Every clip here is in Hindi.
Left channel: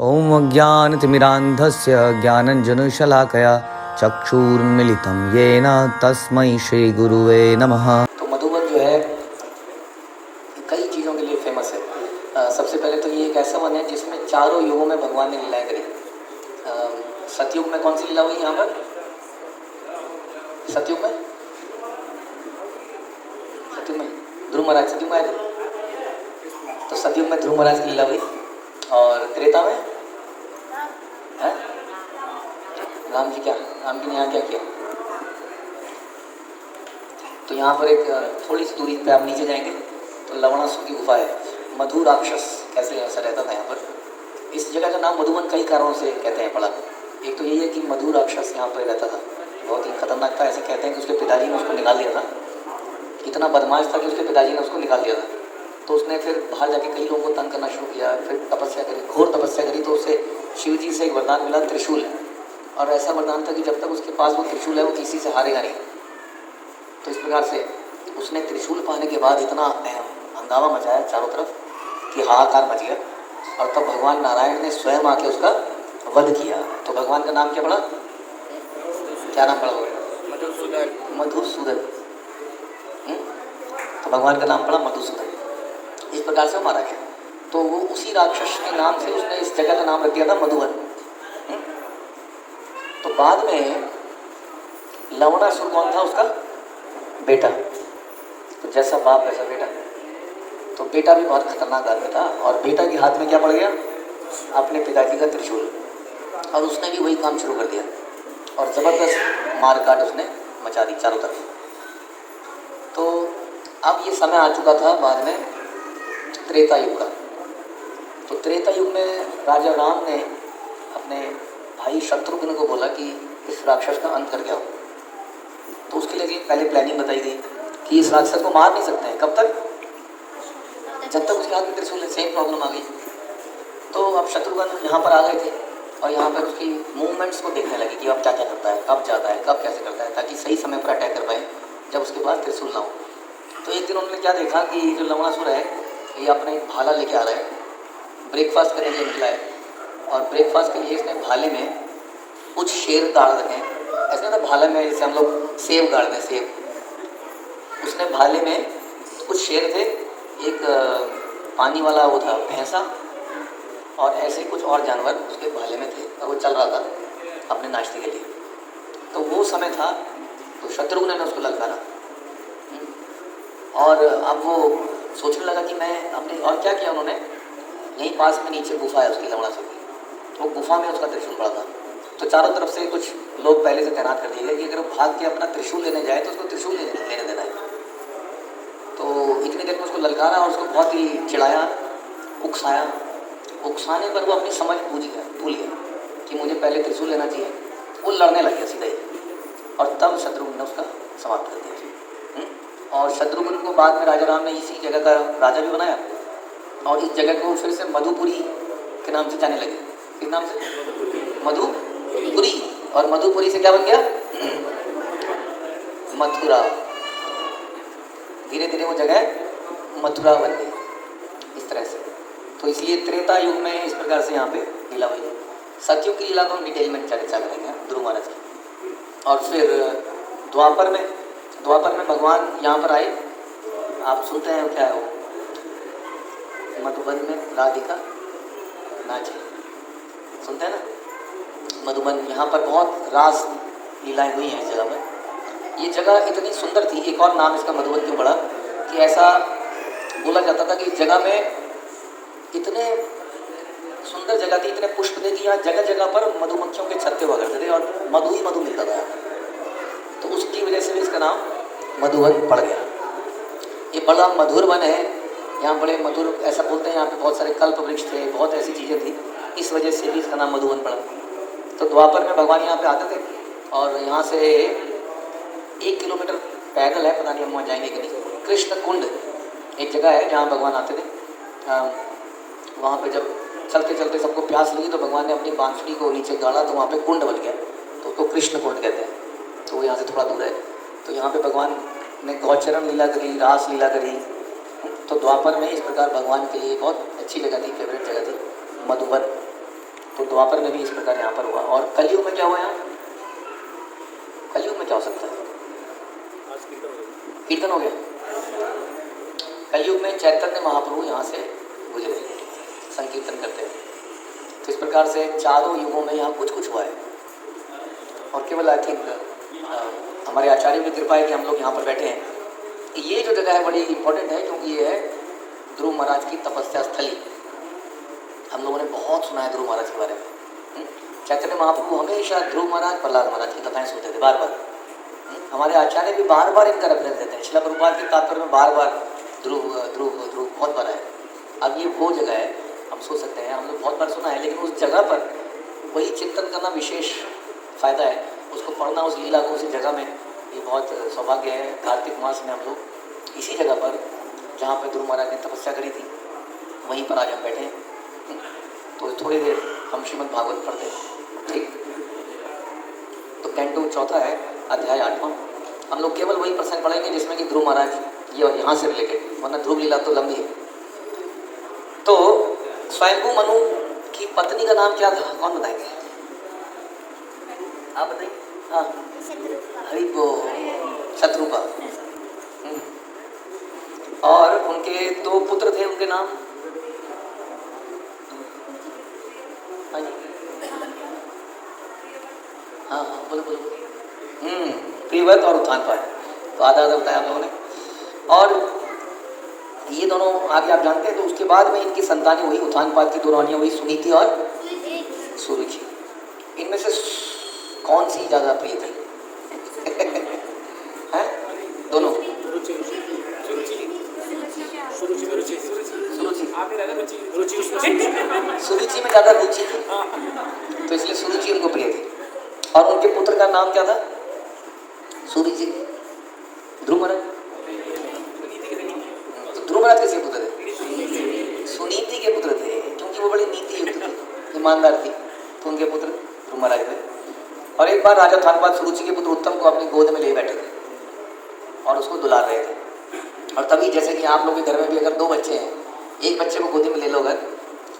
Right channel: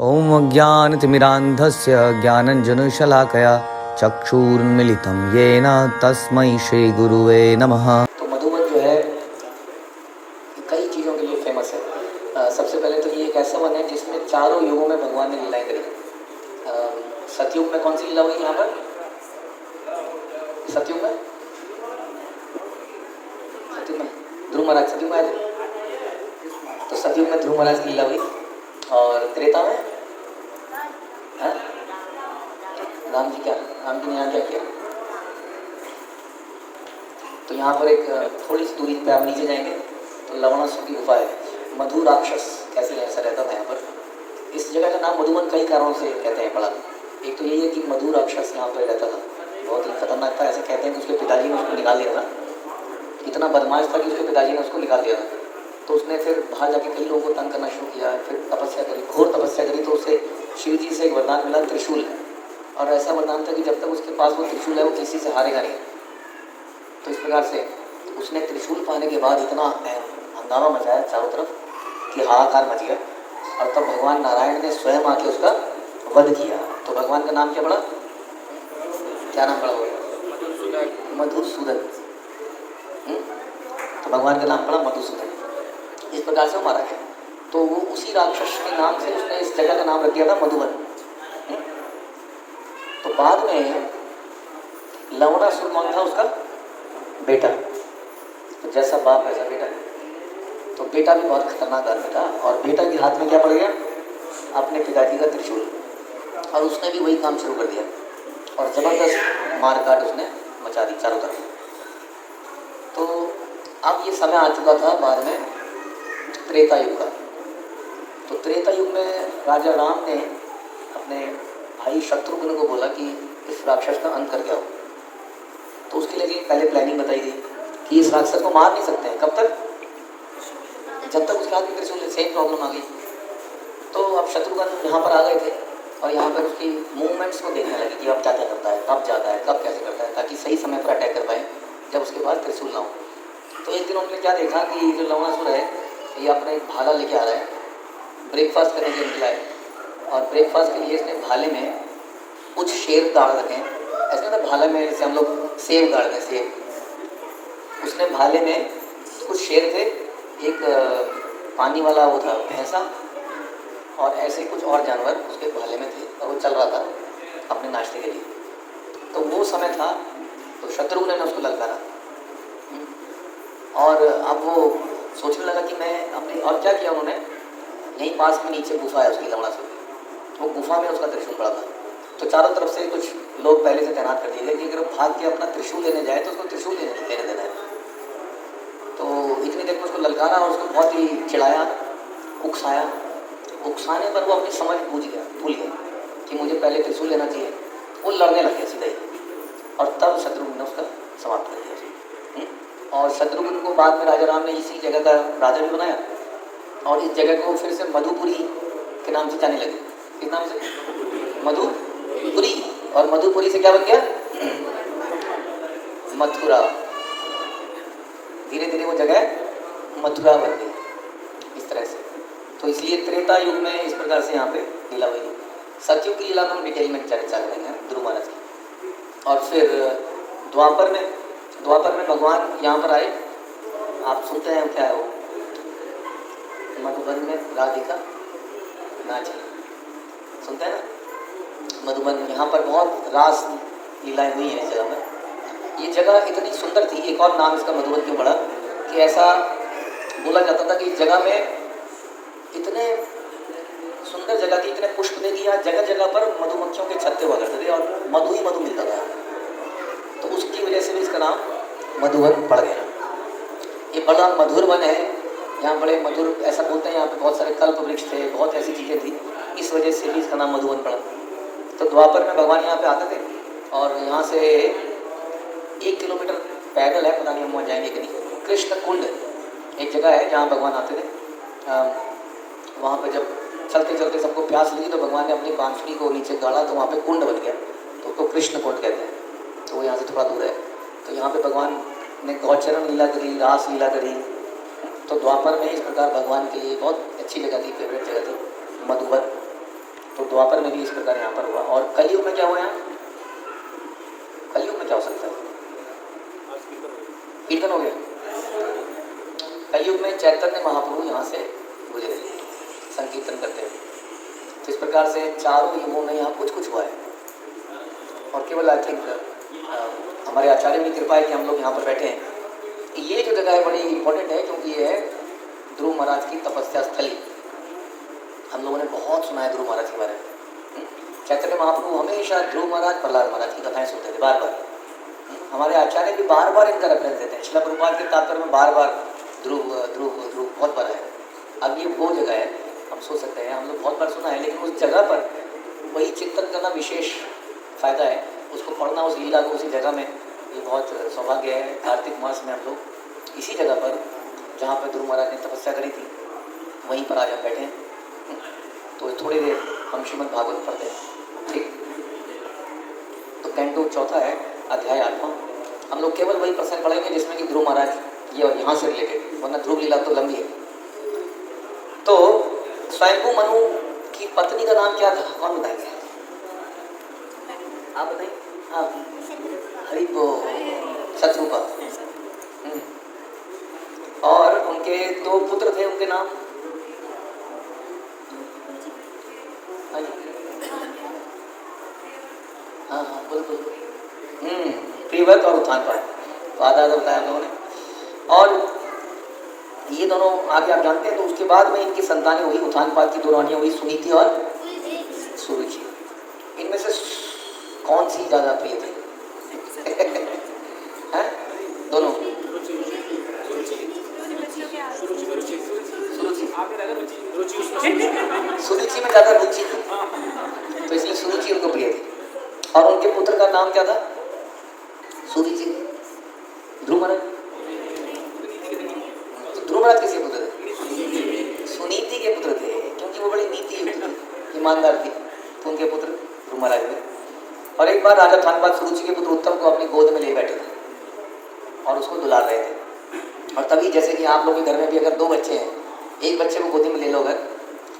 ॐ अज्ञानतिमिरान्धस्य ज्ञानञ्जनशलाकया चक्षुरुन्मीलितं येन तस्मै श्रीगुरुवे नमः। तो मधुबन जो है कई चीज़ों के लिए फेमस है। सबसे पहले तो ये एक ऐसा वन है जिसमें चारों युगों में भगवान ने लीलाएं करी। सतयुग में कौन सी लीला हुई यहाँ पर? सतयुग में ध्रुव महाराज सतयुग में आए थे, तो सतयुग में ध्रुव महाराज की लीला हुई। और त्रेता में है राम जी ने यहाँ क्या किया? तो यहाँ पर एक थोड़ी सी दूरी पे आप नीचे जाएंगे तो लवणासुर की गुफा है। मधु राक्षस कैसे ऐसा रहता था यहाँ पर। इस जगह का नाम मधुबन कई कारणों से कहते हैं पड़ा। एक तो यही है कि मधु राक्षस यहाँ पर रहता था, बहुत ही खतरनाक था। ऐसे कहते हैं कि उसके पिताजी ने उसको निकाल दिया था, इतना बदमाश था कि उसके पिताजी ने उसको निकाल दिया था। तो उसने फिर बाहर जाके कई लोगों को तंग करना शुरू किया, फिर तपस्या करी, घोर तपस्या करी। तो उसे शिव जी से एक वरदान मिला, त्रिशूल। और ऐसा वरदान था कि जब तक उसके पास वो त्रिशूल है वो किसी से हारेगा नहीं। तो इस प्रकार से उसने त्रिशूल पाने के बाद इतना हंगामा मचाया चारों तरफ कि हाहाकार मच गया। और तब भगवान नारायण ने स्वयं आके उसका वध किया। तो भगवान का नाम क्या पड़ा? क्या नाम पड़ा? मधुसूदन। तो भगवान का नाम पड़ा मधुसूदन। इस प्रकार से वो मारा गया। तो वो उसी राक्षस के नाम से उसने इस जगह का नाम रख दिया था मधुबन। तो बाद में लवणासुर कौन था? उसका बेटा। तो जैसा बाप वैसा बेटा। तो बेटा भी बहुत खतरनाक आदमी था और बेटा के हाथ में क्या पड़ गया? अपने पिताजी का त्रिशूल। और उसने भी वही काम शुरू कर दिया और ज़बरदस्त मार काट उसने मचा दी चारों तरफ। तो अब ये समय आ चुका था बाद में त्रेता युग का। तो त्रेता युग में राजा राम ने अपने भाई शत्रुघ्न को बोला कि इस राक्षस का अंत कर जाओ। तो उसके लिए पहले प्लानिंग बताई गई कि इस राक्षस को मार नहीं सकते हैं। कब तक? जब तक उसके हाथ में त्रिशूल है। सेम प्रॉब्लम आ गई। तो अब शत्रुघ्न यहाँ पर आ गए थे और यहाँ पर उसकी मूवमेंट्स को देखने लगे कि अब क्या क्या करता है, कब जाता है, कब कैसे करता है, ताकि सही समय पर अटैक कर पाए जब उसके पास त्रिशूल ना हो। तो एक दिन उन्होंने क्या देखा कि जो लवणासुर है ये अपने भाला लेके आ रहा है, ब्रेकफास्ट करने के लिए निकला है। और ब्रेकफास्ट के लिए इसने भाले में कुछ शेर गाड़ रखे हैं। ऐसा तो भाले में जैसे हम लोग सेब गाड़ते हैं, सेब। उसने भाले में कुछ शेर थे, एक पानी वाला वो था भैंसा, और ऐसे कुछ और जानवर उसके भाले में थे। और वो चल रहा था अपने नाश्ते के लिए। तो वो समय था तो शत्रुघ्न ने उसको ललकारा। और अब वो सोचने लगा कि मैं हमने और क्या किया। उन्होंने यहीं पास में नीचे गुफा है उसकी लवणासुर की, तो गुफा में उसका त्रिशूल पड़ा था। तो चारों तरफ से कुछ लोग पहले से तैनात कर दिए गए कि अगर वो भाग के अपना त्रिशूल लेने जाए तो उसको त्रिशूल लेने देना है। तो इतनी देर में उसको ललकारा और उसको बहुत ही चिढ़ाया, उकसाया। उकसाने पर वो अपनी समझ भूल गया कि मुझे पहले त्रिशूल लेना चाहिए। वो लड़ने लग गया सीधा ही। और तब शत्रुघ्न ने उसका समाप्त कर दिया। और शत्रुघ्न को बाद में राजा राम ने इसी जगह का राजा भी बनाया और इस जगह को फिर से मधुपुरी के नाम से जाने लगे। किस नाम से? मधुपुरी। और मधुपुरी से क्या बन गया? मथुरा। धीरे धीरे वो जगह मथुरा बन गई इस तरह से। तो इसलिए त्रेता युग में इस प्रकार से यहाँ पे लीला हुई। सतयुग की लीला को हम डिटेल में चर्चा करेंगे ध्रुव महाराज की। और फिर द्वापर में भगवान यहाँ पर आए। आप सुनते हैं क्या हो? मधुबन में राधिका नाची, सुनते हैं ना? मधुबन यहाँ पर बहुत रास लीलाएं हुई हैं इस जगह में। ये जगह इतनी सुंदर थी, एक और नाम इसका मधुबन क्यों पड़ा कि ऐसा बोला जाता था कि इस जगह में इतने सुंदर जगह थी, इतने पुष्प थे कि यहाँ जगह जगह पर मधुमक्खियों के छत्ते हुआ करते थे और मधु ही मधु मिलता था। तो उसकी वजह से भी इसका नाम मधुबन पड़ गया। ये बड़ा मधुर वन है, यहाँ बड़े मधुर ऐसा बोलते हैं। यहाँ पे बहुत सारे कल्प वृक्ष थे, बहुत ऐसी चीज़ें थी, इस वजह से भी इसका नाम मधुबन पड़ा। तो द्वापर में भगवान यहाँ पे आते थे और यहाँ से 1 किलोमीटर पैदल है, पता नहीं हम वहाँ जाएंगे कि नहीं। कृष्ण कुंड एक जगह है जहाँ भगवान आते थे। वहाँ पे जब चलते चलते सबको प्यास लगी तो भगवान ने अपनी बांसुरी को नीचे गाड़ा तो वहाँ पे कुंड बन गया, तो उसको कृष्ण कुंड कहते हैं। तो वो यहाँ से थोड़ा दूर है। तो यहाँ पे भगवान ने गौचरण लीला करी, रास लीला करी। तो द्वापर में इस प्रकार भगवान के लिए बहुत अच्छी जगह थी, फेवरेट जगह थी मधुबन। द्वापर में भी इस प्रकार यहाँ पर हुआ। और कलयुग में क्या हुआ है? कलयुग में क्या हो सकता है? कीर्तन हो गया। कलयुग में चैतन्य महाप्रभु यहाँ से गुजरे संकीर्तन करते हुए। तो इस प्रकार से चारों युगों में यहाँ कुछ कुछ हुआ है। और केवल आई थिंक हमारे आचार्य की कृपा है कि हम लोग यहाँ पर बैठे हैं। ये जो जगह है बड़ी इंपॉर्टेंट है, क्योंकि ये है ध्रुव महाराज की तपस्या स्थली। हम लोगों ने बहुत सुना है ध्रुव महाराज के बारे में। चैतन्य महाप्रभु हमेशा ध्रुव महाराज, प्रहलाद महाराज की कथाएं सुनते थे बार बार। हमारे आचार्य भी बार बार इनका रेफरेंस देते हैं। श्रील प्रभुपाद के तात्पर्य में बार बार ध्रुव ध्रुव ध्रुव बहुत बार है। अब ये वो जगह है, हम सोच सकते हैं हम लोग बहुत बार सुना है, लेकिन उस जगह पर वही चिंतन करना विशेष फ़ायदा है। उसको पढ़ना, उस लीला को उसी जगह में, ये बहुत सौभाग्य है। कार्तिक मास में हम लोग इसी जगह पर, जहाँ पर ध्रुव महाराज ने तपस्या करी थी, वहीं पर आज हम बैठे हैं। तो थोड़ी देर हम श्रीमद् भागवत पढ़ते हैं, ठीक। तो कैंटो चौथा है, अध्याय 8वां। हम लोग केवल वही प्रसंग पढ़ेंगे जिसमें कि ध्रुव महाराज ये यहाँ से रिलेटेड, वरना ध्रुव लीला तो लंबी है। तो स्वयंभू मनु की पत्नी का नाम क्या था? कौन बताएंगे? आप बताएंगे। हाँ, हरि बोल, शत्रुपा। और उनके 2 पुत्र थे, उनके नाम? हाँ हाँ, बोलो बोलो। प्रियव्रत और उत्थानपाद, तो आधा आधा बताया हम लोगों ने। और ये दोनों आगे आप जानते हैं। तो उसके बाद में इनकी संतानें हुई, उत्थानपाद की 2 रानियां हुई, सुनीति और सुरुचि। इनमें से कौन सी ज़्यादा प्रिय थी? हैं? दोनों? सुरुचि में ज़्यादा रुचि थी, तो इसलिए सुरुचि उनको प्रिय थी। और उनके पुत्र का नाम क्या था? सुरुचि, ध्रुव महाराज। ध्रुव महाराज किसके पुत्र थे? सुनीति के पुत्र थे, क्योंकि वो बड़ी नीति युक्त थी, ईमानदार थी, तो उनके पुत्र ध्रुव महाराज थे। और एक बार राजा उत्थानपाद सुरुचि के पुत्र उत्तम को अपनी गोद में ले बैठे थे और उसको दुलार रहे थे। और तभी जैसे कि आप लोग के घर में भी अगर 2 बच्चे हैं, एक बच्चे को गोदी में ले लो अगर,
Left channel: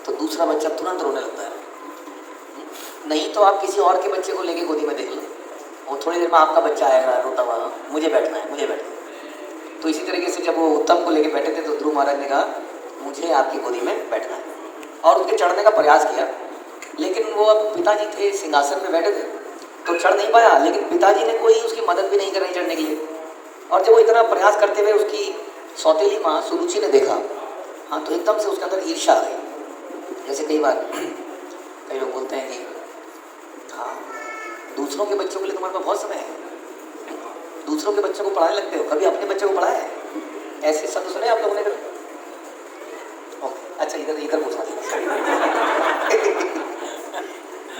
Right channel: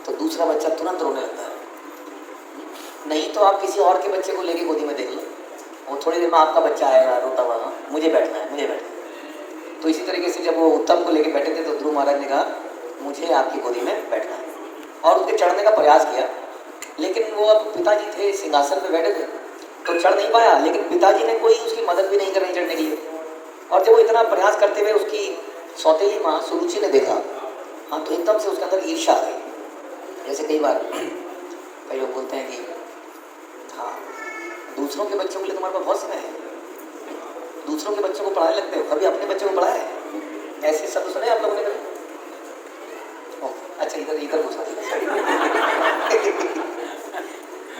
तो दूसरा बच्चा तुरंत रोने लगता है। नहीं तो आप किसी और के बच्चे को लेके गोदी में देख लो, वो थोड़ी देर में आपका बच्चा आएगा रोता हुआ, मुझे बैठना है, मुझे बैठना है। तो इसी तरीके से जब वो उत्तम को लेके बैठे थे तो ध्रुव महाराज ने कहा मुझे आपकी गोदी में बैठना है, और उसके चढ़ने का प्रयास किया। लेकिन वो अब पिताजी थे, सिंहासन में बैठे थे, तो चढ़ नहीं पाया। लेकिन पिताजी ने कोई उसकी मदद भी नहीं करी चढ़ने के लिए। और जब वो इतना प्रयास करते हुए उसकी सौतेली माँ सुरुचि ने देखा, हाँ, तो एकदम से उसके अंदर ईर्ष्या आ गई। जैसे कई बार कई लोग बोलते हैं कि हाँ, दूसरों के बच्चों को लिए तुम्हारे पास बहुत समय है, दूसरों के बच्चों को पढ़ाने लगते हो, कभी अपने बच्चों को पढ़ाया है? ऐसे शब्द सुने आप लोगों ने? अच्छा, इधर इधर पूछा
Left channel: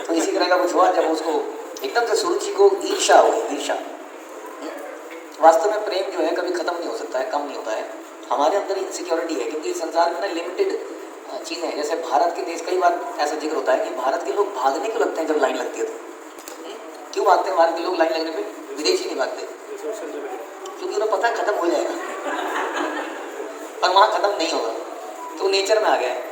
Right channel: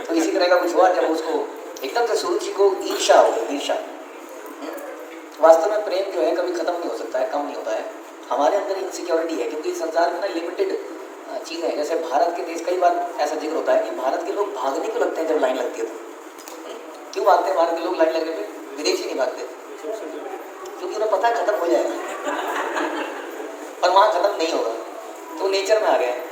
तो इसी तरह का कुछ हुआ जब उसको एकदम से सुरुचि को ईर्ष्या हो गई। ईर्ष्या वास्तव में प्रेम जो है कभी खत्म नहीं हो सकता है, कम नहीं होता है। हमारे अंदर इनसिक्योरिटी है, क्योंकि संसार में ना लिमिटेड चीज़ें हैं। जैसे भारत के देश, कई बार ऐसा जिक्र होता है कि भारत के लोग भागने को लगते हैं जब लाइन लगती है तो। क्यों भागते हैं भारत के लोग लाइन लगने पे? विदेशी नहीं भागते, क्योंकि उन्हें पता खत्म हो जाएगा और वहाँ खत्म नहीं होगा, तो नेचर में आ गया है।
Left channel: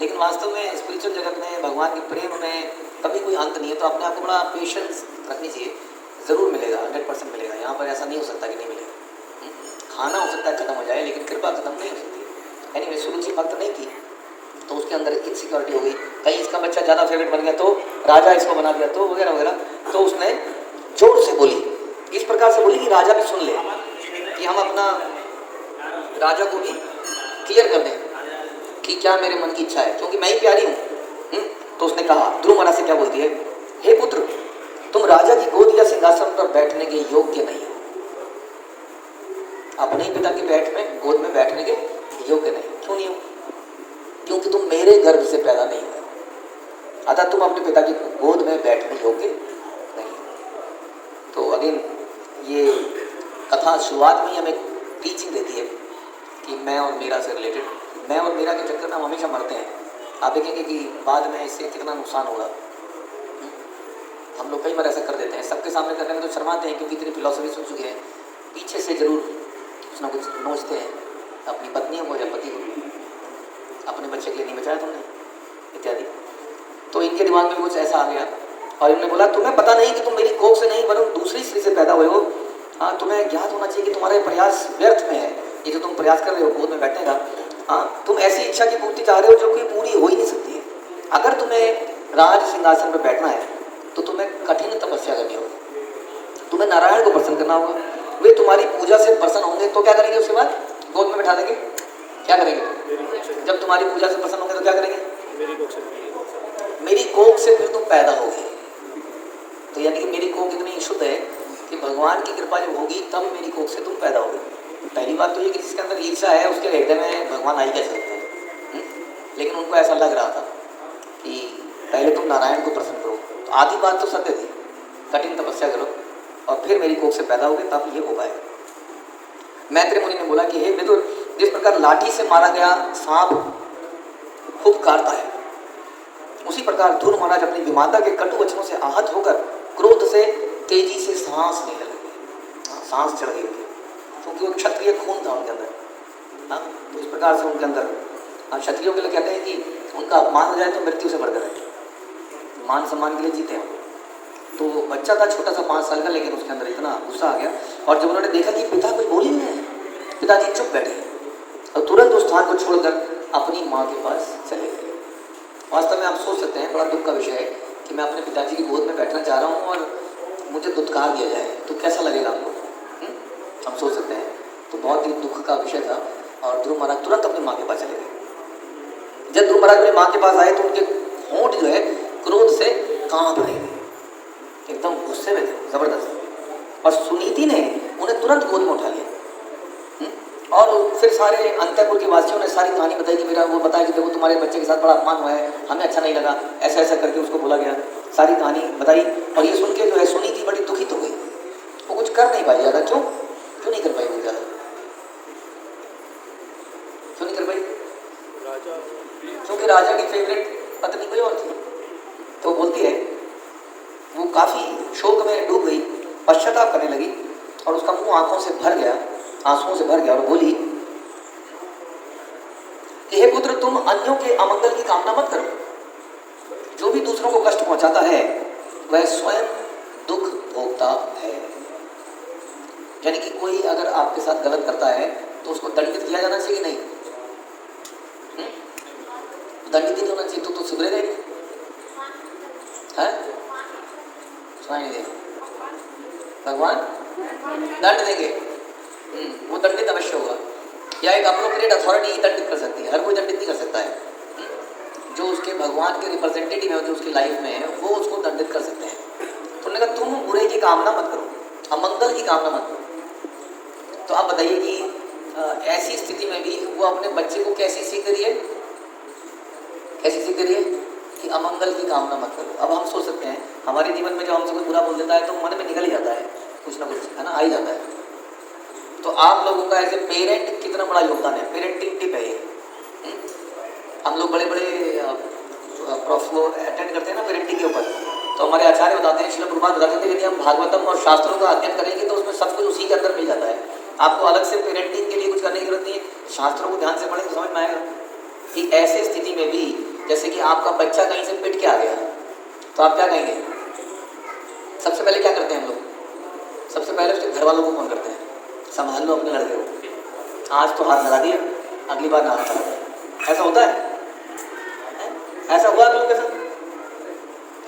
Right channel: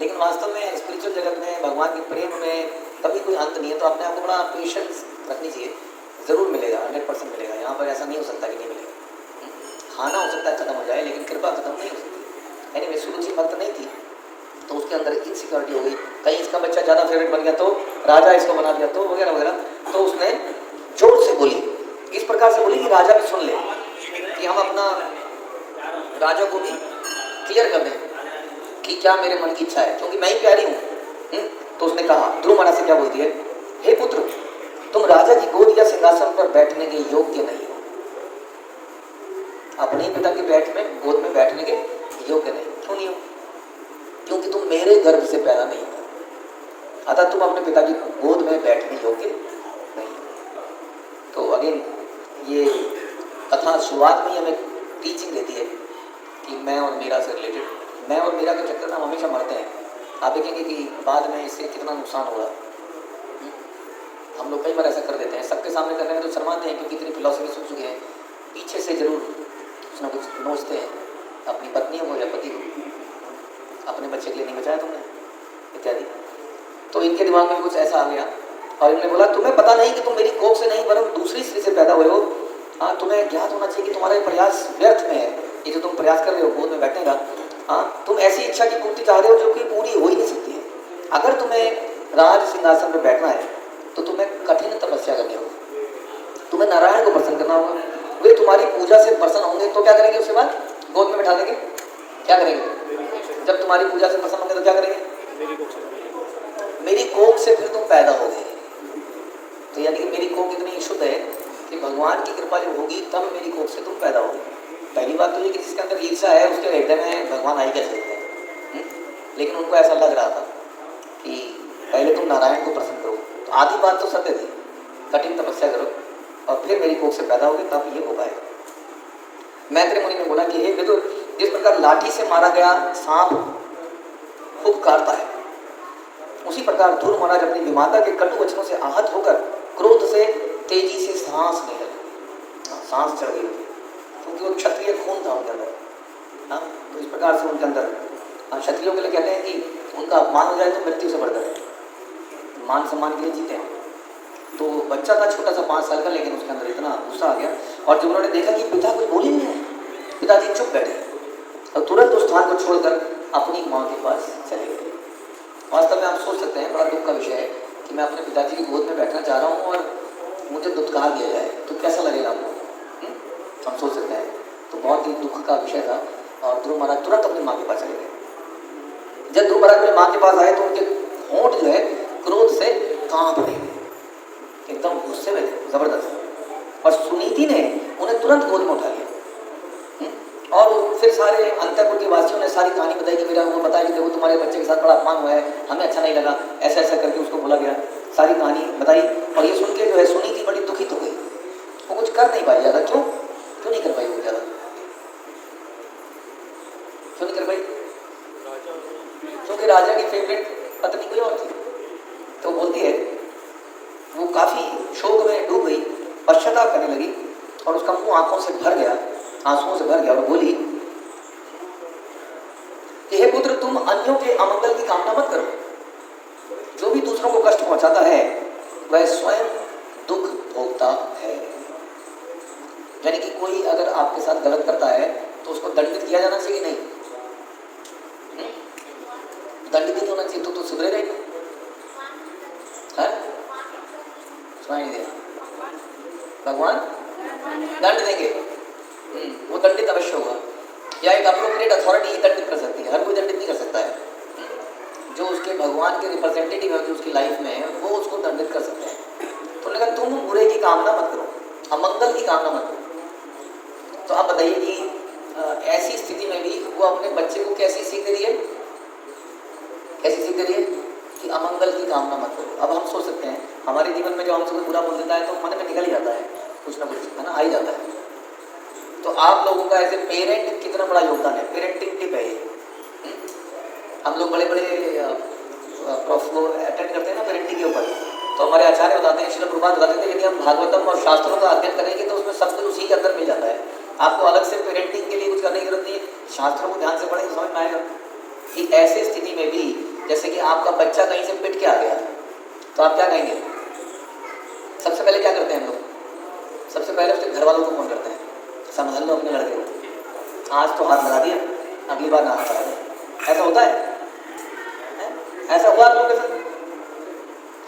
लेकिन वास्तव में स्पिरिचुअल जगत में, भगवान के प्रेम में कभी कोई अंत नहीं है। तो अपने आप में बड़ा पेशेंस रखनी चाहिए, ज़रूर मिलेगा, 100% मिलेगा। यहाँ पर ऐसा नहीं हो सकता कि नहीं मिलेगा। खाना हो सकता है खत्म हो जाए, लेकिन कृपा खत्म नहीं हो सकती। एनीवे, सुरुचि भक्त नहीं थी, तो उसके अंदर इनसिक्योरिटी हो गई। कहीं इसका बच्चा ज़्यादा फेवरेट बन गया तो राजा इसको बना दिया, तो वगैरह वगैरह। तो उसने जोर से बोली, इस प्रकार से बोली कि राजा भी सुन ले, कि हम अपना राजा को भी क्लियर कर दें कि क्या मेरे मन की इच्छा है, क्योंकि मैं ही प्यारी हूँ। तो उसने कहा, ध्रुव महाराज से क्या बोलती है? हे पुत्र, तुम राजा की गोद या सिंहासन पर बैठने के योग्य नहीं हो। अपने ही पिता की गोद में बैठने के योग्य नहीं। क्यों नहीं हो? क्योंकि तुम मेरे गर्भ से पैदा नहीं हुए, अतः तुम अपने पिता की गोद में बैठने योग्य नहीं। तो अगेन ये कथा शुरुआत में हमें टीचिंग देती है कि मैं और मीरा से रिलेटेड, मैं और मीरा के चक्कर में हम हमेशा मरते हैं। आप देखेंगे कि बाद में इससे कितना नुकसान होगा। हम लोग कई बार ऐसा कर देते हैं, सबके सामने करने में तो शर्माते हैं, क्योंकि इतनी फिलॉसफी सुन चुके हैं। पीछे से जरूर कुछ ना कुछ नोचते हैं, अपनी पत्नियों को या पति को, अपने बच्चे के लिए नहीं बचाया तुमने इत्यादि। तो इनके इनके दिमाग में भी कुछ ऐसा आ गया और इन्होंने बोला तुम्हें पता नहीं कि तुम मेरी कोख से नहीं वरन दूसरी स्त्री से पैदा हुए हो। हाँ, तुम्हें ज्ञात होना चाहिए कि तुम्हारा ये प्रयास व्यर्थ में है। ये जो तुम प्रयास कर रहे हो गोद में बैठने का, हाँ, तुम ऐसी इच्छा की पूर्ति चाह रहे हो जो कि पूरी हो ही नहीं सकती है। अगर तुम्हें राज सिंहासन पर बैठना है तो तुम्हें कठिन तपस्या करनी होगी, तुम्हें नारायण को प्रसन्न करना होगा। वे तुम्हारी पूजा से प्रसन्न होंगे तो क्या करेंगे? उसके बाद गोद में बैठा देंगे। क्या करेंगे? जब तुम्हारी पूजा से प्रसन्न होंगे तो क्या करेंगे? मेरी कोख से फिर तुम पैदा होगे। तो यानी कि मेरी कोख इतनी शुद्ध है कि भगवान की कृपा जब होगी तब मेरी कोख से तुम पैदा होगे। पहली बात तो ये कि जिसके अंदर ईर्षा है उसके हृदय में भगवान आई कैसे सकते हैं? लेकिन उनको ऐसा लग रहा था कि पहले तुम नारायण को प्रसन्न करो। तो आधी बात तो सत्य थी, कठिन तपस्या करो और फिर मेरी कोख से पैदा होगे तब ये हो पाएगा। मैत्री मुनि ने बोला कि हे विदुर, जिस प्रकार लाठी से मारा गया सांप खूब काटता है, उसी प्रकार ध्रुव महाराज अपनी विमाता के कटु वचनों से आहत होकर क्रोध से तेजी से सांस लेने लगे। सांस चढ़ गई क्योंकि वो क्षत्रिय खून था उनके अंदर। तो इस प्रकार से उनके अंदर क्षत्रियों के लिए कहते हैं कि उनका अपमान हो जाए तो मृत्यु से बढ़कर है, मान सम्मान के लिए जीते हैं। तो बच्चा था छोटा सा 5 साल का, लेकिन उसके अंदर इतना गुस्सा आ गया और जब उन्होंने देखा कि पिता कुछ बोल ही नहीं है, पिताजी चुप बैठे और तुरंत उस स्थान को छोड़कर अपनी माँ के पास चले गए। वास्तव में आप सोच सकते हैं, बड़ा दुख का विषय है कि मैं अपने पिताजी की गोद में बैठना चाह रहा हूँ और मुझे दुत्कार दिया जाए तो कैसा लगेगा हम लोग? हम सोच सकते हैं। तो बहुत ही दुख का विषय था और ध्रुव महाराज तुरंत अपनी माँ के पास चले गए। जब ध्रुव महाराज अपनी माँ के पास आए तो उनके होंठ जो है क्रोध से कांप रहे थे, एकदम गुस्से में थे जबरदस्त। और सुनीति ने उन्हें तुरंत गोद में उठा लिया और फिर सारे अंतःपुर के वासियों ने सारी कहानी बताई कि मेरा वो बताया कि देखो तुम्हारे बच्चे के साथ बड़ा अपमान हुआ है, हमें अच्छा नहीं लगा, ऐसा ऐसा करके उसको बोला गया। सारी कहानी बताई और ये सुन के जो है सुनीति बड़ी दुखित हो गई। वो कुछ कर नहीं पाई ज़्यादा। क्यों नहीं कर पाई वो ज़्यादा? क्यों नहीं कर पाई? क्योंकि राजा की फेवरेट पत्नी कोई और थी। तो बोलती है वो काफ़ी शोक में डूब गई, पश्चाताप करने लगी और उसका मुंह आंखों से भर गया, आंसुओं से भर गया और बोली कि हे पुत्र, तुम अन्यों के अमंगल की कामना मत करो। जो भी दूसरों को कष्ट पहुंचाता है वह स्वयं दुख भोगता है। यानी कि कोई अगर आपके साथ गलत करता है तो उसको दंडित किया जाना चाहिए? नहीं, दंडित नहीं होना चाहिए तो सुधरे रहेंगे। सुनाई नहीं दिया? भगवान दंड देंगे, वो दंडित अवश्य होगा या एक अप्रोप्रिएट अथॉरिटी ही दंडित कर सकती है। हर कोई दंडित नहीं कर सकता है। जो उसके भगवान के रिप्रेजेंटेटिव है उसकी लाइफ में, वो उसको दंडित कर सकते हैं। तो उन्होंने कहा तुम बुरे की कामना मत करो, अमंगल की कामना मत करो। तो आप बताइए कि ऐसी स्थिति में भी वो अपने बच्चे को कैसी सीख दे रही है? कैसी सीख दे रही है? कि अमंगल की कामना मत करो। अब हम सोच सकते हैं हमारे जीवन में जब हमसे कोई बुरा बोल देता है तो मन में निकल ही जाता है, कुछ ना कुछ, है ना, आ ही जाता है। तो आप लोगों का एज ए पेरेंट कितना बड़ा योगदान है, पेरेंटिंग टिप है ये। हम लोग बड़े बड़े वो अटेंड करते हैं ना पेरेंटिंग के ऊपर, तो हमारे आचार्य बताते हैं, श्रील प्रभुपाद बताते हैं, यदि हम भागवतम और शास्त्रों का अध्ययन करेंगे तो उसमें सब कुछ उसी के अंदर मिल जाता है। आपको अलग से पेरेंटिंग के लिए कुछ करने की जरूरत नहीं है, शास्त्रों को ध्यान से पढ़ें तो समझ में आएगा कि ऐसे स्थिति में भी जैसे कि आपका बच्चा कहीं से पिट के आ गया तो आप क्या कहेंगे? सबसे पहले क्या करते हैं हम लोग? सबसे पहले उसके घर वालों को फोन करते हैं, संभाल लो अपने लड़के को, आज तो हाथ लगा दिया, अगली बार ना हाथ लगा दिया। ऐसा होता है? ऐसा हुआ आप लोगों के साथ?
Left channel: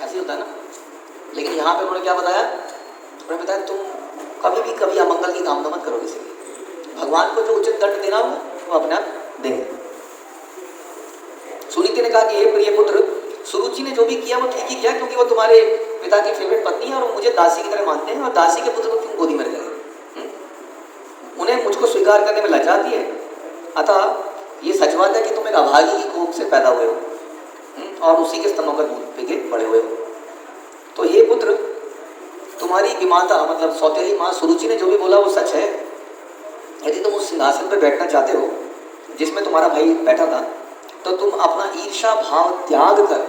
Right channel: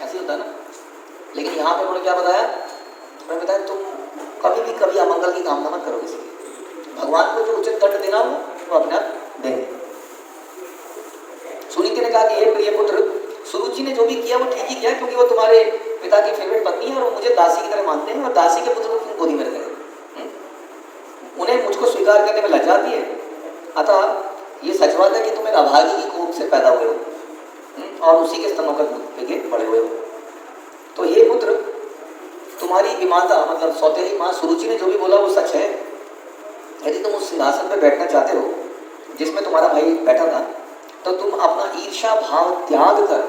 ऐसे ही होता है ना। लेकिन यहाँ पे उन्होंने क्या बताया? उन्होंने बताया तुम कभी अमंगल की कामना मत करो किसी की। भगवान को जो उचित दंड देना हो वो अपने आप देंगे। सुनीति ने कहा कि हे प्रिय पुत्र, सुरुचि ने जो भी किया वो ठीक ही किया, क्योंकि वो तुम्हारे पिता की फेवरेट पत्नी है और वो मुझे दासी की तरह मानते हैं, और दासी के पुत्र को क्यों गोदी में रखेंगे? उन्हें मुझको स्वीकार करने में लज्जा आती है। अतः ये सच बात है कि तुम एक अभागी की कोख से पैदा हुए हो और उसी के स्तनों का दूध पी के बड़े हुए हो। तो ये पुत्र, तुम्हारी विमाता मतलब सौतेली माँ सुरुचि ने जो भी बोला वो सच है। यदि तुम उस सिंहासन पर बैठना चाहते हो जिसमें तुम्हारा भाई बैठा था, तो तुम अपना ईर्षा भाव त्याग कर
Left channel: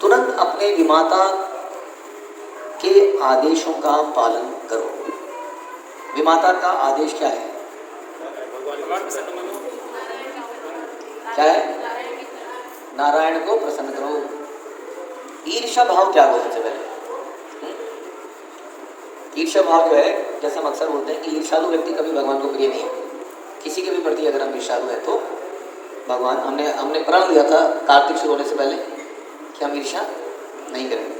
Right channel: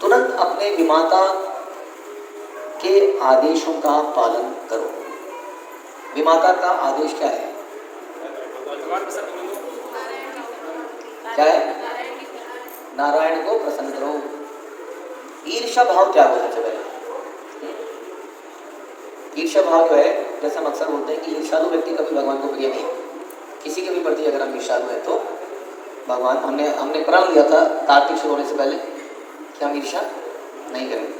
तुरंत अपने विमाता के आदेशों का पालन करो। विमाता का आदेश क्या है? क्या है? नारायण को प्रसन्न करो। ईर्ष्या भाव त्यागो सबसे पहले। ईर्ष्या भाव जो है, जैसे हम अक्सर बोलते हैं कि ईर्ष्यालु व्यक्ति कभी भगवान को प्रिय नहीं है। किसी के भी प्रति अगर हम ईर्ष्यालु हैं तो भगवान, हमने प्रण लिया था कार्तिक शुरू होने से पहले कि हम ईर्ष्या नहीं करेंगे,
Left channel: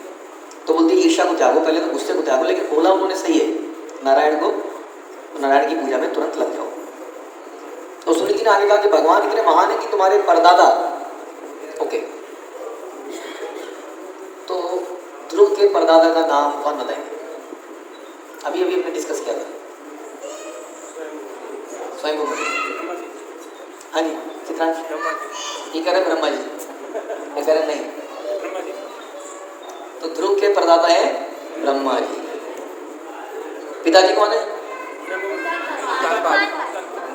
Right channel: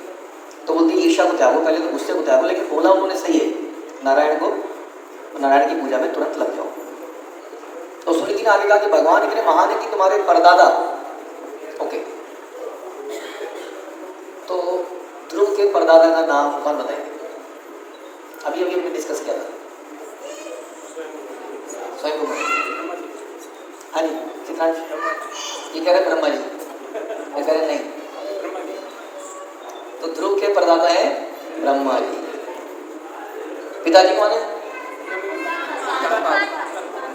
तो बोलती ईर्ष्या को त्यागो, पहले तो गुस्से को त्यागो। लेकिन बोला उन्होंने सही है, नारायण की पूजा में तुरंत लग जाओ। तो सुनीति ने आगे कहा कि भगवान इतने महान है कि तुम्हारे परदादा, ओके, तो ध्रुव के परदादा का नाम कौन बताएंगे? अभी हमने डिस्कस किया था, स्वयं। हाँ जी, चित्रांश ये कह रहे ब्रह्मा जी, ये कह रहे नहीं, तो ध्रुव के परदाता है ब्रह्मा जी। पिताजी कौन है?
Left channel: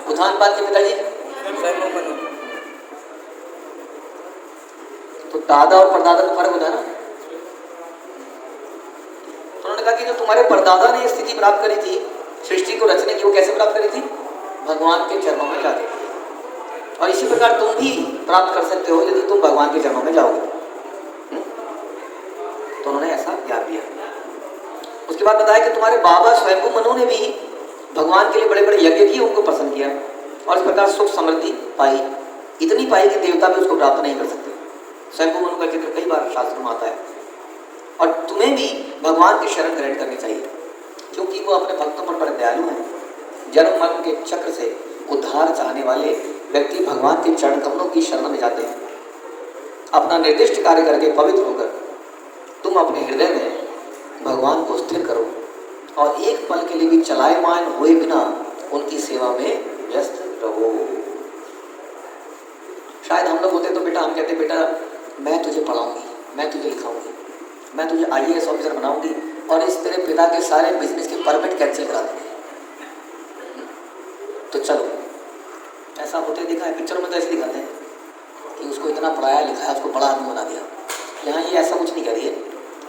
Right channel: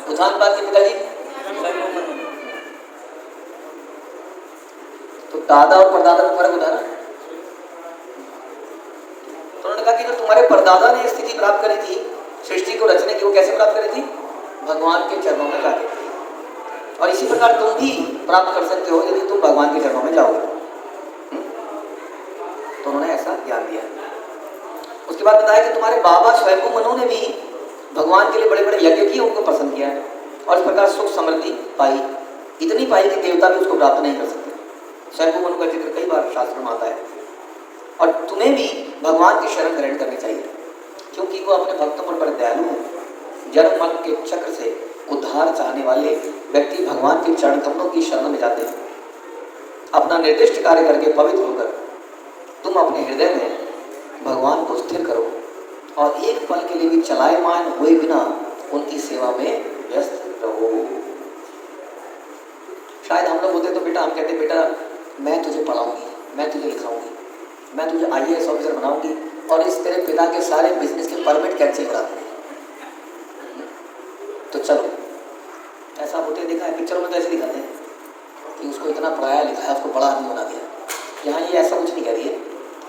उत्थानपाद के पिताजी। तो दादा और परदादा में फर्क होता है ना। तो उन्होंने कहा कि जो तुम्हारे परदादा ने स्थिति प्राप्त करी थी सृष्टि को रचने की, वो कैसे प्राप्त करी थी? भगवान के चरणों में जाके। और इसी प्रकार तुम भी प्राप्त कर सकते हो यदि तुम भगवान के चरणों में जाओगे। तो उन्होंने ऐसा ज्ञान दिया। उसके बाद बताया कि तुम्हारे बाबा स्वयं मनु ने भी भगवान के लिए बड़े बड़े यज्ञ किए, उनको पसंद किया और इस प्रकार सुख समृद्धि पाई, इतनी पाई कि देवता भी उसको प्राप्त नहीं कर सकते। स्वयं मनु का जिक्र कई बार शास्त्र में आता है। और तुम्हें भी भगवान की शरण ग्रहण करनी चाहिए, क्योंकि वो अपने भक्तों पर बड़े दयालु हैं। जन्म मरण के चक्र से उद्धार चाहने वाले व्यक्ति भगवान के चरण कमलों की शरण में जाते हैं। अपना निर्दिष्ट कार्य करके पवित्र होकर तुम अपने हृदय में भगवान को स्थिर करो और एक पल के लिए भी चलायमान हुए बिना उनकी सेवा में व्यस्त रहो। शायद हम लोग होते तो बेटा, हम कहते बेटा मैं तुझे पढ़ाऊंगी, मैं तुझे लिखाऊंगी, मैं तुझे IAS ऑफिसर बनाऊंगी और इस तेरे पिता के सारे बिजनेस के परमिट कैंसिल करा देंगे। तो चलो, ऐसा होते देखा है पिक्चरों में, तो ऐसे दिखाते हैं कि उसको इतना पढ़ाया लिखाया, उसको बड़ा आदमी बना दिया। यहाँ ये ऐसा कुछ नहीं कह रही है।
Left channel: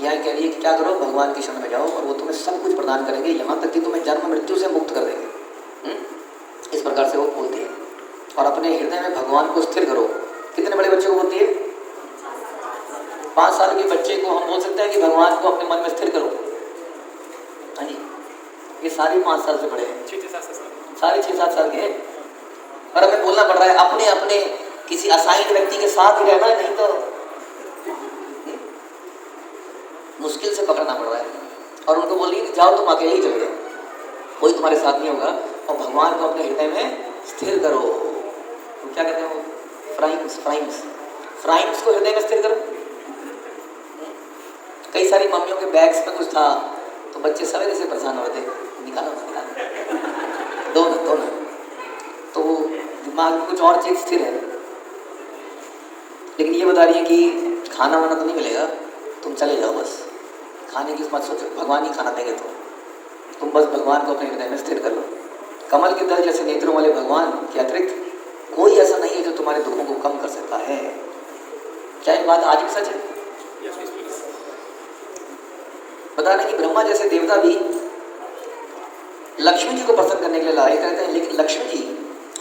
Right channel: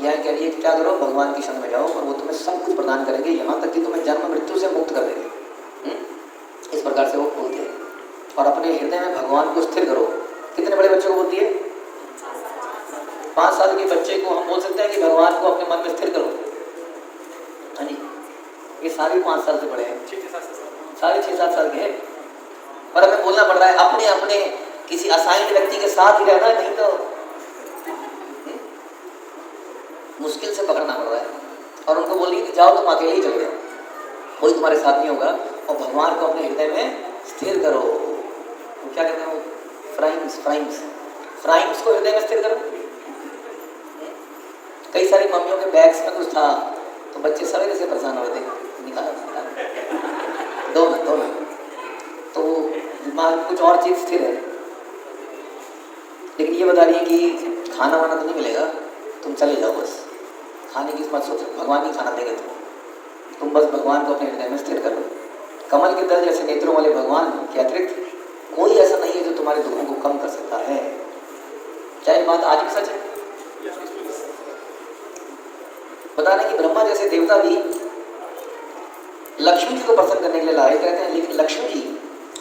यहाँ कह रही है कि क्या करो, भगवान की शरण में जाओ और वो तुम्हें सब कुछ प्रदान करेंगे, यहाँ तक कि तुम्हें जन्म मृत्यु से मुक्त कर देंगे। इस प्रकार से वो बोलती है। और अपने हृदय में भगवान को स्थिर करो। कितने बड़े बच्चे को बोलती है? 5 साल के बच्चे को हम बोल सकते हैं कि भगवान को अपने मन में स्थिर करो। हाँ जी, ये सारे 5 साल से बड़े हैं, सारे 6-7 साल के हैं। और हमें बोलना पड़ रहा है अपने अपने किसी असाइंड व्यक्ति के साथ ही रहना, नहीं तो मुश्किल से पकड़ना पड़ रहा है। और उनको बोलिए कि जाओ तुम अकेले ही चले जाओ, कोई तुम्हारे साथ नहीं होगा, और भगवान को अपने हृदय में स्थिर करो। तो क्या कहते हैं वो? फ्राइम्स को हृदय में स्थिर करो। कई सारी मम्मियों के बैग्स में कुछ था तो बच्चे सवेरे से परेशान हो रहे थे, निकालो दो ना, तो दिमाग में कुछ और चीज़ स्थिर है। लेकिन ये बता रही है कि खाना वाना तो नहीं मिलेगा, तुम चले जाओ, बस खाने की मत सोचो, भगवान ही खाना देंगे तुम बस भगवान को अपने हृदय में स्थिर करो। कमल के तल जैसे नेत्रों वाले भगवान के अतिरिक्त कोई ऐसा नहीं है जो तुम्हारे दुखों को कम कर सकता है। क्या ये बात आज भी सच है? बता दें कि ब्रह्मा जैसे देवता भी लक्ष्मी जी को प्रसन्न करने के लिए लाए रहते हैं, लेकिन लक्ष्मी जी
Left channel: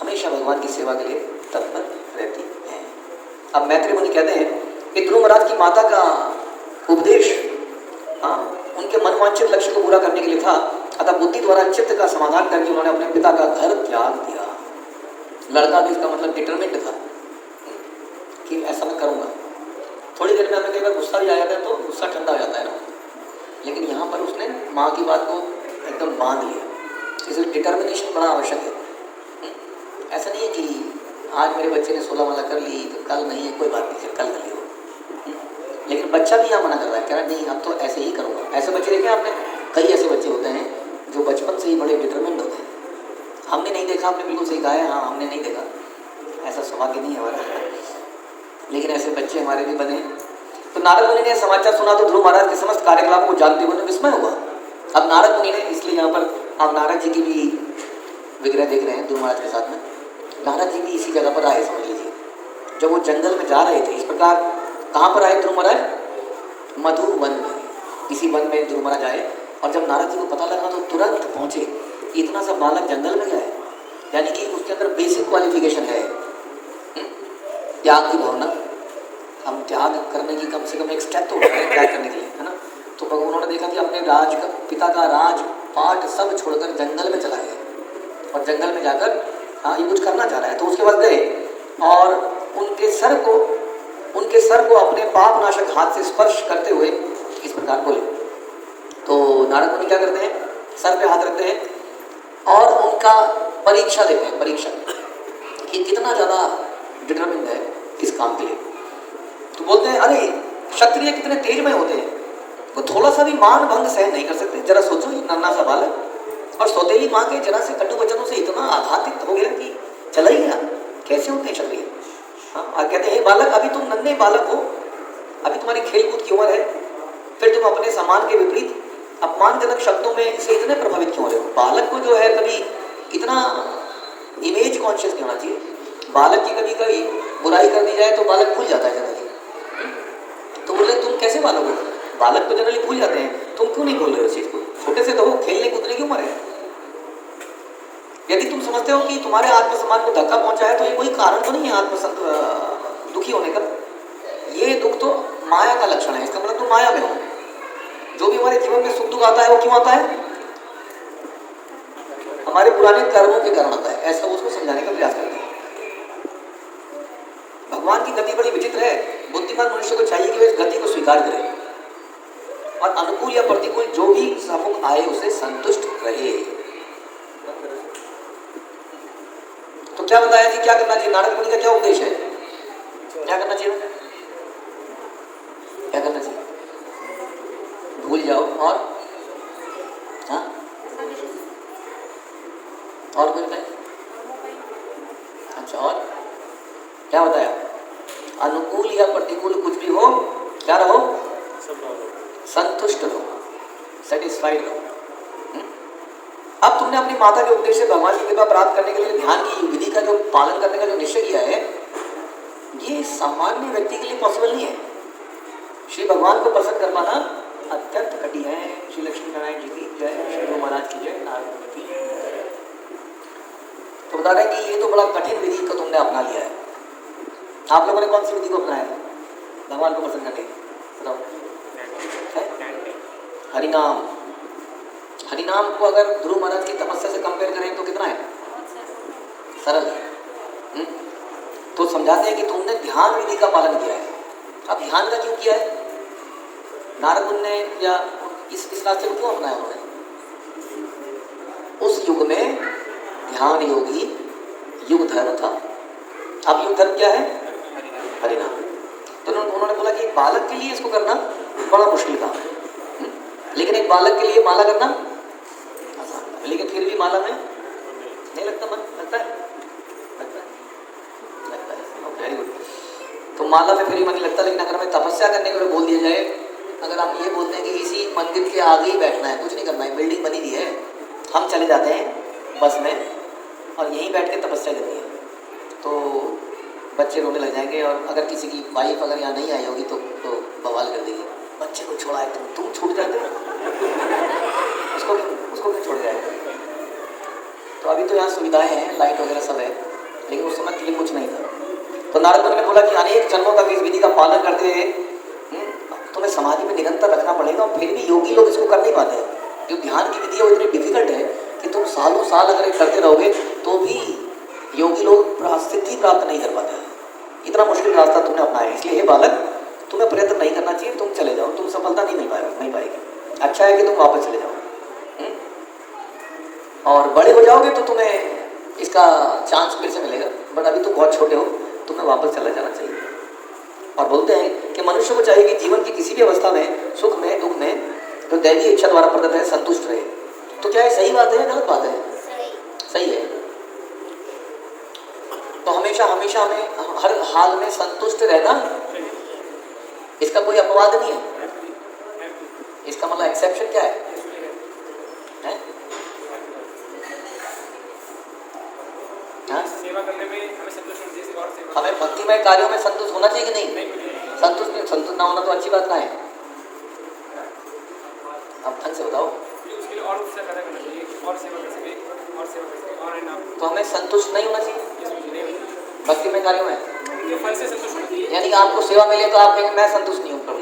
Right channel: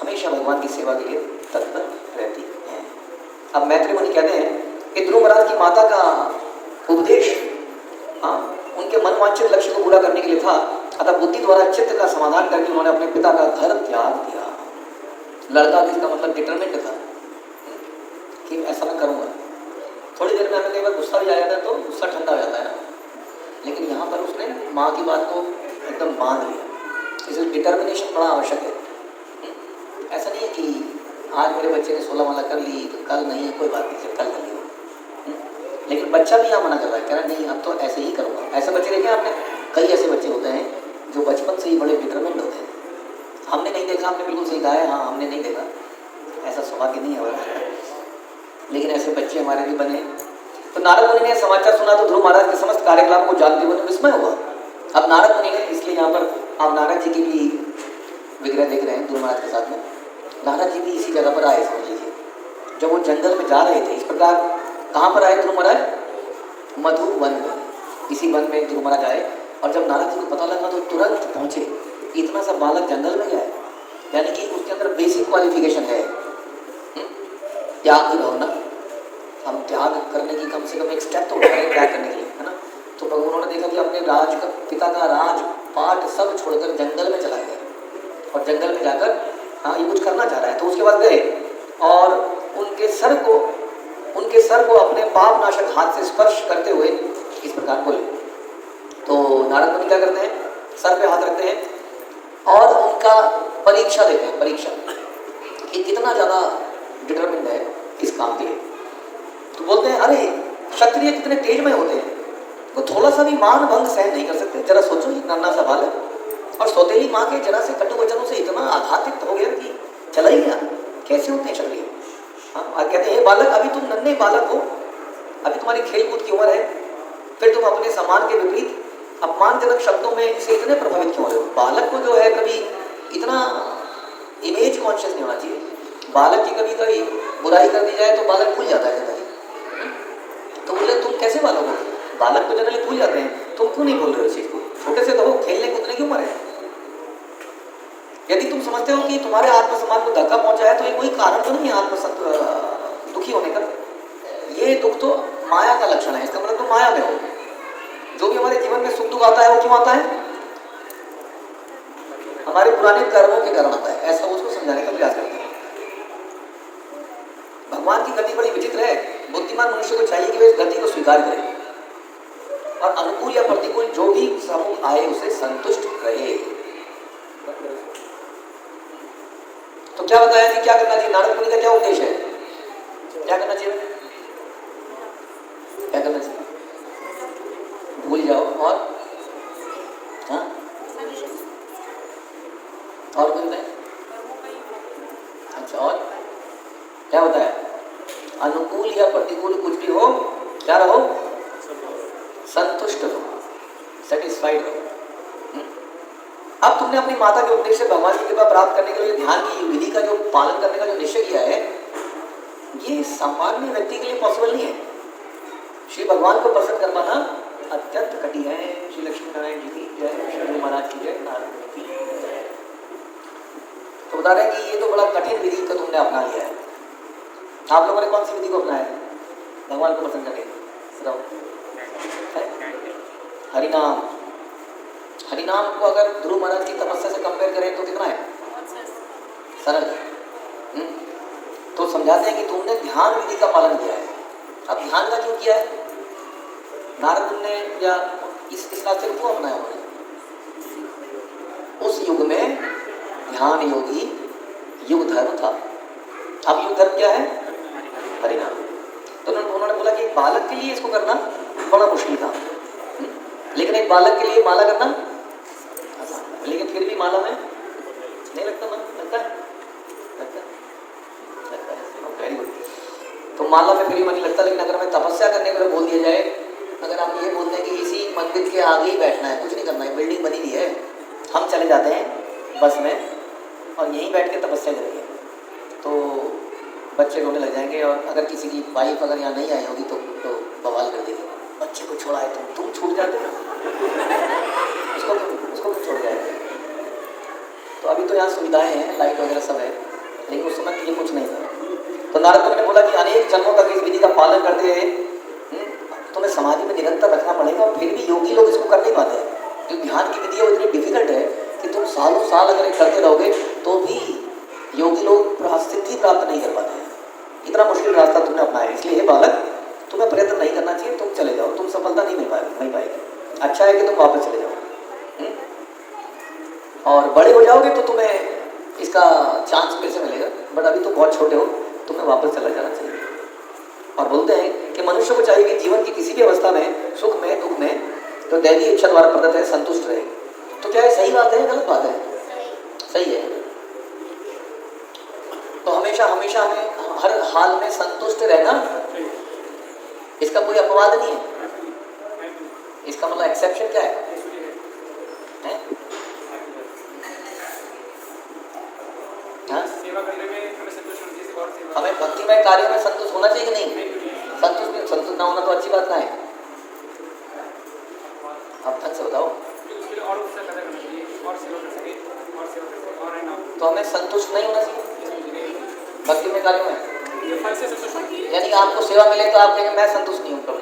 हमेशा भगवान की सेवा के लिए तत्पर रहती हैं। अब मैत्री मुनि कहते हैं कि ध्रुव महाराज की माता का उपदेश उनके मनवांछित लक्ष्य को पूरा करने के लिए था, अतः बुद्धि द्वारा चित्त का समाधान करके उन्होंने अपने पिता का घर त्याग दिया। लड़का भी इसका मतलब डिटरमिन्ड था कि ऐसा मैं करूँगा। थोड़ी देर में हमें कई बार गुस्सा भी आ जाता है तो गुस्सा ठंडा हो जाता है ना, लेकिन यहाँ पर उसने माँ की बात को एकदम बांध लिया। इसलिए डिटर्मिनेशन बड़ा आवश्यक है। ऐसा नहीं है कि आज मेरे बच्चे ने 16 माला कर ली तो कल नहीं है, कोई बात नहीं, फिर कल कर लियो। लेकिन बच्चा भी यहाँ मना कर रहा है, कह रहा नहीं अब तो ऐसे ही करूँगा। ऐसे बच्चे देखे आपने? कई ऐसे बच्चे होते हैं जो बचपन से ही बड़े डिटरमिन्ड होते हैं। हमने नहीं देखा, आपने बिल्कुल सही कहा है, हाँ हमने नहीं देखा, ऐसा सौभाग्य नहीं है हमारा, लेकिन ऐसे बच्चे हमारे भी बने। तो नारद मुनि ने समाचार सुना तो ध्रुव महाराज के समस्त कार्यकलाप को जानते हुए विस्मय हुआ। अब नारद मुनि ने, इसलिए यहाँ पर आप नारद जी की भी विग्रह देख रहे हैं ध्रुव महाराज के साथ में। नारद जी भी इसी जगह पर आए, समझ लीजिए, जब वो जंगल में जा रहे थे। इस प्रकार कहाँ पर आए ध्रुव महाराज? मधु वन में। इसी वन में ध्रुव महाराज आए और जब नारद जी को पता लगा तो तुरंत पहुँचे। इतना सा बालक जंगल में गया है, यानी कि उसके अंदर बेसिक क्वालिफिकेशन है त्याग की भावना। हम त्याग करने की कम से कम एक स्टेप तो उठा रहे हैं, पिता का राज पाठ सब छोड़कर जंगल में चला गया और जंगल में जाकर हाँ ये कुछ करना चाह रहा है। तो उसके बाद गए और उनके सर को अपने पाप नाशक हाथ से स्पर्श करते हुए इस प्रकार बोले। तो नारद मुनि क्या करते हैं, सर पे हाथ रखते हैं और उनका परीक्षा देते हैं, परीक्षा कि कितना ज़्यादा डिटरमिन्ड है इस काम के लिए। तो बोलते हैं अरे क्षत्रिय कितने तेजमय होते हैं, वो थोड़ा सा भी मान भंग सहन नहीं कर सकते। जरा सोचो ये नन्ना सा बालक और सौतेली माँ के जरा से कटु वचनों से इतना आघातित हो गया कि चला ही गया। कैसे होते हैं क्षत्रिय? हाँ और कहते हैं बालक अभी तुम नन्हे बालक हो, अभी तुम्हारी खेलकूद की उम्र है, फिर तुम अपने सम्मान के विपरीत अपमानजनक शब्दों में इसे इतने प्रभावित क्यों हो रहे हो? बालक को जो है कभी इतना इमेज कॉन्शियस नहीं होना चाहिए। बालक की कभी कभी बुराई कर दी जाए तो बालक भूल जाता है कभी। तो बोले तुम कैसे बालक हो? बालक तो जनरली भूल जाते हैं, तुम क्यों नहीं बोल रहे हो इस चीज को? छोटे से कहो, खेलने कूदने की उम्र है। यदि तुम समझते हो कि तुम्हारे आत्मसम्मान को धक्का पहुंचा है तो ये कोई कारण तो नहीं है दुखी होने का। ये दुख तो माया का लक्षण है, इसका मतलब तुम माया में हो। जो भी हमारे जीवन में सुख दुख आता है वो क्यों आता है? हमारे पुराने कर्मों के कारण आता है। ऐसा उसको समझाने का प्रयास करते हैं। भगवान की गति बड़ी विचित्र है। बुद्धिमान मनुष्य को चाहिए कि वे इस गति को स्वीकार करे और अनुकूल या प्रतिकूल जो भी सम्मुख आए उसे संतुष्ट रहे। तो क्या बताया कि क्या करना चाहिए? नारद मुनि का क्या उद्देश्य है? क्या करना चाहिए? क्या करना चाहिए? भूल जाओ और हाँ और कुछ नहीं। अच्छा और क्या बताया? अनुकूल या प्रतिकूल कुछ भी हो, क्या रहो? संतुष्ट रहो, सेटिस्फाइड रहो। अब तुमने अपनी माता के उपदेश से भगवान की कृपा प्राप्त करने के लिए ध्यान की विधि का जो पालन करने का जो निश्चय किया है, ये सामान्य व्यक्ति के लिए पॉसिबल नहीं है। श्री भगवान को प्रसन्न कर पाना अत्यंत कठिन है। श्री लक्ष्मी नारायण जी की जय, श्री गुरु महाराज की जय, नारायण की जय। तो बता रहे हैं कि ये तो बड़ा कठिन विधि को तुमने अपना लिया है। आप लोगों ने कौन सी विधि को अपनाया है भगवान को प्रसन्न करने? हरिनाम। हरिनाम को अगर ध्रुव महाराज की तपस्या से कंपेयर करें तो कितना है? सरल है। तो समझाते हैं कि तुमने ध्यान विधि का पालन किया है। अब ध्यान का क्यों किया है? नारद मुनि ने या इस रास्ते को क्यों अपनाया उन्होंने? उस युग में ध्यान योगी युग धर्म था। अब युग धर्म क्या है? हरिनाम। तो उन्होंने बोला कि एक बालक के लिए इसको करना बड़ा मुश्किल था, लेकिन एक बालक के लिए माला करना आसान। लेकिन फिर भी माला में नहीं लगता मन? लगता है? Very good. तो माला में फिर भी मन नहीं लगता। लेकिन अगर हमें तपस्या करने को बोल दिया जाए, अगर आप ये बोलते हैं कि इसी मंदिर के आगे ही बैठना है, कुछ नहीं करना है, बिल्डिंग बनी हुई है, हम चले जाते हैं बस में और यहीं बैठ के तपस्या करनी है, तो बच्चे रोने लग जाएंगे। और अगर किसी की वाइफ अगर यहाँ नहीं आई होगी तो बवाल कर देगी, बच्चे को छोड़ा है तुम छूट जाते हो, उसको क्यों छोड़ जाएगा? तो अभी तो यहाँ सुविधाएं हैं, लाइट वगैरह सब है, लेकिन उस समय के लिए कुछ नहीं था। तो नारद मुनि ने बोला कि अनेक जन्मों का इस विधि का पालन करते हुए तुम्हें समाधि में निरंतर रखना पड़ेगा। और फिर भी योगी लोग इसको कर नहीं पाते हैं। जो ध्यान की विधि है वो इतनी डिफिकल्ट है कि तुम सालों साल अगर करते रहोगे तो भी योगी लोग सिद्धि प्राप्त नहीं कर पाते हैं। इतना मुश्किल रास्ता तुमने अपनाया है। इसलिए हे बालक, तुम्हें प्रयत्न नहीं करना चाहिए, तुम चले जाओ, तुम सफलता नहीं पाएगी। अच्छा है कि तुम वापस चले जाओ और बड़े हो जाओगे तो तुम्हें इसका चांस फिर से मिलेगा, बट अभी तो बहुत छोटे हो, तुम्हें वापस चला जाना चाहिए। और बोलते हैं कि मनुष्य को चाहिए कि जीवन की किसी भी अवस्था में, सुख में दुख में, तो दैवी इच्छा द्वारा प्रदत्त है संतुष्ट रहे। तो क्या ये सही बात है या गलत बात है? सही है। तो हमेशा हमें हर हाल में संतुष्ट रहना, इसका कोई अपवाद नहीं है। इसका मतलब एक्सेप्शन क्या है? सेवा करने में हमें संतुष्ट होना चाहिए। हमें भक्तिमय कार्यों में संतुष्ट होना चाहिए कि नहीं? संतुष्ट ना होना तो अच्छी बात ना है। आप ढंग से बताओ। उसके लिए और उत्साह पैदा करना चाहिए, और सेवा कर सके, और सेवा कर सके, और है ना। तो हमें संतुष्ट नहीं होना चाहिए भक्तिमय कार्यों में। फल से संतुष्ट होना चाहिए। यानी आपको सेवा मिले तो आप कहेंगे मैं संतुष्ट नहीं हूँ प्रभु,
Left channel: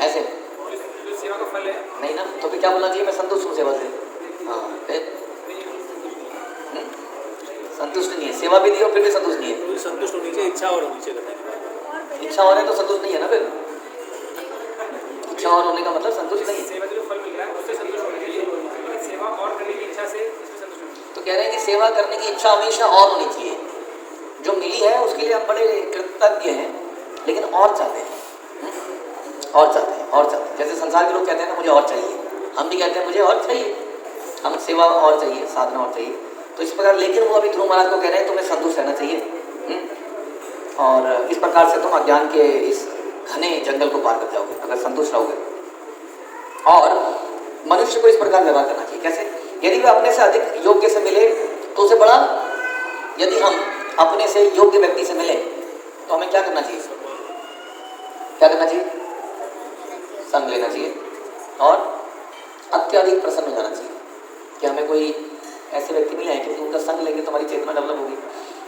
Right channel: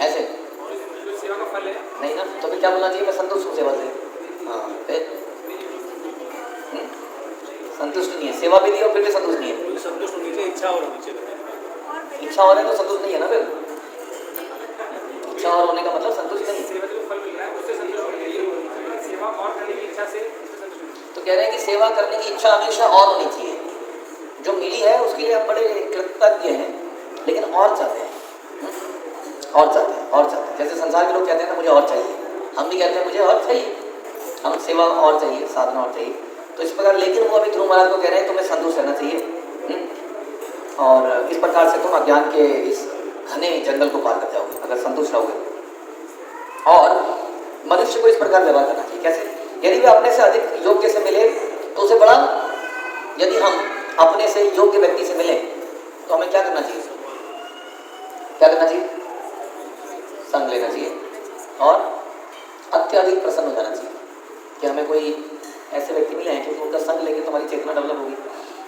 ऐसे जो सेवा का फल है नहीं ना। क्या बोलना चाहिए? मैं संतुष्ट हूँ सेवा से। हाँ, फिर संतुष्ट नहीं है, सेवा भी दी और फिर भी संतुष्ट नहीं है। संतुष्ट होनी चाहिए, इच्छा और होनी चाहिए। इच्छा हो रहा है तो संतुष्ट नहीं है ना फिर। इच्छा और होने का मतलब संतुष्ट नहीं है। सेवा से जो फल मिल रहा है उससे संतुष्ट होना चाहिए, सेवा और करने की इच्छा से इसमें संतुष्ट होना चाहिए। तो कह रहे हैं कि सेवा करने की इच्छा हमेशा और होनी चाहिए। जो मिली है उसके लिए आप बड़े कृतज्ञ हैं, लेकिन और चाहते हैं, और चाहते हैं, और चाहते हैं। जैसे संसार के लोग कहते हैं ना मुझे और चाहिए, हम भी कहते हैं मुझे और चाहिए, हम सेवा और चाहिए, साधना और चाहिए। तो इस प्रकार, लेकिन वो अभी ध्रुव महाराज को कह रहे हैं तुम्हें संतुष्ट रहना चाहिए। और इस प्रकार से तुम अज्ञान के इस घने जंगल को पार कर जाओगे अगर संतुष्ट रहोगे। और मनुष्य को इस प्रकार व्यवहार करना चाहिए। कैसे? यदि वह अपने से अधिक योग्य से मिले तो उसे बड़ा, यदि हम अपने से योग्य व्यक्ति से मिले तो हमें क्या करना चाहिए? क्या करना चाहिए? संग लेना चाहिए और अत्यधिक प्रसन्न हो जाना चाहिए कि हमें कोई ऐसे व्यक्ति मिले हैं, क्योंकि उनका संग लेके तुम्हारी चेतना डेवलप होगी।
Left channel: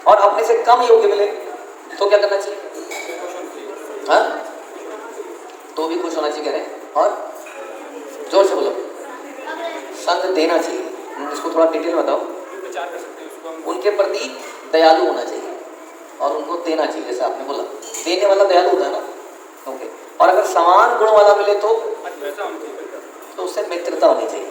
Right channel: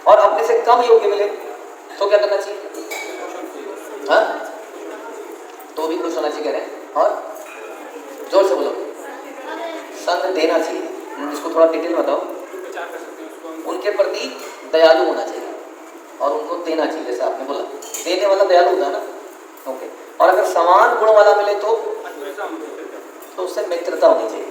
और अपने से कम योग्य मिले तो क्या करना चाहिए? हाँ, तो भी खुश होना चाहिए कह रहे हैं। और जोर से बोलो, संग देना चाहिए। इसको थोड़ा डिटेल बताओ। विचार कर सकते हैं उसको हम। उनके प्रति दयालु होना चाहिए और उनको देना चाहिए, जैसे आपने बोला देने वाला दयालु होता है ना। ओके। और अगर समान गुण वाला मिले तो उससे मित्रता होनी चाहिए।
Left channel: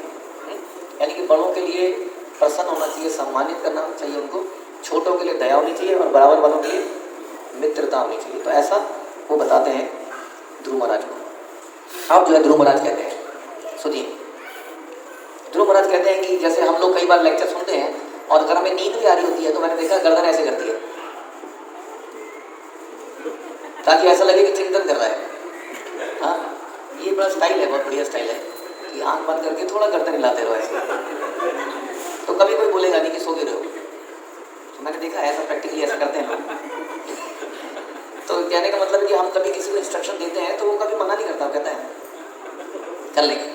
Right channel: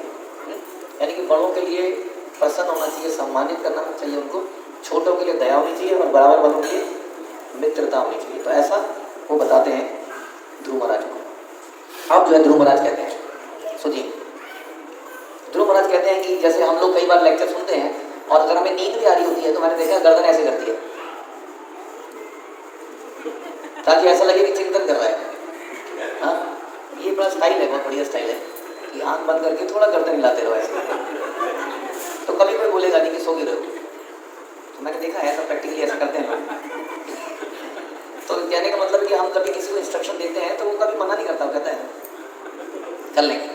यानी कि बड़ों के लिए प्रसन्न होना चाहिए, सम्मानित करना चाहिए उनको, छोटों के लिए दया होनी चाहिए और बराबर वालों के लिए मित्रता होनी चाहिए। तो ऐसा वो बताते हैं ध्रुव महाराज को। अब जो है ध्रुव महाराज कहते हैं, सुनिए। ध्रुव महाराज कहते हैं कि जैसे हम लोग कई बार लेक्चर सुनते हैं और अगर हमें नींद भी आ रही होती है तो मैंने देखा गर्दन ऐसे करती है ताकि ऐसा लगे कि चिंतन कर रहा है। हाँ, ये बड़ा स्टाइल है, बहुत बढ़िया स्टाइल है कि आंख बंद करके थोड़ा गर्दन हिलाते रहो ऐसे, तो कभी कोई बोलेगा नहीं कि सो ही रहो। तो मैंने देखा ऐसा प्रैक्टिकली ऐसा करते हैं लोग। तो कहने का मतलब कि हम कभी किसी को इंस्ट्रक्शन देते हैं तो वो कभी मना नहीं करता, कहता है कर लेंगे।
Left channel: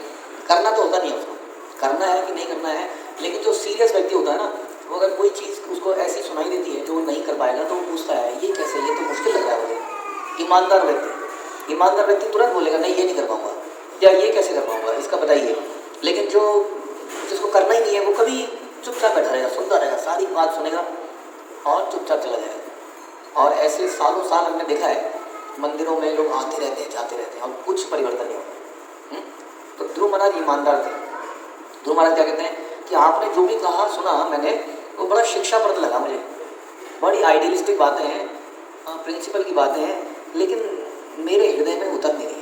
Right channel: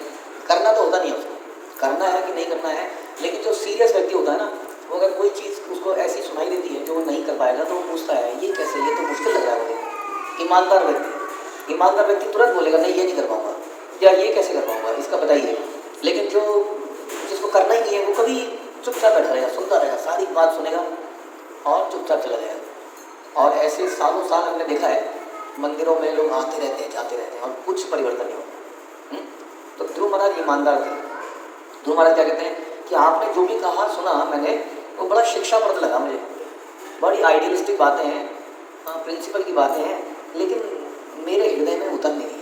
करना तो होता नहीं है उसको, करना है कि नहीं करना है। लेकिन जो सीरियस व्यक्ति होता है ना, वो अगर कोई चीज़ उसको ऐसी सुनाई देती है जो वो नहीं कर पाएगा तो वो पूछता है ये कैसे, ये तो मुश्किल लग रहा है मुझे। ईमानदार व्यक्ति तुरंत बोलेगा नहीं ये नहीं कर पाऊंगा, या ये कैसे कर पाऊंगा, इसका बताइए। लेकिन जिसको करना ही नहीं है वो कभी चुपचाप बैठा रहेगा, सुनता रहेगा, सारी बात सुनेगा और चुपचाप चला जाएगा। और ऐसे सालों साल हमने देखा है, मंदिरों में लोग आते रहते हैं जाते रहते हैं और कुछ परिवर्तन नहीं होता। तो ध्रुव महाराज ईमानदार थे। ध्रुव महाराज क्या कहते हैं कि आपने जो भी कहा सुना मैंने, वो बड़ा शिक्षाप्रद लगा मुझे। बड़ी आइडियलिस्टिक बातें हैं, प्रिंसिपल की बातें हैं, लेकिन मेरे हृदय में उतर नहीं है।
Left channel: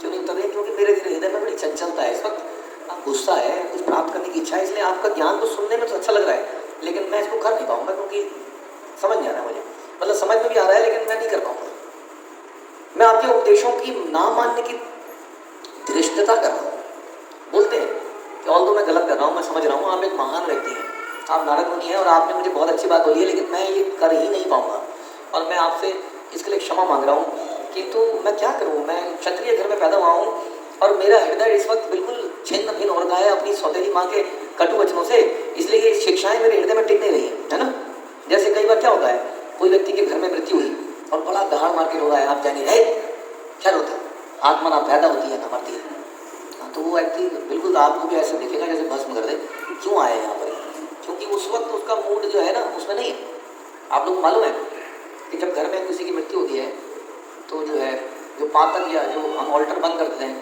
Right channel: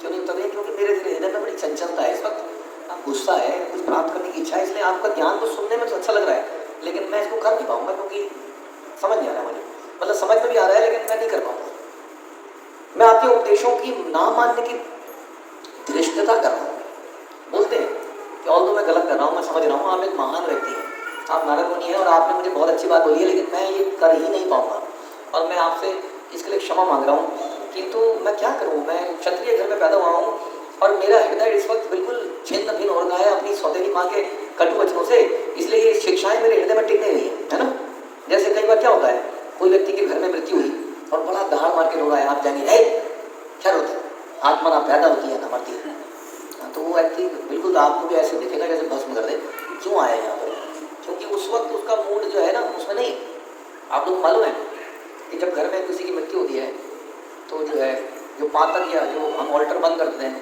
क्यों नहीं उतर रही? क्योंकि मेरे हृदय में बड़ी चंचलता है इस वक्त, गुस्सा है, कुछ प्राप्त करने की इच्छा है। इसलिए आपका ज्ञान तो सुनने में तो अच्छा लग रहा है, लेकिन मैं इसको कर नहीं पाऊंगा क्योंकि समझ नहीं आ रहा मुझे। मतलब समझ में भी आ रहा है लेकिन मैं नहीं कर पाऊंगा। मैं आपके उपदेशों की ना मानने की धृष्टता कर रहा हूँ। बोलते हैं कि ऑल्दो मैं गलत कर रहा हूँ, मैं समझ रहा हूँ आप एक महान व्यक्ति हैं, आप नारद मुनि हैं और आपने मुझे बहुत अच्छी बात बोली है, लेकिन मैं ये कर ही नहीं पाऊंगा और मैं आपसे इसके लिए क्षमा मांग रहा हूँ। किंतु मैं क्या करूँ, मैं क्षत्रिय घर में पैदा हुआ हूँ और मेरा हृदय इस वक्त बिल्कुल छिन्न भिन्न हो रहा है अपनी सौतेली माँ के कटु वचनों से, इसलिए ये शिक्षाएं मेरे हृदय में टिक नहीं रही है ना। जैसे कई बार क्या होता है, कोई व्यक्ति के घर में मृत्यु हुई और बड़ा दहाड़ मार के रो रहा है, आप जाएंगे क्या रोते हैं, आत्मा ना पैदा होती है ना मरती है। तो वो व्यक्ति बिल्कुल आपको भी ऐसे देखेगा जैसे भस्म कर दे, क्यों आया यहाँ पर, क्योंकि उस वक्त उसका मूड जो है ना उसमें नहीं है। आप लोग मालूम है कि जब घर में किसी की मृत्यु होती है तो जो है जो पातक या जो हम ऑल्टर बंद करते हैं,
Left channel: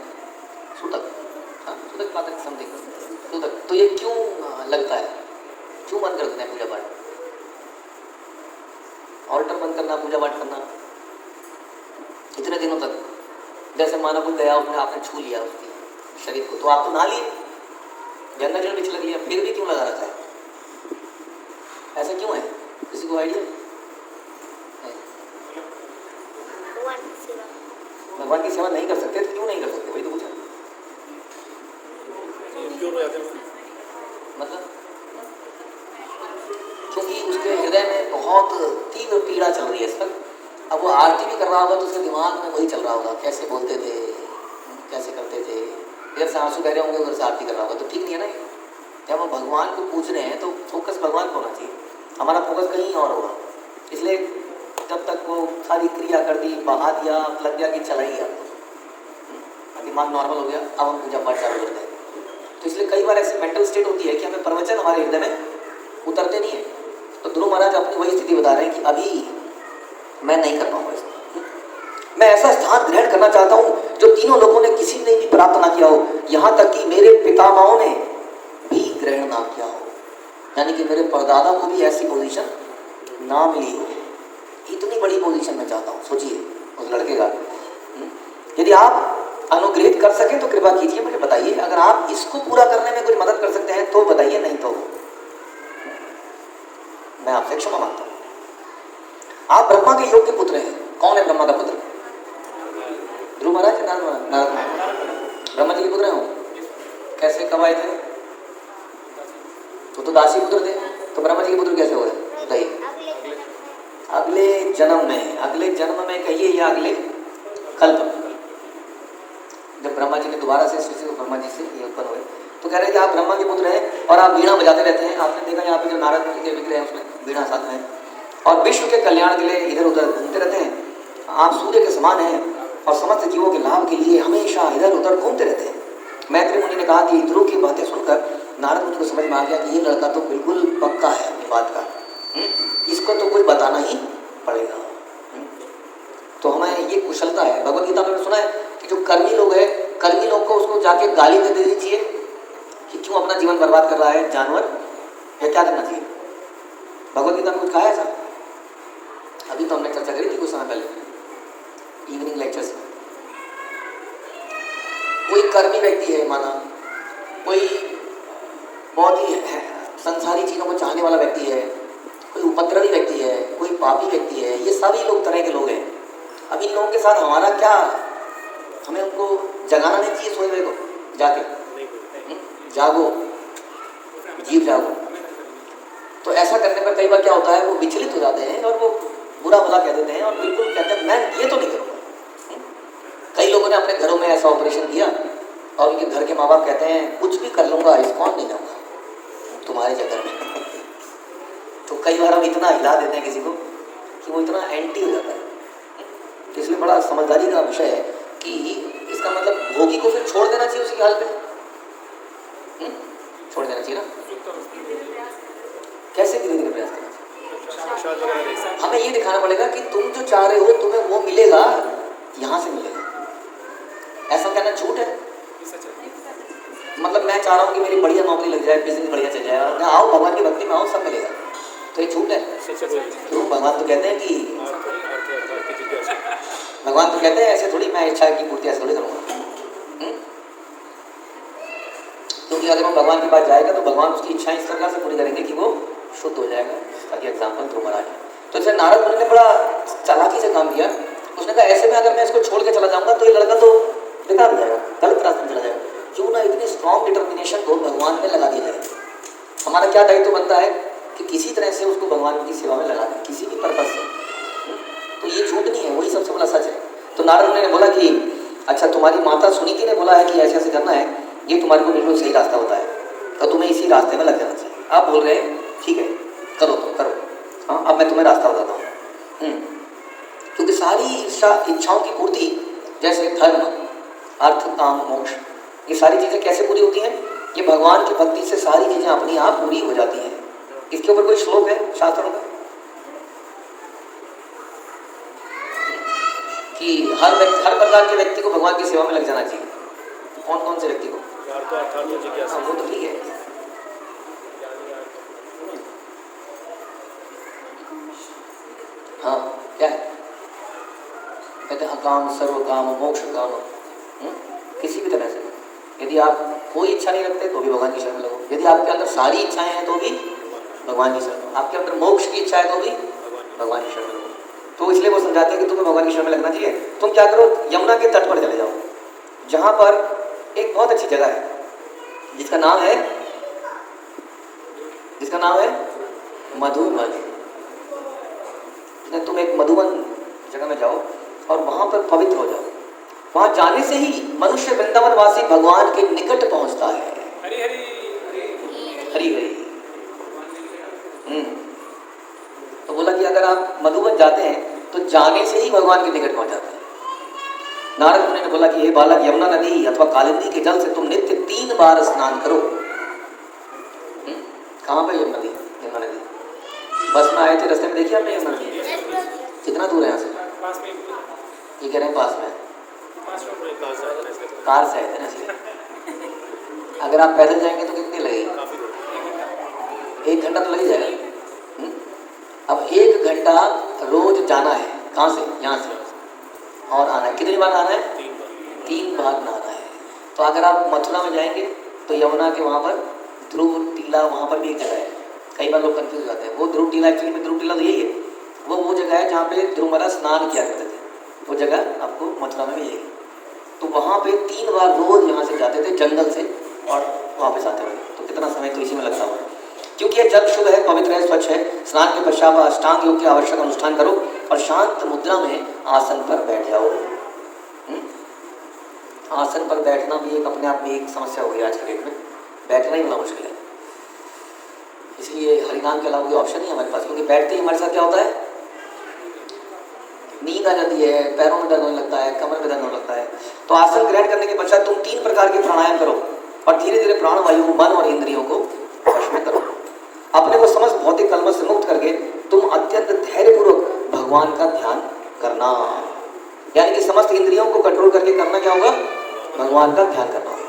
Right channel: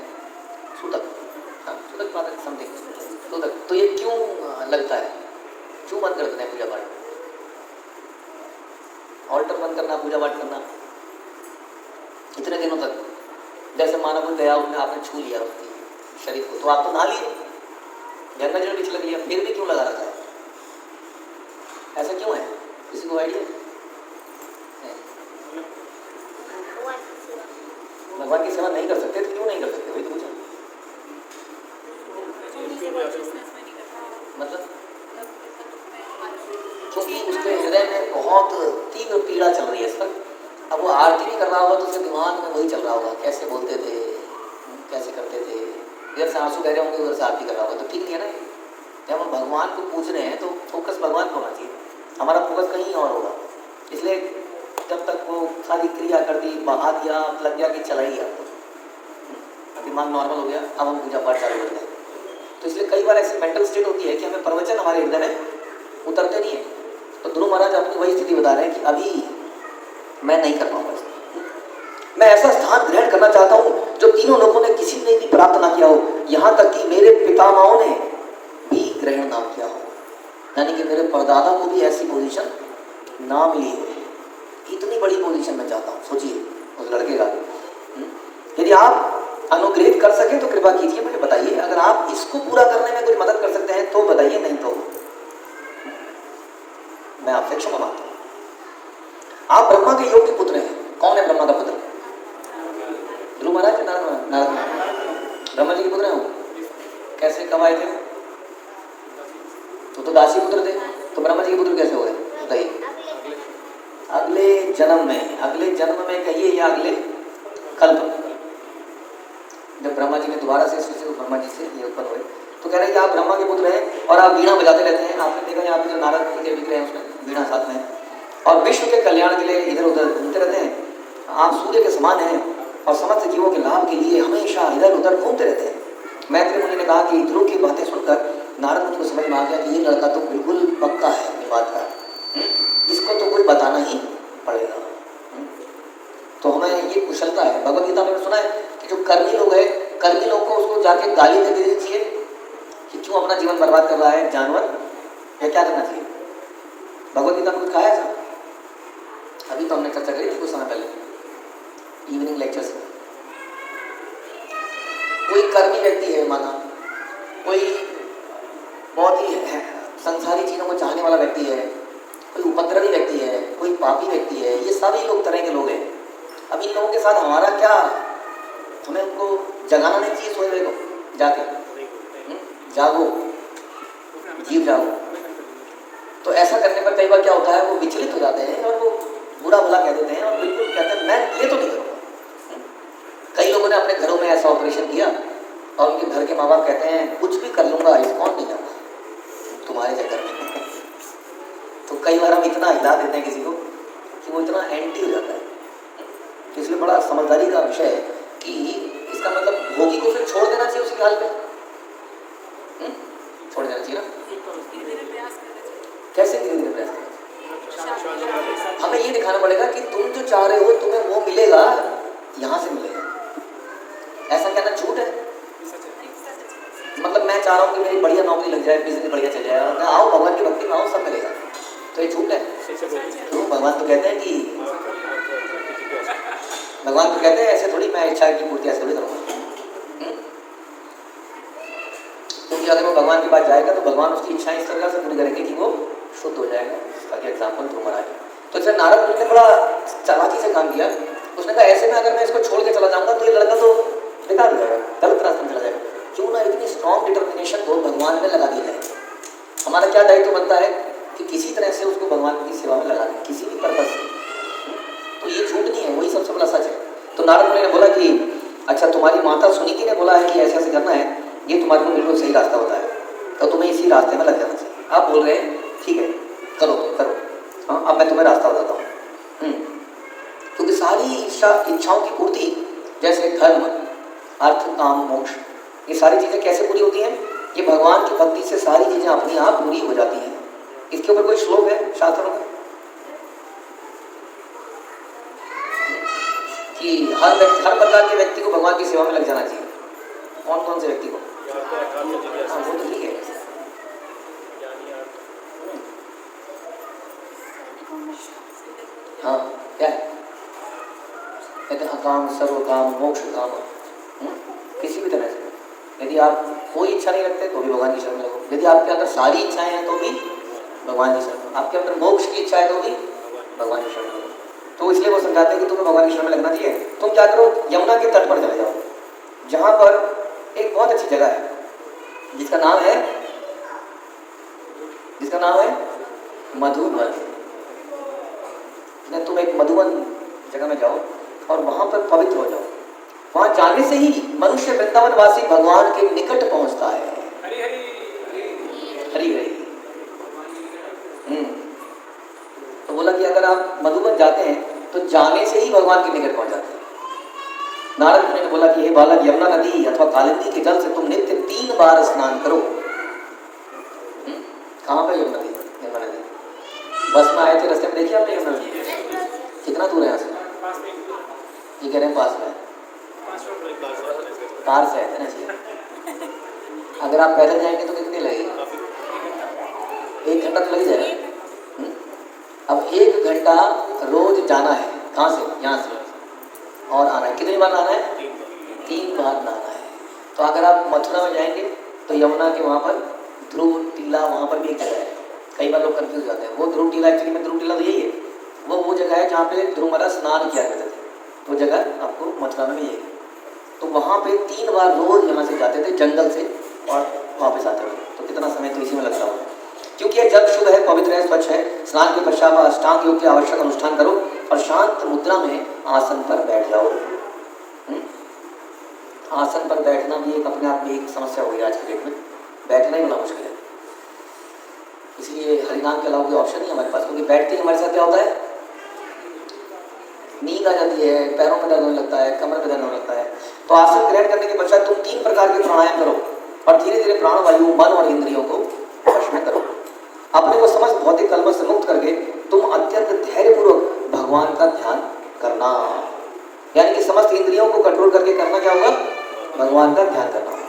सूतक, हाँ सूतक पातक समथिंग सूतक, तो ये क्यों लगता है, क्यों बंद कर देते हैं पूजा पाठ? ऑल्टर बंद करना, पूजा पाठ करना इतने दिनों तक, जैसे मानव गया उसने आपने छू लिया उसके शरीर को, तो आप तो नहा लिए, गंगा जल भी छिड़क लिया, फिर भी क्यों लगा रखा है? ऐसा क्यों है? किसी को आइडिया? भगवान की सेवा नहीं कर सकते तो क्यों नहीं कर सकते, वही तो पूछा। मतलब क्योंकि उसके हृदय में बहुत तीव्र पीड़ा चल रही है इस वक्त। अब वो आरती भी कर रहा होगा तो उसके दिमाग में वही चल रहा होगा, कैसे बोलते थे, कैसे करते थे, इधर से आंसू बह रहे होंगे उधर से आरती कर रहा होगा, तो ठीक नहीं है ना। जब हम भगवान को पूछ रहे हैं तो फोकस भगवान को होना चाहिए, हमारा फोकस कहीं और होगा। इसलिए जब तक वो सारी क्रिया कर दी, बहा दिया, लग गया कि चला ही आपको, दिमाग नॉर्मल हो गया, अब हम पूजा पाठ चालू कर दें। तो इसलिए कई बार ऐसी मेंटल स्टेट होती है कि हमें प्रवचन हमारे हृदय में उतरते नहीं है। तो ध्रुव महाराज अपनी वही स्थिति बता रहे हैं कि अभी मैं नहीं कर पाऊंगा। मैं ऐसा स्थान ग्रहण करना चाहता हूँ जो तीनों लोगों ने किसी ने भी प्राप्त ना किया हो, यहाँ तक कि मेरे पितामहों ने भी ग्रहण ना किया हो, यानी कि मेरे परदादा को भी ऐसी पोजीशन ना मिली हो। इतनी बड़ी पोजीशन में चाहता हूँ, सोचिए उस लड़के का। यदि आप अनुग्रहित कर सकें तो कृपा कीजिए, मुझे बताइए। अगर आप इसको पूरा करने में कोई मदद कर सकते हैं तो बताइए, नहीं तो मैं आपसे क्षमा मांगता हूँ। आप ब्रह्मा के योग्य पुत्र हैं। कौन है ब्रह्मा का पुत्र? ध्रुव महाराज, नारद ब्रह्मा जी के पुत्र हैं। कैसे कब आए थे? तो दासी पुत्र थे, तो ब्रह्मा जी के पुत्र कैसे हो गए? बताइए। अगले जन्म में, अगले जन्म में कहिए या अगले कल्प में, जब ब्रह्मा जी ने दोबारा से ब्रह्मा जी से ये उत्पन्न हुए, तो कह रहे हैं कि आप ब्रह्मा के पुत्र हैं और आप वीणा बजाते रहते हैं। आपने देखा यहाँ पे जो नारद जी के विग्रह हैं उसमें वीणा साथ में, और विश्व के कल्याण के लिए इधर उधर घूमते रहते हैं। आप सूर्य के समान हैं और समस्त जीवों के लाभ के लिए हमेशा इधर उधर घूमते रहते हैं। मैत्री मुनि ने कहा कि ध्रुव की बातें सुनकर नारद मुनि को समझ में आ गया कि ये लड़का तो बिल्कुल पक्का है अपनी बात का, इसको तो कोई बताना ही पड़ेगा। तो हमें ये कुशलता है। भगवद गीता में सुना है कि जो कर्मी लोग हैं, कर्मी लोग को उसको जाके गाली दे देनी चाहिए कि क्यों अपना जीवन बर्बाद कर रहा है जानवर, या क्या करना चाहिए? भगवद गीता में कुछ खाया था? अभी तो हमने चर्चा करी थी कुछ समय पहले इवनिंग लेक्चर्स में। कोई कर्मी व्यक्ति है, माना कोई बहुत ही संसारी चीज़ों को चाहने वाला व्यक्ति है, कोई उपद्रवी व्यक्ति है, कोई पापी व्यक्ति है, ये सभी लोग तरह के लोग हैं। अब इन लोगों के साथ हमारा क्या, हमें उनको जगाना नहीं चाहिए सोए हुए को जाके, जागो जीव जागो। तो ऐसा करने पर कई बार क्या होता है, वो विचलित हो जाते हैं और वो बुरा भला कह देते हैं और बिल्कुल कहते हैं मैं ये तो नहीं करूँगा। कई लोगों ने अपने घरों में ऐसा ऑपरेशन किया और उनके घर के माँ बाप कहते हैं कुछ भी कर लूँगा, रिस्पॉन्ड नहीं जाऊँगा तुम्हारे चक्कर में। तो कई बार हम इतना हिला देते हैं किसी को कि वो इतना एंटी हो जाता है। तो इसलिए बड़ा समझदारी का विषय है कि इसका मतलब भोगी को फिर छोड़ देना चाहिए उसी हाल पे, छोड़ देना चाहिए ना। कैसे धीरे धीरे प्रयास करना? हमें ये दिखाना पड़ेगा कि तुम जो चाह रहे हो तुम्हें वो मिलेगा, यहाँ से मिलेगा। ऐसा कहना झूठ है। मतलब मैं चाह रहा हूँ कि मेरी बढ़िया नौकरी लग जाए, बिजनेस बढ़िया चल जाए, और आओ भगवान की भक्ति में आओ सब मिलेगा, तो ये झूठ है। तो भगवान तो कहते हैं कि भगवान तो कहते हैं ऐसे थोड़ी मैं इच्छा की पूर्ति ऐसे थोड़ी करूँगा। क्योंकि अगर वो भगवान के पास जाएगा तो भगवान उसकी इच्छाएं इस तरह से पूरी करेंगे कि वो शुद्ध हो जाएगा। ताकि एग्जाम्पल ध्रुव महाराज। तो इसे नारद मुनि ने बड़ा चालाकी से काम किया। उसने कहा ऐसे में अगर मैं इसको छोड़ के चला जाऊँगा तो ये लड़का तो बेकार हो जाएगा, गलत रास्ते में चला जाएगा। क्यों ना इतनी स्ट्रॉन्ग डिटर्मिनेशन को भगवान में लगा दिया जाए। हमारा क्या दायित्व बनता है कि किसी तरह से उसको भगवान की सेवा में लगा दें, किसी भी पर्पज से। तो ये झूठ नहीं है, वही सबसे बड़ा सच है। तो नारद मुनि ने बोला कि अच्छा तुम्हारी माता सुनीति ने बोला है कि ऐसे ऐसे करना है, ये तुम्हारे को बिल्कुल सही रास्ता होता है, तो तुम्हें इसी रास्ते में लग जाना चाहिए। आप बोल रहे हैं ठीक है करो तो करो, हाँ अब मैं तुम्हें रास्ता बताता हूँ। क्योंकि सारी इच्छाओं की पूर्ति जैसे धर्म अर्थ काम मोक्ष, ये सारी चीज़ें कैसे पूरी होती हैं? ये भगवान की भक्ति से सारी चीज़ें अपनी आप पूरी हो जाती हैं। इसके ऊपर कोई श्लोक है शास्त्रों में कि हर प्रकार के व्यक्ति को भगवान की सेवा में लग जाना चाहिए? कौन कौन से व्यक्ति को? वो तो ठीक है। हाँ क्या है? कहते हैं अकाम सर्व काम मोक्ष काम। किसी भी तरह से यदि आप कोई इच्छा नहीं रखते तो भी भगवान की शरण में रहो। यदि आपके अंदर सारी इच्छाएं हैं तो भी भगवान की शरण में। आपके अंदर मोक्ष की इच्छा है तो भी भगवान की शरण में। तो इसलिए वो समझाते हैं कि तुम्हें भगवान की शरण में लगना चाहिए। तुम क्या करो, यमुना के तट पर चले जाओ, जहाँ पर एक बहुत अच्छी जगह है जिसका नाम है मधुवन। तुम एक मधुवन जगह में जाओ और वहाँ पर पवित्र हो जाओ। वहाँ जाने से ही मनुष्य वृंदावन वासी भगवान के निकट पहुँचता है। हरि हरि। तो बोला कि अगर आप मधुवन जाते हैं तो जाने से ही भगवान के निकट पहुँच जाते हैं। नारद मुनि ने बोला कि हे बालक, यमुना नदी अथवा कालिंदी के जल से तुम नित्य 3 बार स्नान करो। कहाँ पे यमुना नदी? यमुना नदी बस में आए थे, रास्ते में देखिए आपने यमुना नदी? कितना दूर है यहाँ से? पास में ये कह रहे हैं पास में, कार से आए थे ना इसलिए। अगर आप पैदल जाएंगे तो कितनी लगेगी? 1 घंटा तो लग ही जाएगा। अब 1 घंटा रोज जाना है, कहाँ से? यहाँ से, और आना है। कितनी बार आना है? 3 बार नहाना है। तो अगर आप मथुरा में जाएंगे तो यमुना के वहाँ पर ध्रुव टीला, वहाँ पर भी एक जगह है। कई बार लोग कंफ्यूज जाते हैं। वो ध्रुव टीला, एक्चुअली में ध्रुव टीला तो यही है, वो जगह है जहाँ पे ध्रुव महाराज स्नान किया करते थे। वो जगह आपको मथुरा में मिलेगी। तो वहाँ पे 3 बार रोज यहाँ से जाते थे जंगल से और वापस आते थे। तो कितना समय तो इसी में लगता है, क्योंकि ये जल शुद्ध है, पवित्र है, स्वच्छ है। स्नान के पश्चात अष्टांग योग के आवश्यक अनुष्ठान करो और शांत मुद्रा में आसन पर बैठ जाओ। आसन पर बैठना भी एक अपने आप में एक समस्या हो गई आज के डेट में। बैठना ही बड़ा मुश्किल है, इसलिए हरिनाम के अलावा कोई ऑप्शन नहीं है हमारे पास। क्योंकि बैठते ही हमारे साथ क्या होता है? नींद आ जाती है, पैरों में दर्द होने लगता है, कमर में दर्द होने लगता है। तो आसन ग्रहण करने के पश्चात तुम 3 प्रकार के प्राणायाम करो और धीरे धीरे प्राणवायु, मन और इंद्रियों को वश में करो। अपने को समस्त भौतिक कलमों से मुक्त करके तुम अत्यंत धैर्यपूर्वक भगवान का ध्यान करना। यानी कि समस्त इंद्रियों को कंट्रोल करके करना क्या होगा? भगवान का ध्यान करना होगा।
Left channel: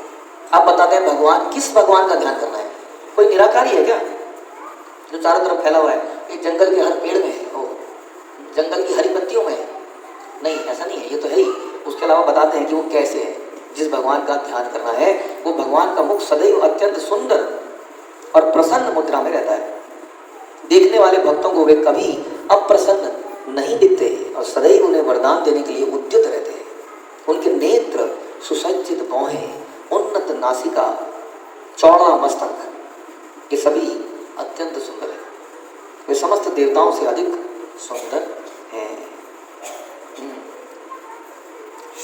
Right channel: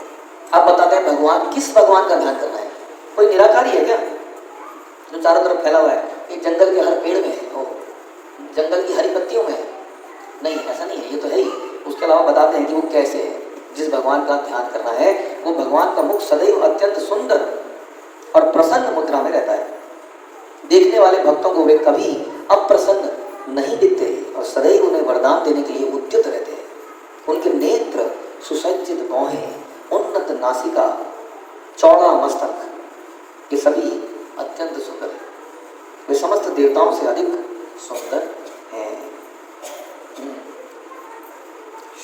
आप बताते हैं भगवान, किस भगवान का ध्यान करना है? कोई निराकारी है क्या जो चारों तरफ फैला हुआ है? एक जंगल के हर पेड़ में है, जंगल की हरी पत्तियों में है? नहीं, ऐसा नहीं है, ये तो है ही। उसके अलावा बताते हैं कि वो कैसे है। जिस भगवान का ध्यान करना है वो भगवान का मुख सदैव अत्यंत सुंदर और प्रसन्न मुद्रा में रहता है। देखने वाले भक्तों को वे कभी अप्रसन्न नहीं दिखते और सदैव उन्हें वरदान देने के लिए उद्यत रहते हैं। उनके नेत्र, सुसज्जित भौहें, उन्नत नासिका, चौड़ा मस्तक, ये सभी अत्यंत सुंदर है। वे समस्त देवताओं से अधिक सुंदर हैं।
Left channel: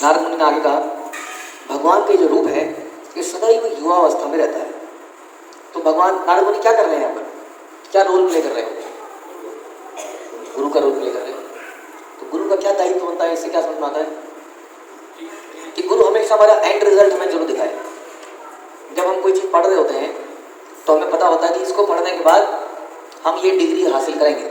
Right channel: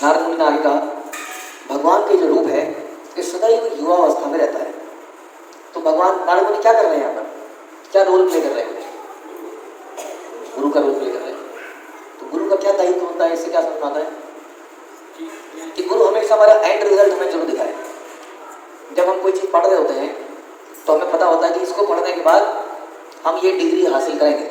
नारद मुनि ने आगे कहा, भगवान के जो रूप है ये सदैव युवावस्था में रहता है। तो भगवान, नारद मुनि क्या कर रहे हैं यहाँ पर? क्या रोल प्ले कर रहे हैं? गुरु का रोल प्ले कर रहे हैं। तो गुरु का क्या दायित्व होता है? इससे क्या समझ में आता है कि गुरु हमेशा हमारा एंड रिजल्ट हमें जरूर दिखाए। जब हम कोई चीज़ पढ़ रहे होते हैं तो हमें पता होता है कि इसको पढ़ने के बाद हम ये डिग्री हासिल करेंगे।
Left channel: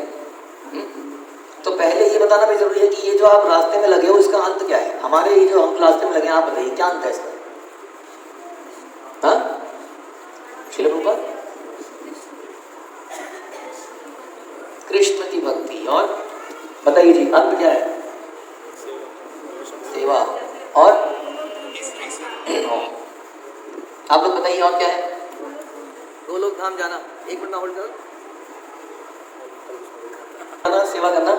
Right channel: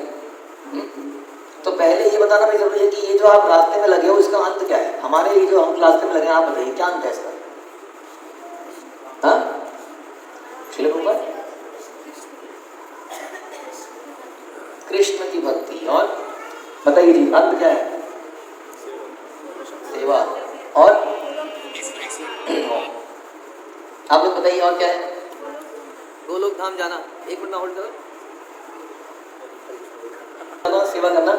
तो पहले ये बताना भी जरूरी है कि ये जो आप रास्ते में लगे हो इसका अंत क्या है। हमारे ये जो हम रास्ते में लगे हैं, आप बताइए क्या अंत है इसका? हाँ, कृष्ण की भक्ति। और बताइए जी, अंत क्या है? सेवा। और आप लोग बताइए और क्या है? 2 लोग धाम जाना। 1 मिनट में होल्ड करो। सेवा करना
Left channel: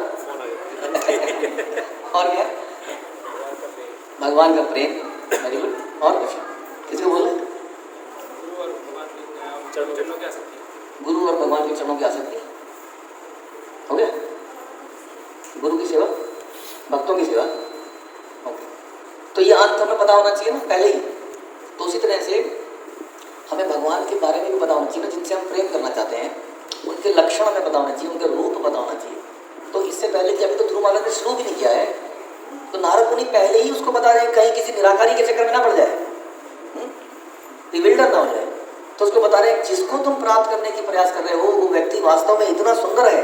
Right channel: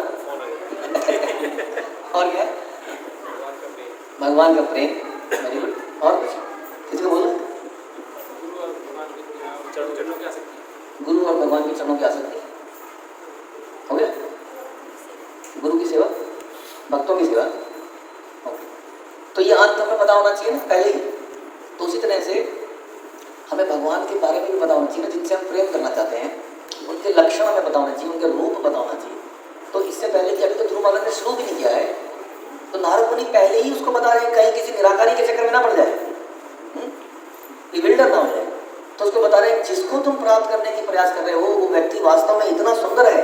और क्या? भगवान का प्रेम। Very good. और किसी को बोलो? गुरु और भगवान के चरणों की आसक्ति। हो गया? गुरु की सेवा, भक्तों की सेवा। तो ये अंत हमें पता होना चाहिए ना पहले ही। तो उसी तरह से हमें भगवान के बारे में भी पता होना चाहिए ना, जिनसे हम प्रेम करना चाहते हैं। उनके लक्षण हमें पता होना चाहिए, उनके रूप पता होना चाहिए। तो इससे पहले कि अभी तो ध्रुव महाराज ने शुरू भी नहीं किया है, तो नारद मुनि पहले ही उसको बता रहे हैं कहीं किसी निराकारी के चक्कर में ना पड़ जाए, विविल्डर ना हो जाए। तो उसको बता रहे हैं जिसको तुम प्राप्त करने की प्रयास कर रहे हो वो व्यक्ति वास्तव में इतना सुंदर है,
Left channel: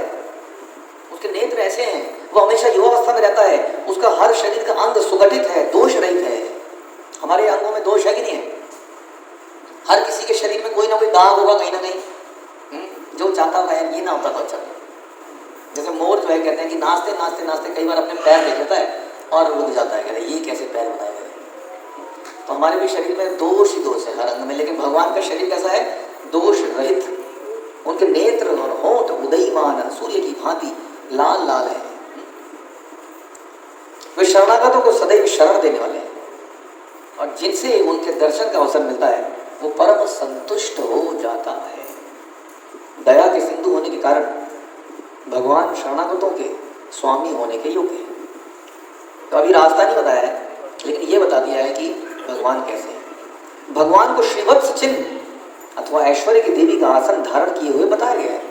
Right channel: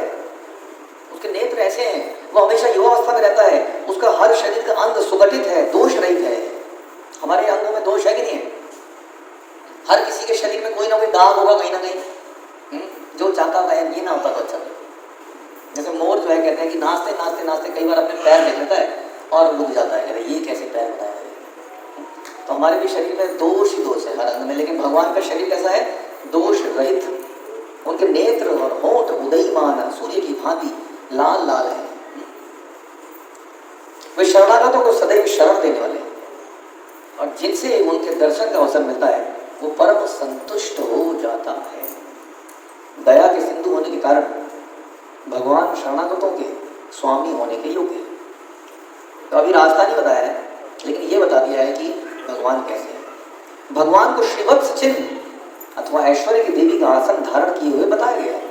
उसके नेत्र ऐसे हैं, वो हमेशा युवावस्था में रहता है, उसका हर शरीर का अंग सुगठित है, दोष रहित है। हमारे अंगों में दोष है कि नहीं है? हर किसी के शरीर में कोई ना कोई दाग होगा कहीं ना कहीं, जो चाहता है ये ना होता तो अच्छा। जैसे मोर जो है कहते हैं कि नाचते नाचते नाचते कई बार अपने पैर देख लेता है और रुक जाता है, कहते हैं ये कैसे पैर बनाए हुए। तो हमारे भी शरीर में दोष ही दोष है हर अंग में, लेकिन भगवान का शरीर कैसा है? दोष रहित। उनके नेत्र और होंठ उदयमान सूर्य की भांति लाल लाल है। वे शरणागतों को सदैव शरण देने वाले हैं और जिनसे उनके दर्शन का अवसर मिलता है वो परम संतुष्ट हो जाता है। दया के सिंधु होने के कारण भगवान शरणागतों के स्वामी होने के योग्य हैं। तो अभी रास्ता नहीं बताया है, लेकिन ये बता दिया है कि भगवान कैसे हैं। भगवान को श्रीवत्स चिन्ह अथवा ऐश्वर्य की देवी का आसन धारण किए हुए बताया गया है।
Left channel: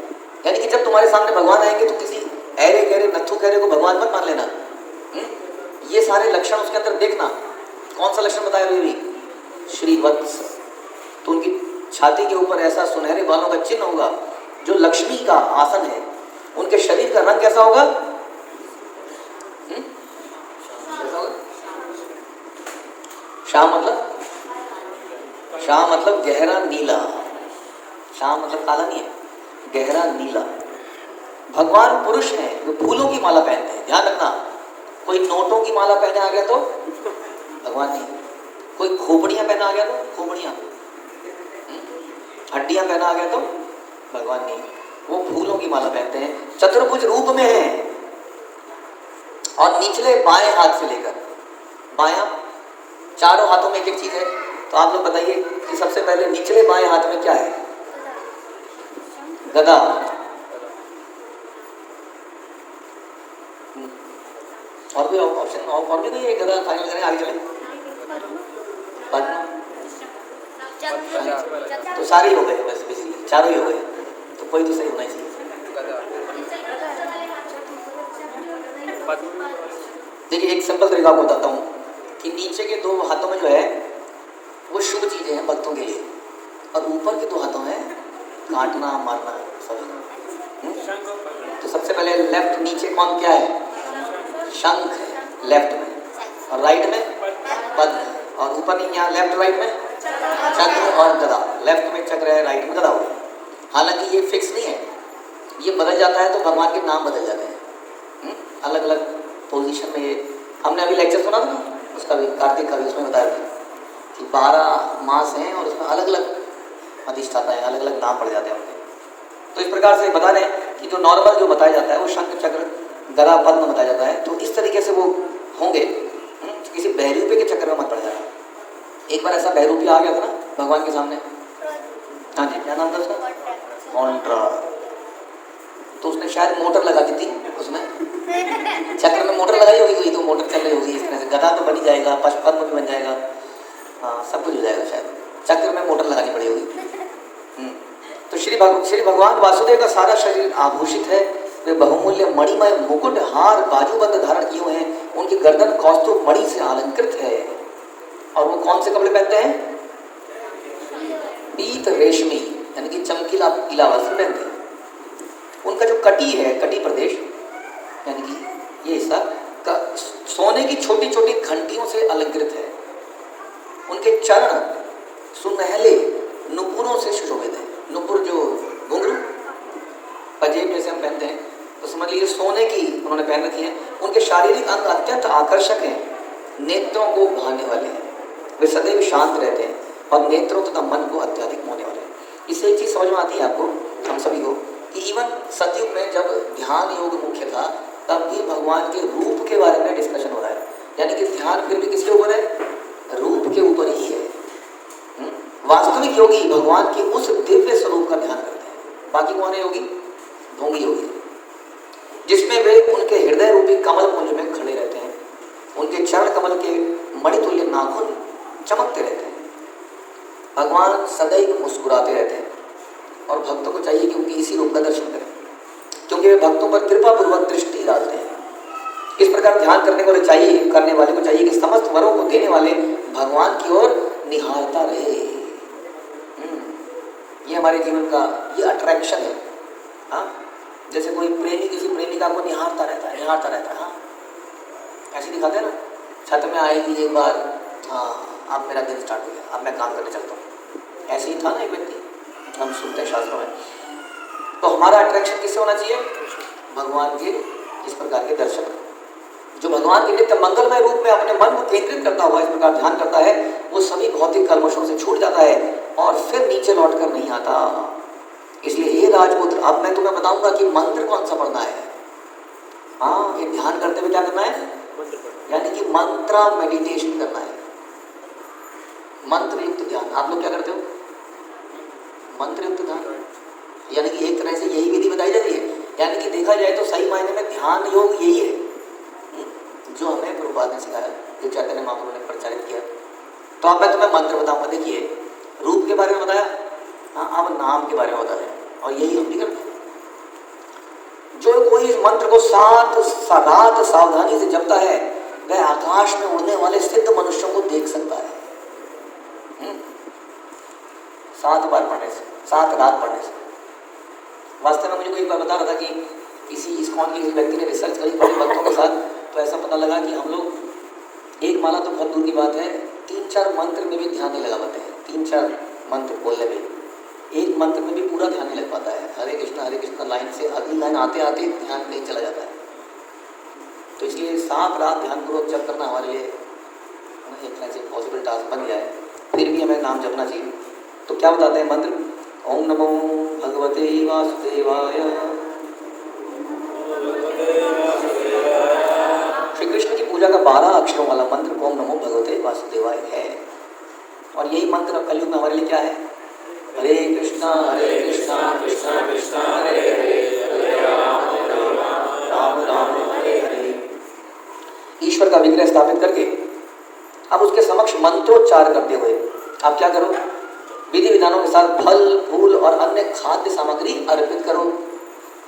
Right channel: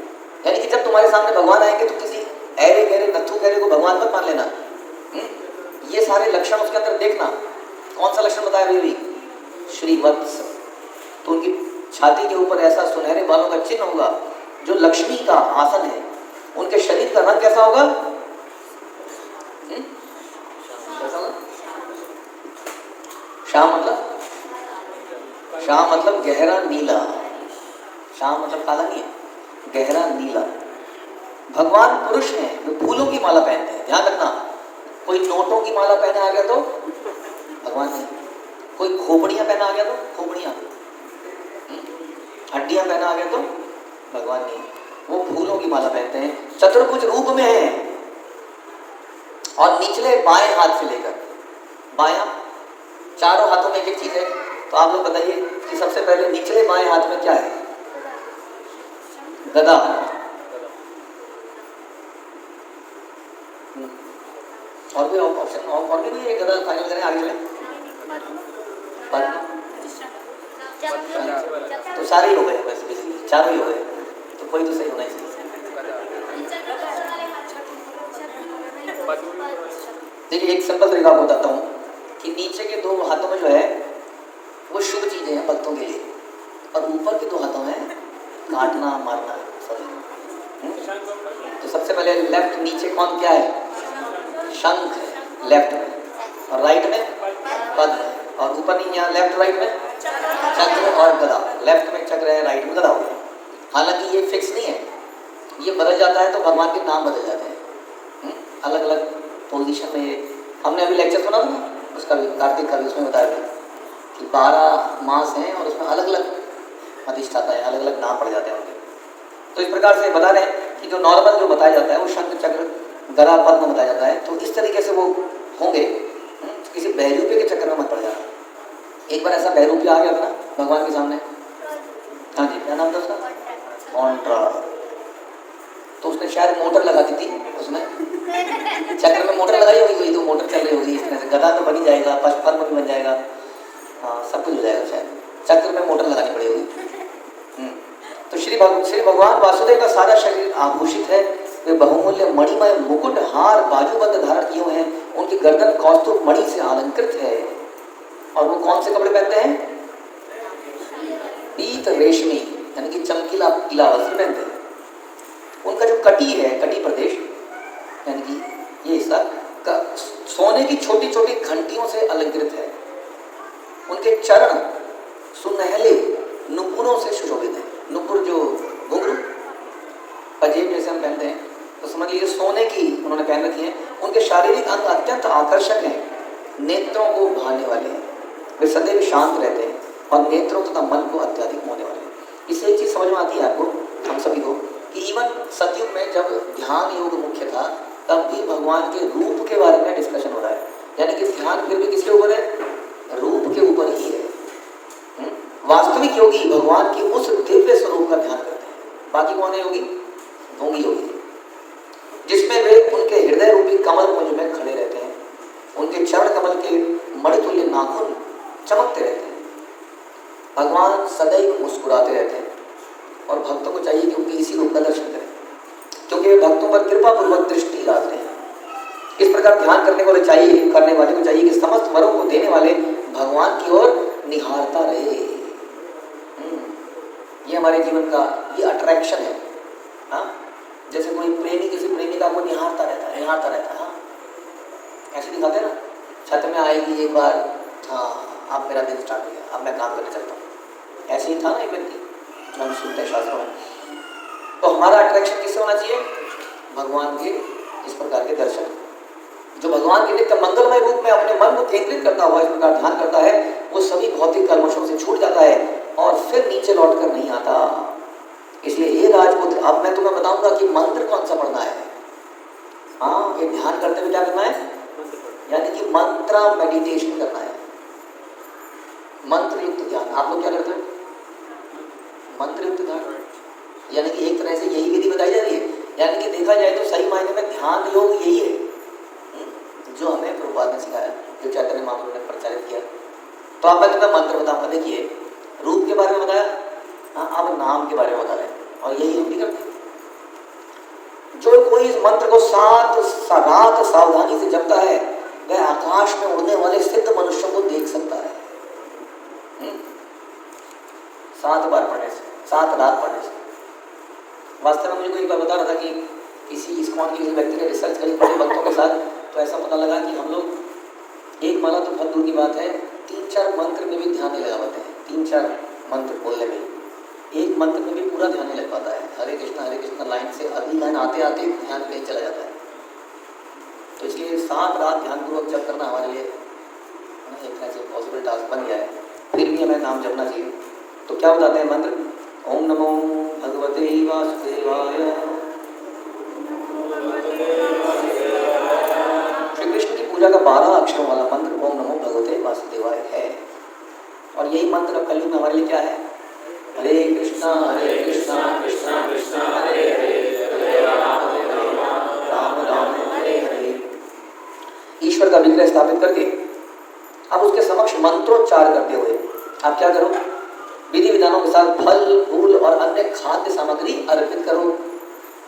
यानी कि जब तुम्हारे सामने भगवान आएंगे तो किसी ऐरे गहरे नत्थु गहरे को भगवान मत मान लेना। ये सारे लक्षण उसके अंदर देखना। कौन सा लक्षण बताया अभी? श्रीवत्स। तो उनकी छाती के ऊपर ऐसा सुनहरे बालों का चिन्ह होगा जो लक्ष्मी का आसन है। उनके शरीर का रंग कैसा होगा? श्याम मतलब गहरा नीला। श्याम मतलब काला नहीं है, गहरा नीला। भगवान पुरुष हैं, वो फूलों की माला पहनते हैं। ध्यान रखना, कोई नोटों की माला पहने आ गया तो भगवान नहीं, कोई खोपड़ियां पहना आ गया तो खोपड़ियां, हड्डियां पहना आ गया तो भगवान नहीं, वो फूलों की माला पहनते हैं। चतुर्भुज रूप में है और निचले बाएं हाथ से लेकर बायां, चारों हाथों में एक चीज है। तो आप लोग बताइए कि सबसे पहले निचले बाएं हाथ में क्या है? गदा। और कोई ऑप्शन और भी नहीं है? गदा फाइनल करें, आगे चलें। तो सारे ही हो गए, बस बेसिकली चारों ही हो गए, तो कोई तो सही होना चाहिए। देखिए एक सिंपल तरीका आपको बताता हूँ कि नीचे के दो हाथों में जो है वो शुभ चीजें हैं भक्तों के लिए, और ऊपर के दो हाथों में काटना मारना सब। तो सबसे पहले लेफ्ट नीचे कौन क्या है? शंख है लेफ्ट में, और राइट में पद्म, और ऊपर नहीं, यहाँ लेफ्ट राइट में चक्र और गदा। लेफ्ट में चक्र है, राइट में गदा हो। हालांकि ये फिक्स नहीं है, ये बदल जाता है तो भगवान के नाम बदल जाते हैं अलग अलग पोजीशन में। हमने अभी लेक्चर सुना था ना उसका भी, कार्तिक का भी, उसमें बताया था कि 12 मास हैं और उसमें अलग अलग अधिष्ठाता है, अलग अलग नाम पड़ जाते हैं उनके। तो इस प्रकार से बता रहे हैं कि जो नॉर्मल जो बताया जाता है वो शंख चक्र गदा पद्म बताया जाता है। तो इस तरीके से वो होंगे, किसी बहरूपे के चक्कर में मत पड़ जाना। एक बार ऐसा बहरूपी आ गया था ना भगवान के सामने, हाँ जी, क्या नाम था उसका? कॉन्ट्रा। तो उसने शायद मोटर लगा दी थी उसमें, चक्र में मोटर लगाई होगी कोई, तो मोटर चल रही होगी इस तरह से। गदा तो बन ही जाएगा, पद्म भी बन जाएगा, हाँ सब कुछ हो जाएगा, शायद चक्र में मोटर लगानी पड़ी होगी। तो श्री भगवान वासुदेव का सारा शरीर आभूषित है। वे बहुमूल्य मणिमय मुकुट हार बाजूबंद धारण किए हुए हैं। उनकी गर्दन कौस्तुभ मणि से अलंकृत है। और वो कौन से कपड़े पहनते हैं? पीत रेशमी यानी कि चमकीला पीला वस्त्र पहनते हैं। उनका जो कटी है, कटी प्रदेश यानी कि ये हिस्सा सोने की छोटी छोटी घंटियों से अलंकृत है। उनके चरण सुनहले नुपुरों से सुशोभित है। नुपुर जो घुंघरू पंजेब जैसे हम पहनते हैं, तो समझ लीजिए सोने की उन्होंने पहन रखी है। उनके शारीरिक अंग अत्यंत आकर्षक हैं, नेत्रों को भाने वाले हैं। वे सदैव शांत रहते हैं और नेत्रों तथा मन को अत्यधिक मोहने वाले हैं। इससे एक चीज़ समझ में आती है आपको, हम सभी को, कि इवन सतयुग में जब ध्यान योग मुख्य था तब भी भगवान के रूप के बारे में डिस्कशन हो रहा है। यानी कि ध्यान फिर भी किसके ऊपर है? रूप के ऊपर ही है। वास्तविक योगी भगवान के उस दिव्य स्वरूप का ध्यान करते हैं। बाकी कौन है योगी? भोगी योगी, जिसमें वे उनके हृदय रूपी कमल पुंज में खड़े रहते हैं। उनके चरण कमल के मणितुल्य नाखून चमकते रहते हैं। भगवान सदैव मुस्कुराते रहते हैं और भक्तों को चाहिए कि उनके इसी रूप का दर्शन करें, क्योंकि वे भक्तों पर कृपा पूर्वक दृष्टि डालते हैं। इस प्रकार ध्यान करने वाले को चाहिए कि समस्त वरों को देने वाले भगवान की ओर निहारता रहे। ये हमारे जीवन का ये अट्रैक्शन है। हाँ, जैसे कोई प्रेमी किसी प्रेमिका को निहारता रहता है, हाँ ऐसे दिखाते हैं ना, छत में आएगी एक बार, हाँ आप मेरा दिन स्टार्ट हो गया, अब मैं काम करने चलता हूँ। ऐसे ही था ना एक व्यक्ति, हम सुनते हैं शास्त्रों में। तो हमारा अट्रैक्शन किससे होना चाहिए? भगवान के इस प्रकार के दर्शन। जो भगवान के नित्य मंगलमय रूप में अपने मन को केंद्रित करता हुआ इस प्रकार ध्यान करता है, वो सभी भौतिक कल्मशों से छूट जाता है और फिर नीचे लौट कर नहीं आता। इसलिए ये राजपुत्र, अब मैं तुम्हें बताऊंगा कि मंत्र कौन सा पढ़ना है। हाँ, ये ध्यान करते हुए क्या करना है? यानी कि मंत्र मेडिटेशन करना है, मंत्र युक्त ध्यान। आप लोग क्या करते हो? मंत्र युक्त ध्यान, यानी कि एक तरह से यही विधि बताई जा रही है। यानी कि देखा जाए तो सही मायने में ध्यान योग यही है जो हमें प्रभुपाद ने सिखाया, जो चैतन्य महाप्रभु ने प्रचारित किया। तो अब मैं तुम्हें मंत्र बताऊंगा। देखिए, रूप के बारे में बताया, हाँ अब नाम के बारे में बताया, और यही हम भी करते। जो कोई इस मंत्र को रात सावधानी से जपता है, वह आकाश में उड़ने वाले सिद्ध मनुष्यों को देख सकता है। 7 बार पढ़ने से, 7 रात पढ़ने से। वास्तव में मुझे कोई एक बार बता रहा था कि किसी इस्कॉन के किसी व्यक्ति ने रिसर्च करी बड़े भक्तों के साथ, तो ऐसा पता लगा कि हम लोग एक माला तो बहुत दूर की बात है, 3-4 मंत्र में भी ध्यान नहीं लगा पाते हैं। 3-4 मंत्र बोलने में, एक मंत्र में भी पूरा ध्यान नहीं लग पाता है। हरे कृष्ण लाइन से अगली लाइन आते आते ध्यान कहीं चला जाता है। तो इसलिए 7 रात ध्यानपूर्वक जप करना हमारे लिए एक तरह से पॉसिबल टास्क बन गया है। फिर भी हमें नाम जपना चाहिए। तो क्या बताते हैं मंत्र? ओम नमो भगवते वासुदेवाय। श्री कृष्ण की पूजा का 12 अक्षरों वाला मंत्र ओम नमो भगवते वासुदेवाय है। और यही मंत्र कलयुग में हमारे लिए क्या है? हरे कृष्णा कृष्णा कृष्णा हरे हरे, राम राम हरे हरे। ईश्वर का विग्रह स्थापित करके अब उसके समक्ष मंत्रोच्चार करते हुए आप क्या करो? विधि विधानों के साथ फल फूल और अन्य खाद्य सामग्री अर्पित करो।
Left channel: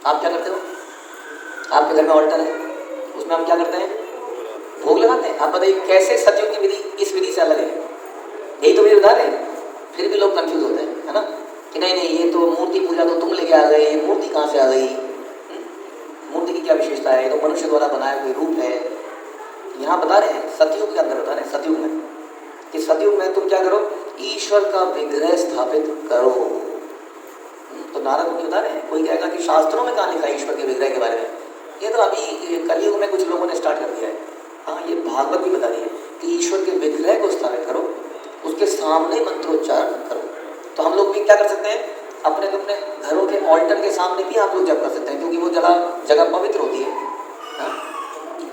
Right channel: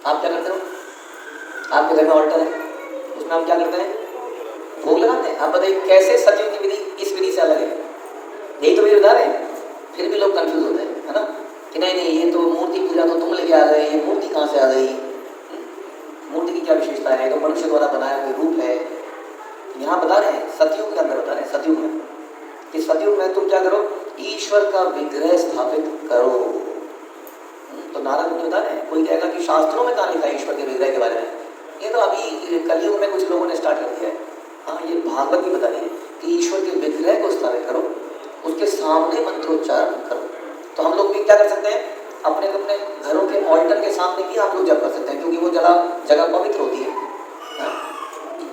आप क्या करते हो? आपके घर में ऑल्टर है, उसमें हम क्या करते हैं? भोग लगाते हैं। आप बताइए कैसे सतयुग की विधि इस विधि से अलग है? यही तो मेरे उदाहरण है। फिर भी लोग कंफ्यूज होते हैं, है ना, कि नहीं ये तो मूर्ति पूजा तो तुम लेके आ गए, ये मूर्ति कहाँ से आ गई? मूर्ति की क्या विशेषता है? तो मनुष्य द्वारा बनाया कोई रूप है। यहाँ बता रहे हैं सतयुग के अंदर बता रहे हैं, सतयुग में कि सतयुग में तुम क्या करो? ईश्वर का विग्रह स्थापित करो। तो नारद मुनि बता रहे हैं, कोई कहेगा कि शास्त्रों में कहाँ लिखा है ईश्वर के विग्रह के बारे में? ये तो अभी कलयुग में कुछ लोगों ने स्टार्ट कर दिया है। हाँ, ये भागवत भी बता रही है कि ईश्वर के विग्रह को स्थापित करो, उसके सामने मंत्रोच्चार करो। तो हम लोग भी क्या कर सकते हैं? अपने अपने घरों के ऑल्टर के सामने भी आप लोग जप कर सकते हैं, क्योंकि वो जगह पवित्र होती है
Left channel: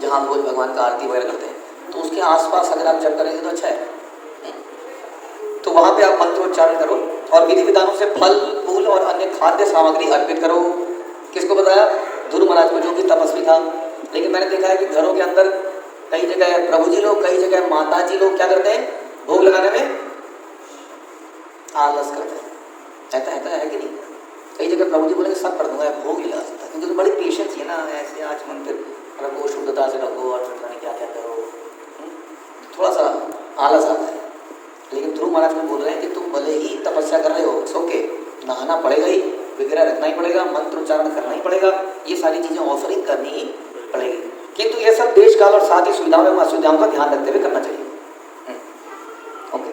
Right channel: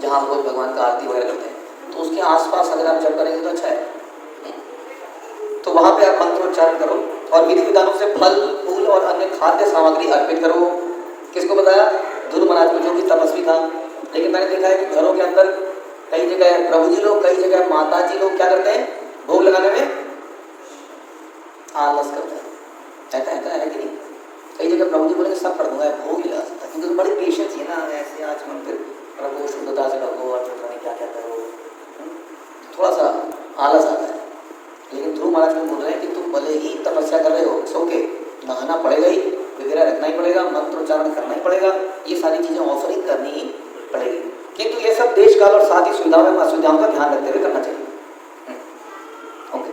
जहाँ हम लोग भगवान का आरती वगैरह करते हैं। तो उसके आसपास अगर आप जप करेंगे तो अच्छा है। तो वहाँ पे आप मंत्रोच्चारण करो और विधि विधानों से फल फूल और अन्य खाद्य सामग्री अर्पित करो। किसको बताया? ध्रुव महाराज को, जो कि तपस्वी था। लेकिन मैंने देखा है कि घरों के अंदर कई जगह प्रभु जी लोग, कई जगह माता जी लोग क्या करते हैं? भोग लगाने में आलस करते हैं। ऐसा है कि नहीं? कई जगह प्रभु जी बोले सब कर दूंगा, भोग ही लगा सकता, क्योंकि तो बड़ी पेशेंस है ना। ऐसे आज मंदिर प्रभु शुद्धता से रखो और क्या क्या करो, थोड़ा सा आलस आता है। लेकिन ध्रुव महाराज बोल रहे हैं कि तुम भले ही तपस्या कर रहे हो, इट्स ओके, नहाना पड़ेगा ही, विग्रह रखना ही पड़ेगा, मंत्रोच्चारण करना ही पड़ेगा, ये सारी चीज़ें ऑफरिंग करनी ही पड़ेगी। किंतु ये सब देश काल और साथ ही सुविधाओं एवं असुविधाओं का ध्यान रखते हुए करना चाहिए। ओके,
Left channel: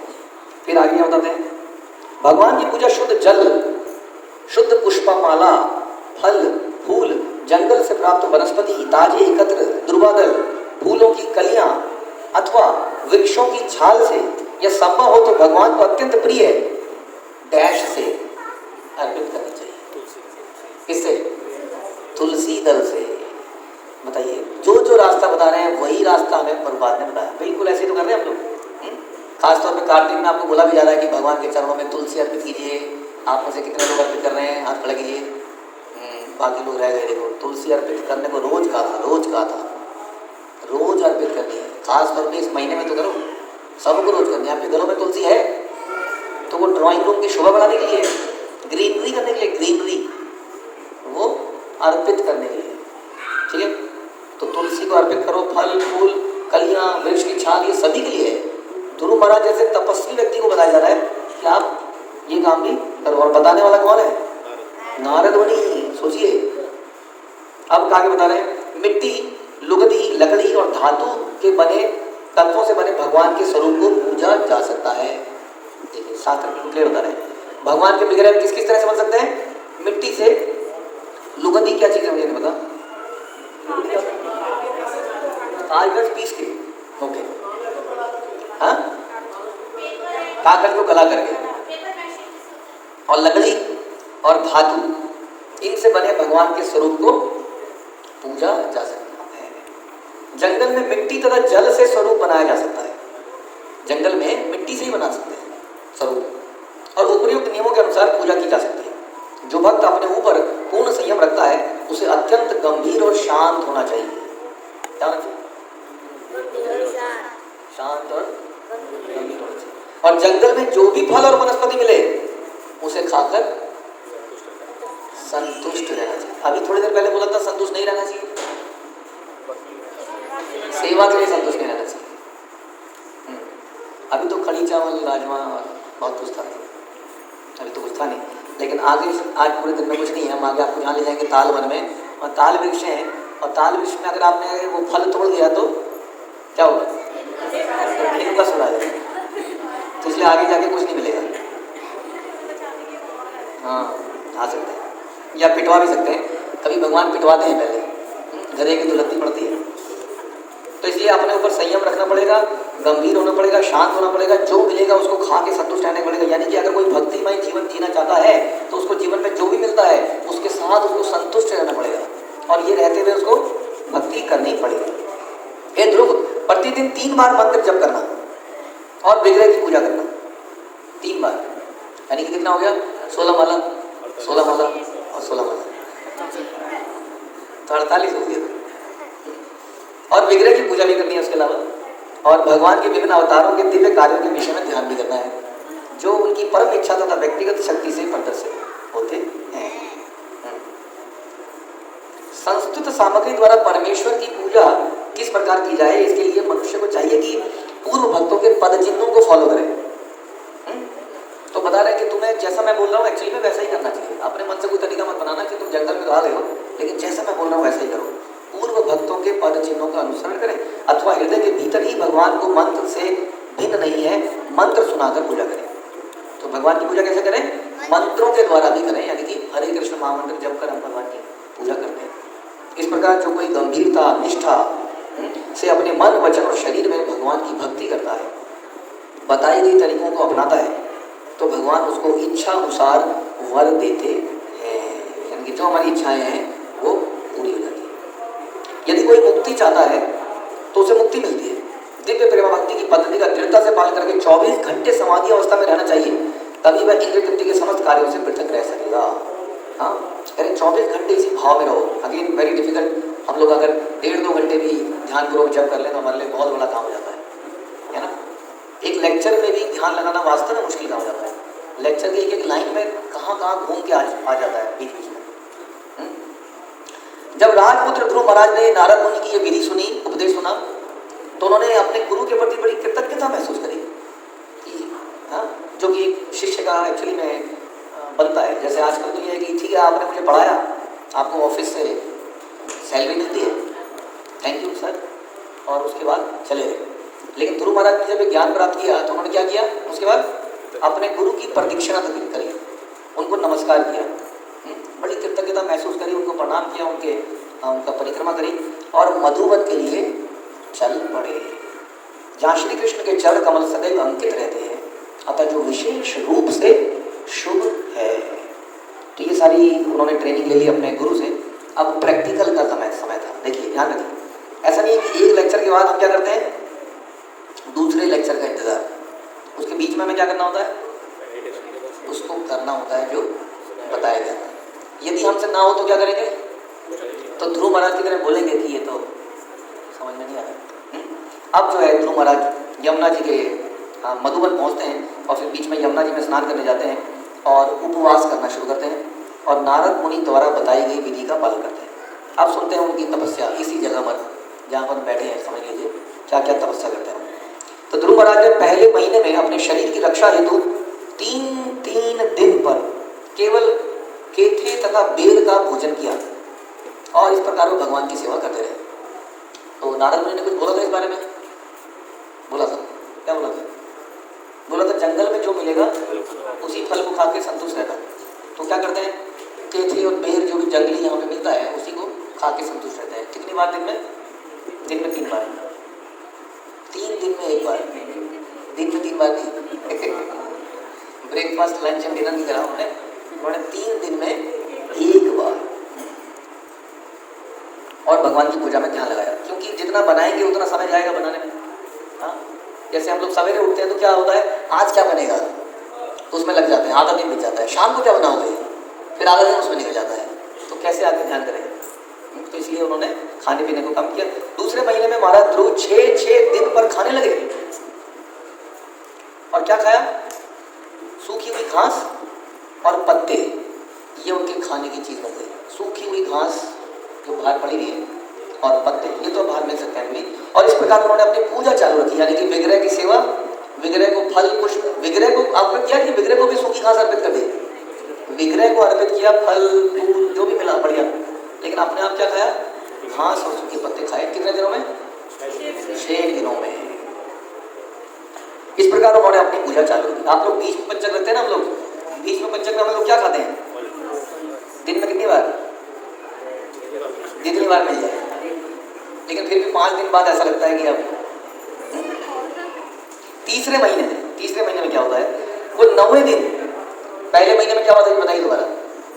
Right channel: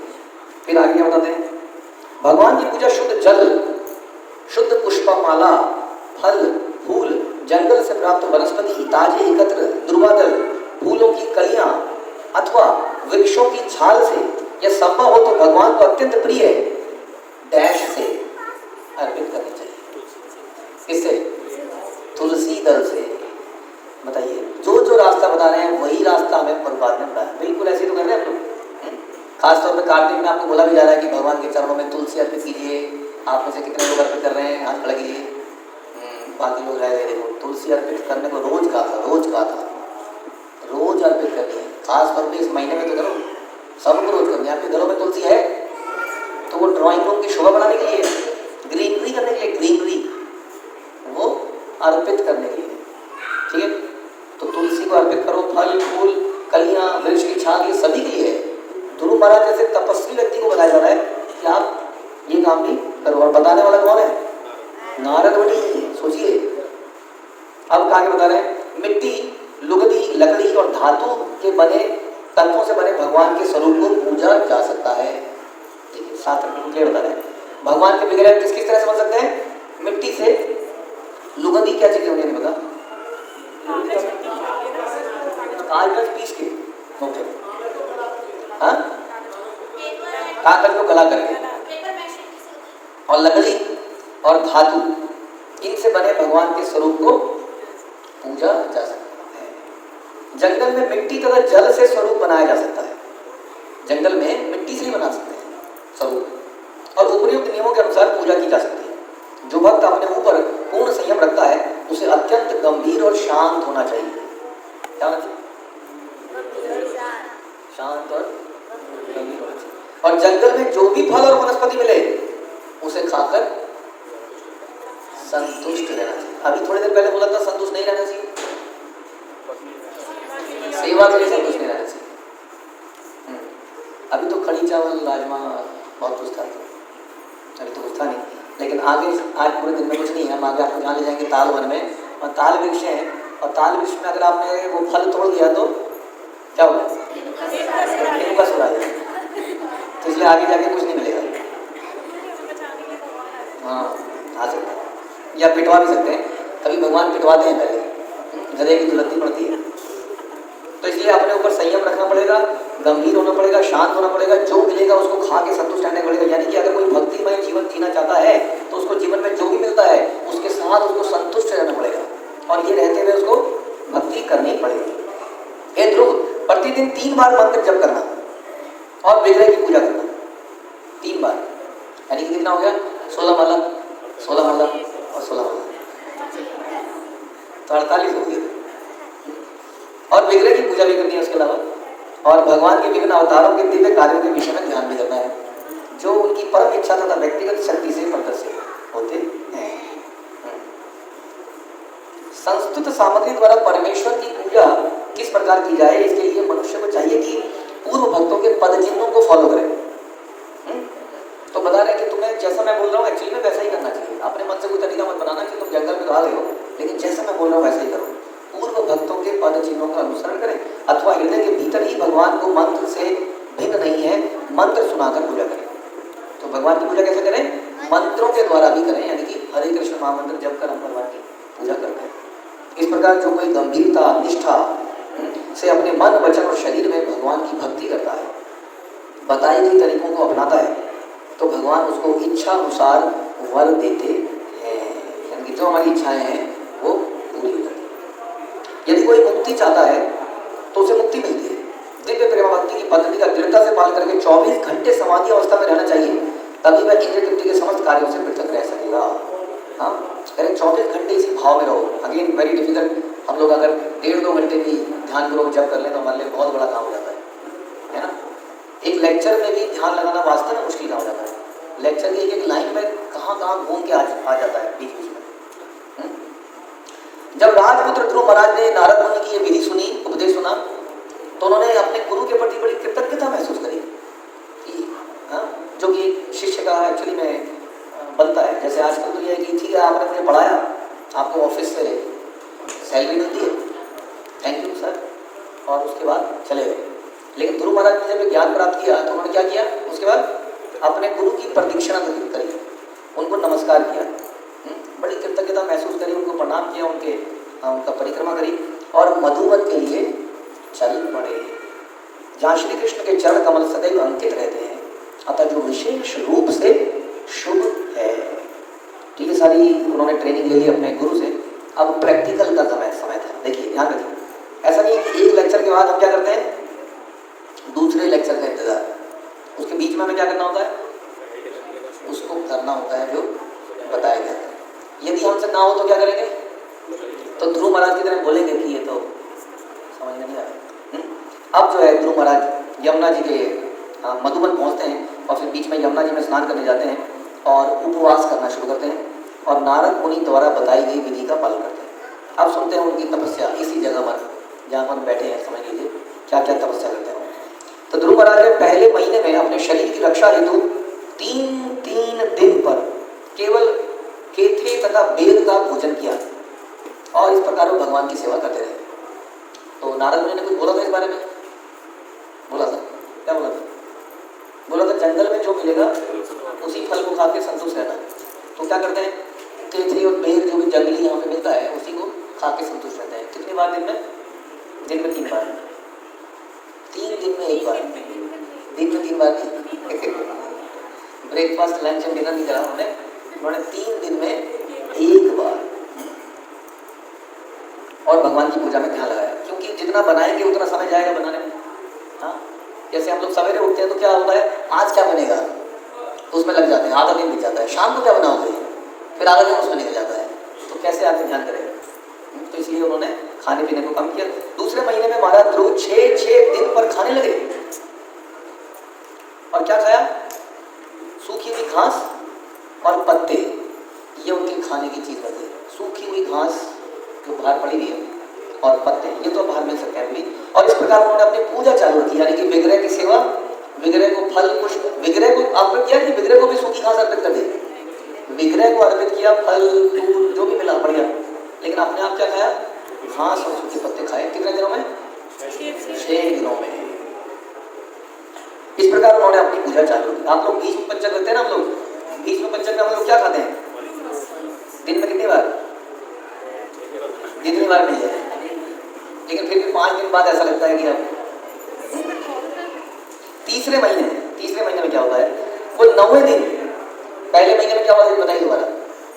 फिर आगे बताते हैं। भगवान की पूजा शुद्ध जल, शुद्ध पुष्पमाला, फल फूल, जंगल से प्राप्त वनस्पति, ताजे एकत्र दुर्वादल, फूलों की कलियां अथवा वृक्षों की छाल से, यह संभव हो तो भगवान को अत्यंत प्रिय डैश से अर्पित करनी चाहिए। किससे? तुलसी दल से। बताइए, जो जो रास्ता बता रहे हैं वही रास्ता हमें प्रभुपाद ने बताया। बिल्कुल ऐसे तो कर रहे हैं हम लोग। खासतौर पे कार्तिक में आपको बोला भी जा रहा है कि भगवान के चरणों में तुलसी अर्पित कीजिए। आप में से कितने लोग अर्पित कर रहे हैं? हाथ खड़ा कीजिए। बाकी लोग रह गए। देखो, तुलसी अर्पित करने को रोज कहा था, रोज अर्पित करनी है। खासतौर पर इस महीने में तो करो, सबको रोज करनी है। आपके घरों में तुलसी है तो वो ड्राइंग रूम की शोभा बनाने के लिए, ग्रीनरी करने के लिए, ग्रीनरी वो अर्पित करने के लिए, ठीक है। तो तुलसी को अर्पित करो। फल फूल कलियां वृक्ष की छाल, ये सभी के लिए है। ध्रुव महाराज जैसे तपस्वी व्यक्ति को बताया जा रहा है कि आप ये काम भी करो। और बताने वाला कौन है? नारद मुनि। सोचिए, अब आगे बता रहे हैं। मिट्टी, लुगदी, लकड़ी और धातु के बने तत्वों से बने भगवान के स्वरूप को पूजा जा सकता है। ठीक है, साथ में क्लियर बता रहे हैं। भगवान के विग्रह किस किस तरह से बन सकते हैं? मिट्टी से। लुगदी क्या चीज है मुझे नहीं पता। कागज पीस के, ओके, हाँ, कागज को गला करके। और लकड़ी और धातु, इनसे बने भगवान के स्वरूप को पूजा जा सकता है। जंगल में मिट्टी तथा जल से स्वरूप बनाया जा सकता है। जंगल में मिट्टी से ही बना सकते हैं स्वरूप। और उपयुक्त नियमों के अनुसार पूजा की जा सकती है। जो भक्त अपने ऊपर पूर्ण संयम रखता है उसे अत्यंत गंभीर और शांत होना चाहिए। क्या होना चाहिए? शांत और गंभीर होना चाहिए। और जंगल में जो भी फल और वनस्पति मिले उसे खाकर संतुष्ट रहना चाहिए। अभी थोड़ी देर पहले बोला था संतुष्ट नहीं रहना चाहिए, सेवा के लिए संतुष्ट नहीं रहना चाहिए। अभी तो खड़ी चावल राजमा बहुत कुछ था, अभी तो कुछ था नहीं, लेकिन आगे आज पूरे दिन में कुछ नहीं है। हम आगे आपको जहाँ ले जाएंगे ताल वन में, और ताल वृक्ष है, और ताल वृक्ष में अगर आपने वो फल तोड़ दिया तो क्या होगा? रेणुका सुरा जाएगा, तो इसलिए आगे जाके कुछ नहीं मिलेगा। हाँ, आ सकते हैं या पिटवा भी सकते हैं, कभी भगवान पिटवाते हैं पहले, गधे की दुलत्ती पड़ती है। तो इसलिए अपने ऊपर संयम रखना पड़ेगा, गंभीर होना पड़ेगा, शांत होना पड़ेगा, जो मिलेगा उसको खा के संतुष्ट रहना पड़ेगा। यानी कि अगर कोई भक्तिमय जीवन जीना चाहता है तो उसको जीवन में जो भी मिलता है उसके साथ उसको संतुष्ट रहना पड़ेगा, और ये रहते हुए उसको भक्ति करनी पड़ेगी। हे ध्रुव, प्रतिदिन 3 बार मंत्र जप करना और विग्रह की पूजा करना 3 बार, यानी कि कितना हो गया? 16 माला, 16 माला और 16 माला, तो 48 हो गए। और विग्रह की पूजा भी करनी है उसके अलावा, और भगवान के विभिन्न अवतारों के दिव्य कार्यों के विषय में ध्यान भी करना है, जो उनकी परम इच्छा तथा व्यक्तिगत शक्ति से प्रदर्शित होते हैं। संस्कृत सामग्री द्वारा परमेश्वर की पूजा किस प्रकार की जाए, इसके लिए मनुष्य को चाहिए कि पूर्व भक्तों के पद चिन्हों को फॉलो करें। तो बता रहे हैं कि तुम्हें जैसा मैं बोल रहा हूँ एक्चुअली में वैसा ही करना चाहिए। अपने मन से कोई तरीका मत बनाना कि तुम जंगल में गा रहे हो, लेकिन जैसा मैं बोल रहा हूँ वैसा ही करो। पूर्व भक्तों के पद चिन्हों का अनुसरण करें, अथवा हृदय के भीतर ही भगवान को मंत्र से भिन्न नहीं है मंत्र सुनाकर पूजा करें। तो भगवान की पूजा कैसे करें? मंत्रों के द्वारा भी करें, यानी कि हरे कृष्ण महामंत्र जप कर हम भगवान की पूजा करते हैं। इस प्रकार जो कोई गंभीरता निष्ठा से अपने मन वचन और शरीर में भगवान की भक्ति करता है, बताई गई तरीकों को अपनाता है, तो भगवान उसको इच्छा अनुसार वर देते हैं, यानी कि जो हमारी इच्छाएं हैं वो पूरी हो जाती है। यदि कोई मुक्ति चाहता है तो उसे मुक्ति मिलती है। दिव्य प्रेम भक्ति की पद्धति का दृढ़ता से पालन करके 24 घंटे समाधि अवस्था में रहना चाहिए, तभी वह इंद्र तृप्ति के समस्त कार्यों से पृथक रह सकेगा। हाँ, करें 24 घंटे इसी भाव में रहो। Again very difficult. हम लोग अगर 1.5-2 घंटे भी ध्यानपूर्वक जप कर लें तो हमारे लिए बहुत बड़ा काम हो जाता है ना। एक लेक्चर में भी ध्यान लगाना वास्तव में मुश्किल काम हो जाता है। लेक्चर की एक लाइन में कहाँ घूम के आ जाता है बीच बीच में। जब राजपुत्र ध्रुव महाराज ने नारद मुनि की ये विधि सुनी, उपदेश सुना, तो उन्होंने अपने गुरु के प्रति बड़ी कृतज्ञता महसूस करी कि जो कि शिष्य का एक्चुअली में बनता है। जैसे आजकल तो ये है कि ठीक है आपने मुझे पढ़ाया, आपको ऑफिस से सैलरी मिलती है, थैंक यू सर, और उसके बाद चले गए। लेकिन ध्रुव महाराज ने जब ज्ञान प्राप्त किया तो उन्होंने क्या किया? उसके बाद अपने गुरु की प्रदक्षिणा करी, उनको नमस्कार किया, बड़ी कृतज्ञता महसूस करी, उनको प्रणाम किया, उनका परिक्रमा करी और मधुवन के लिए चल पड़े, जहाँ श्री कृष्ण के चरण कमल सदैव अंकित रहते हैं, अतः जो विशेष रूप से शुभ है। तो ये सारी उन्होंने ट्रेनिंग ले ली अपने गुरु से। अब प्रैक्टिकल का समय था। देखिए ध्यान रखिए, ऐसा नहीं है कि एक लेक्चर के बाद हम क्या करते हैं दूसरे लेक्चर का इंतजार, उसके बीच में हमें क्या करना होता है? उसको करना होता है जो बताया गया है। यदि हमसे ना हो तो क्या करेंगे? तो ध्रुव महाराज की तरह बोलेंगे कि ये तो समझ में नहीं आ रहा। अब जो है ध्रुव महाराज यमुना जी के मधुबन पहुंचते हैं और फिर बीच में यमुना जी में स्नान करने जाते हैं और उपवास करना शुरू करते हैं और नारद मुनि द्वारा बताई गई विधि का पालन करते हैं। अब सुनते हैं उनकी तपस्या इसी जगह पर जहाँ पर बैठे हैं। समझ लीजिए क्या क्या तपस्या करते हैं। तो ध्रुव महाराज ने पहले महीने में अपने शरीर की रक्षा हेतु 3 दिन पर केवल केके तथा बेल का भोजन किया और इस प्रकार वो भगवान की सेवा करते रहे। तो नारद मुनि ने कुछ बोला था इस बारे में? बोला था, क्या बोला था? बोला था जंगल में जो मिलेगा उसी फल को खा के संतुष्ट रहना। तो क्या करते हैं? केके और बेल जो भी जंगली यहाँ पे मिलता है उसी को खा के संतुष्ट रहते हैं। कितनी बार दिन में? दिन में 3 बार। 3 दिन में 1 बार, दिन में 3 बार नहीं। ब्रेकफास्ट लंच एंड डिनर नहीं करा उन्होंने 3 दिन में 1 बार और भगवान की पूजा में ध्यान लगाया। क्योंकि जितना बनाएंगे उतना समय जाएगा बनाने में। हाँ, जैसे हम लोग सवेरे उठते हैं तो क्या होता है, आज क्या बनेगा तो उसमें लग जाते हैं, आधा दिन बीत जाता है। शाम को क्या बनाओगे, फिर आधा दिन उसमें निकल जाता है। तो कैसे आके ध्यान करें? तो इसलिए उन्होंने खाने पीने को कम किया। दूसरे महीने में महाराज ध्रुव 6 दिन पर खाने लगे। और क्या खाया? सूखी हुई घास और पत्ते, ये उनके खाने की चीज बन गई। सूखी हुई घास जो बाहर पड़ी हुई है और पत्ते, ये तो बाहर मिल सकते हैं अभी। और इस प्रकार उन्होंने अपनी पूजा चालू रखी, यानी कि विग्रह की सेवा, विग्रह को फल पुष्प, विग्रह को आपने किया कि विग्रह को भी सूखी घास अर्पित कर दी। विग्रह को अर्पित किया, फल फूल जो भी मिला बढ़िया, लेकिन अपने आप क्या खाया? घास और सूखे पत्ते खाए। कितने दिनों में? 6 दिनों में। इस प्रकार उन्होंने अपनी पूजा चालू की। आप लोग बीच में पंचक रखते हैं ना, हम लोग बीच में पंचक में हम लोग क्या खाते हैं? दिन में कितनी बार? जितनी बार मिल जाए, लेकिन फिर भी 5 दिन बाद ऐसा लगता है कि अब तीसरे महीने में क्या होता है? वो 9वें दिन, पहले महीने में क्या होता है बताइए दोबारा,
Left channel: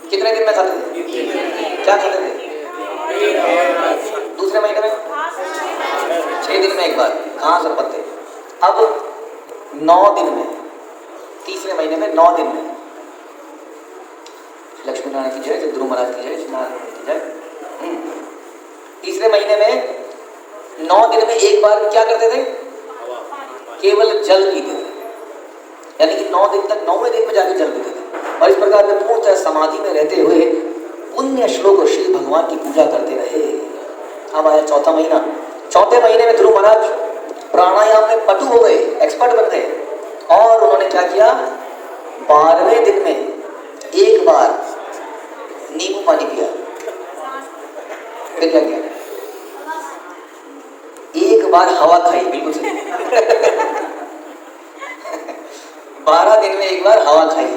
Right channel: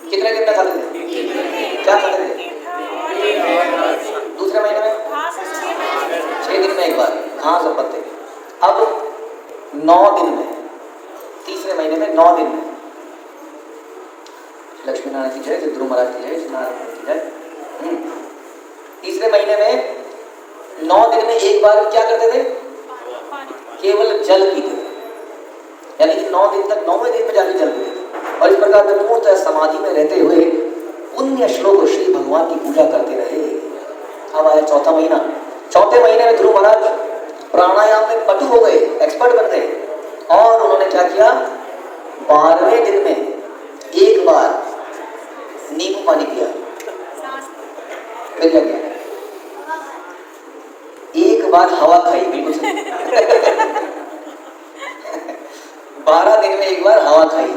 कितने दिन में खाते थे? क्या खाते थे? दूसरे महीने में 6 दिन में एक बार घास और पत्ते। अब 9 दिन में, तीसरे महीने में 9 दिन में, लक्ष्मी नारायण की जय, ध्रुव महाराज की जय, नारायण की जय। तीसरे महीने में 9 दिन में एक बार क्या करते थे? केवल जल पीते थे, यानी कि 9 दिन तक 9वें दिन में जाकर जल पीते थे। और इस प्रकार वे पूर्णतः समाधि में रहते हुए पुण्य श्लोक श्री भगवान की पूजा करते रहे। अब आया चौथा महीना। चौथे महीने में ध्रुव महाराज प्राणायाम में पटु हो गए, एक्सपर्ट बन गए, और उन्होंने क्या किया? 12वें दिन में एक बार नींबू पानी पिया। फिर क्या किया? एक बार हवा खाई, बिल्कुल सही। 12 दिन में एक बार हवा खाई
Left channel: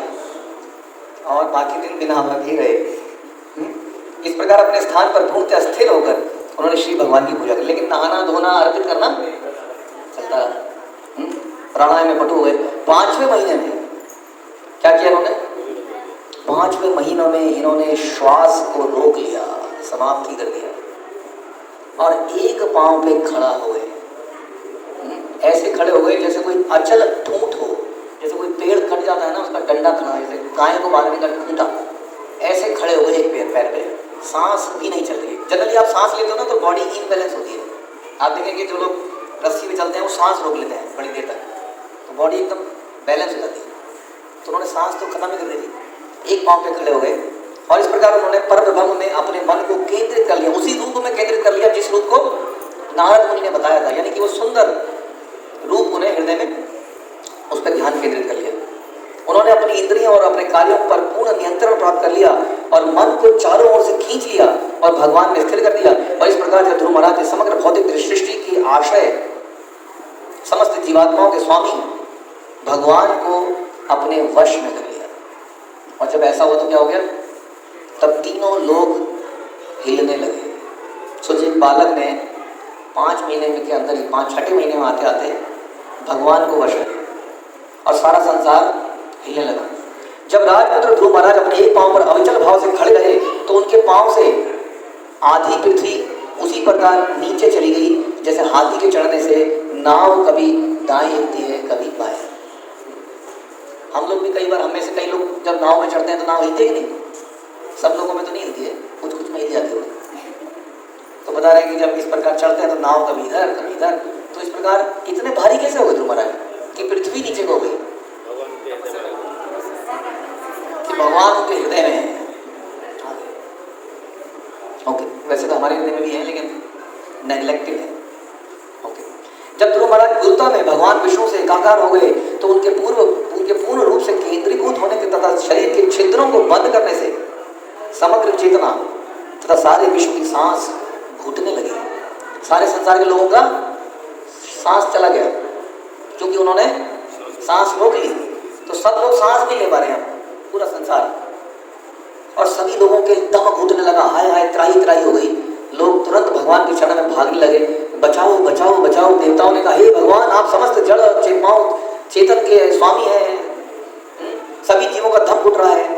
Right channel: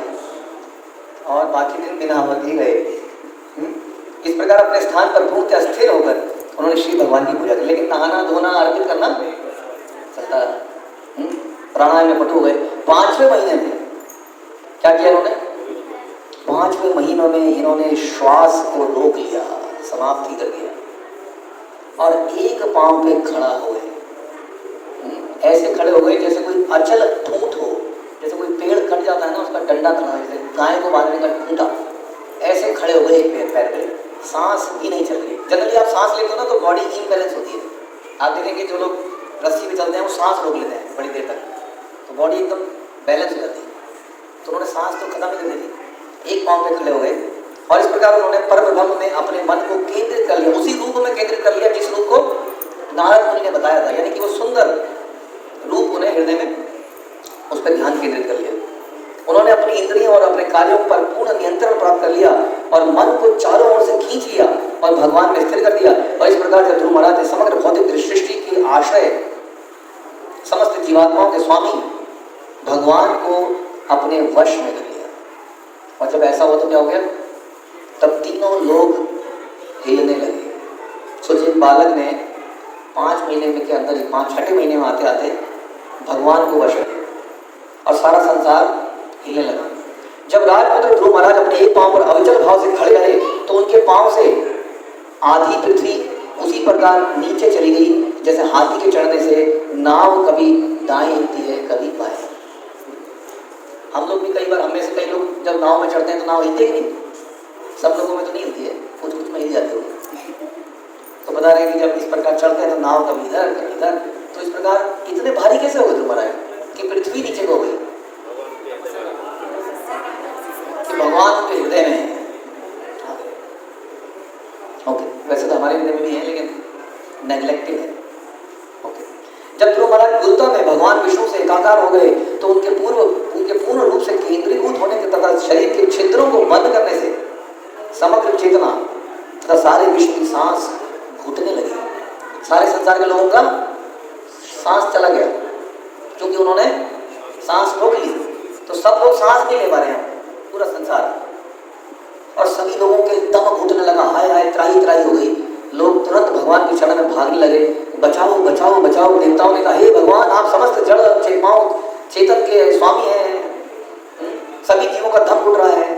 और बाकी दिन बिना हवा के गए। इस प्रकार अपने स्थान पर पूर्णतः स्थिर होकर उन्होंने श्री भगवान की पूजा की। लेकिन नहाना धोना अर्पित करना चलता रहा। प्राणायाम में पटु हो गए। 5वें महीने में क्या किया इन्होंने? 5वें महीनों में इन्होंने श्वास को रोक लिया, समाप्ति कर दिया और एक पांव पे खड़ा हो गए। ऐसे खड़े हो गए जैसे कोई अचल ठूंठ हो, जैसे कोई पेड़ कट जाता है ना, उसका डंडा खड़ा है, जैसे गाय को बांधने का खूंटा, ऐसे खड़े हो गए एक पैर पे। सांस भी नहीं चल रही। जनरली आप सांस लेते हो ना तो बॉडी इम्बैलेंस होती है। आप देखेंगे जो लोग रस्सी में चलते हैं वो सांस रोक लेते हैं बड़ी देर तक, तो बॉडी एकदम बैलेंस हो जाती है। तो उन्होंने सांस तो खत्म ही कर दी, एक पांव पे खड़े हो गए और इस प्रकार उन्होंने परम ब्रह्म में अपने मन को केंद्रित कर लिया, उसी रूप में केंद्रित कर लिया जिस रूप को नारद मुनि ने बताया था। यानी कि वो सुंदर रूप उन्हें हृदय में, उस पर ध्यान केंद्रित कर लिया। उन्होंने अपनी इंद्रियों और अपने कार्यों पर पूर्ण नियंत्रण प्राप्त कर लिया और मन को चारों ओर से खींच लिया और भगवान में स्थिर कर दिया। और इस प्रकार ध्रुव महाराज ने समग्र भौतिक सृष्टि की आशय, समस्त जीवात्माओं के स्वामी भगवान को अपने वश में कर लिया। और जब ऐसा हो तो क्या हो गया? तब तीनों लोग हिलने लगे। सोचिए, बालक ने 5 महीने के अंदर ही, 5-6 महीने में आते आते भगवान को वश कर लिया और सारा संसार हिलने लगा। जब राजपुत्र ध्रुव महाराज अपने एक पांव पर अविचल भाव से खड़े रहे तो उनके पांव से आधी पृथ्वी उसी प्रकार नीचे चली गई जैसे हाथी के चढ़ने से नाव कभी दाएं हिलती है कभी बाएं। हम लोग भी कई बार, हमें से कई लोग जब नाव में चढ़ते हैं तो नाव हिलती है नहीं? सब लोगों में तो नहीं हिलती है, कुछ कुछ में हिल जाती है। तो बता रहे हैं कि जब इस प्रकार चढ़ते हैं तो नाव कभी इधर कभी इधर। तो इस प्रकार इतने भारी कैसे हो गए ध्रुव महाराज कि पृथ्वी नीचे हो गई, कि भगवान के हृदय में है। ओके, वैसे तो हमारे हृदय में भी है लेकिन नेग्लेक्टेड है। ओके, जब ध्रुव महाराज गुरुता में भगवान विष्णु से एकाकार हो गए तो उनके पूर्ण रूप से केंद्रीभूत होने के तथा शरीर के छिद्रों को बंद करने से समग्र चेतना तथा सारे विश्व की सांस घुटने लगी। सारे संसार के लोगों का सांस चला गया क्योंकि उन्होंने सांस रोक ली। तो सब लोग सांस नहीं ले पा रहे हैं, पूरा संसार, और सभी लोगों के दम घुटने लगा। हाय हाय, त्राही त्राही हो गई। लोग तुरंत भगवान के चरण में भागने लगे, बचाओ बचाओ बचाओ। देवताओं ने कहा, हे भगवान, आप समस्त जड़ चेतन के स्वामी हैं, सभी जीवों का दम घुट रहा है,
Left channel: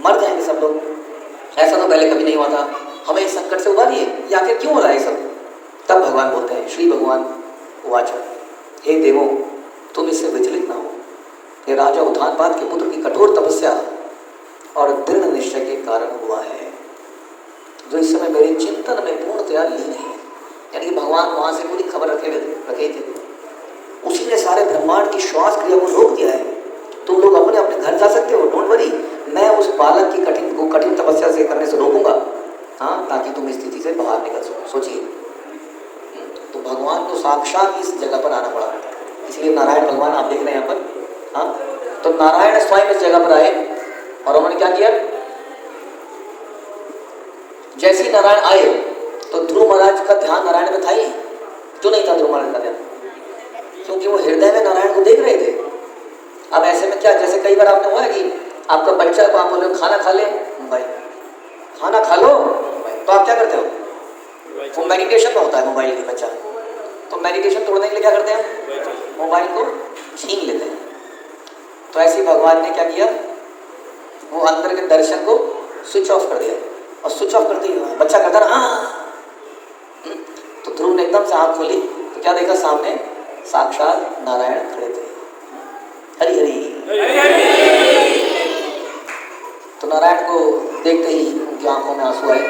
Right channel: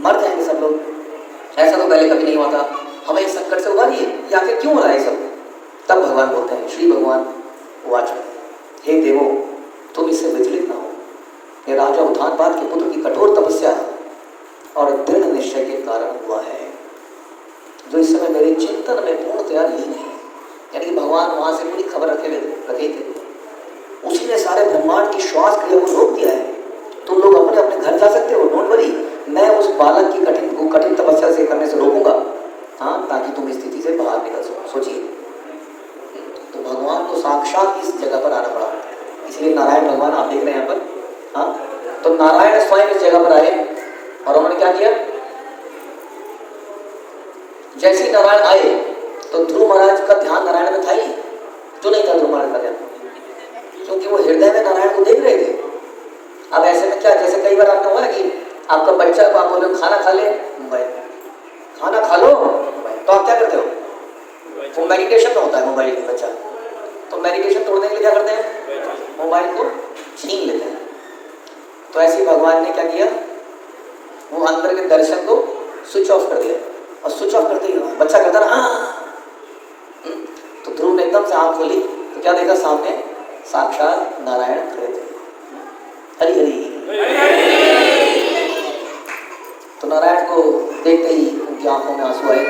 मर जाएंगे सब लोग। ऐसा तो पहले कभी नहीं हुआ था, हमें इस संकट से उबारिए, ये आखिर क्यों हो रहा है सब? तब भगवान बोलते हैं, श्री भगवान वाच, हे देवो, तुम इससे विचलित ना हो। ये राजा उत्तानपाद के पुत्र की कठोर तपस्या और दृढ़ निश्चय के कारण हुआ है, जो इस समय मेरे चिंतन में पूर्णतया लीन है। यानी कि भगवान वहां से पूरी खबर रखे थे, उसी ने सारे ब्रह्मांड की श्वास क्रिया को रोक दिया है। तुम लोग अपने अपने घर जा सकते हो, डोंट वरी, मैं उस बालक की कठिन तपस्या से करने से रोकूंगा, हाँ, ताकि तुम इस स्थिति से बाहर निकल सको। सोचिए, तो भगवान को साक्षात इस जगह पर आना पड़ा। इसलिए नारायण भगवान आप देख रहे हैं यहाँ पर, हाँ, तो नारायण स्वयं इस जगह पर आए और उन्होंने क्या किया, जैसे ही नारायण आए तो ध्रुव महाराज का ध्यान नारायण में था ही जो नहीं था ध्रुव महाराज का ध्यान, क्योंकि वो हृदय में नारायण को देख रहे थे। अब ऐसे में क्या, जैसे कई बार आपको हुआ कि आपका बच्चा को आप बोले खाना खा ले, मोबाइल, खाना खा लो मोबाइल, तो आप क्या करते हो, वो मेडिटेशन में होता है मोबाइल के बच्चा, तो मेडिटेशन तोड़ने के लिए क्या करते हैं, मोबाइल को छीन लेते हैं। तो ऐसे भगवान ने क्या किया, वो अंदर के दर्शन को स्विच ऑफ कर दिया, और स्विच ऑफ करते ही बच्चा कहता ना हाँ, तो ध्रुव ने एकदम से आँख खोली तो क्या देखा, सामने साक्षात नारायण खड़े थे। हरि हरि। तो नारायण को देखते ही उनकी आंखों में आंसू आए।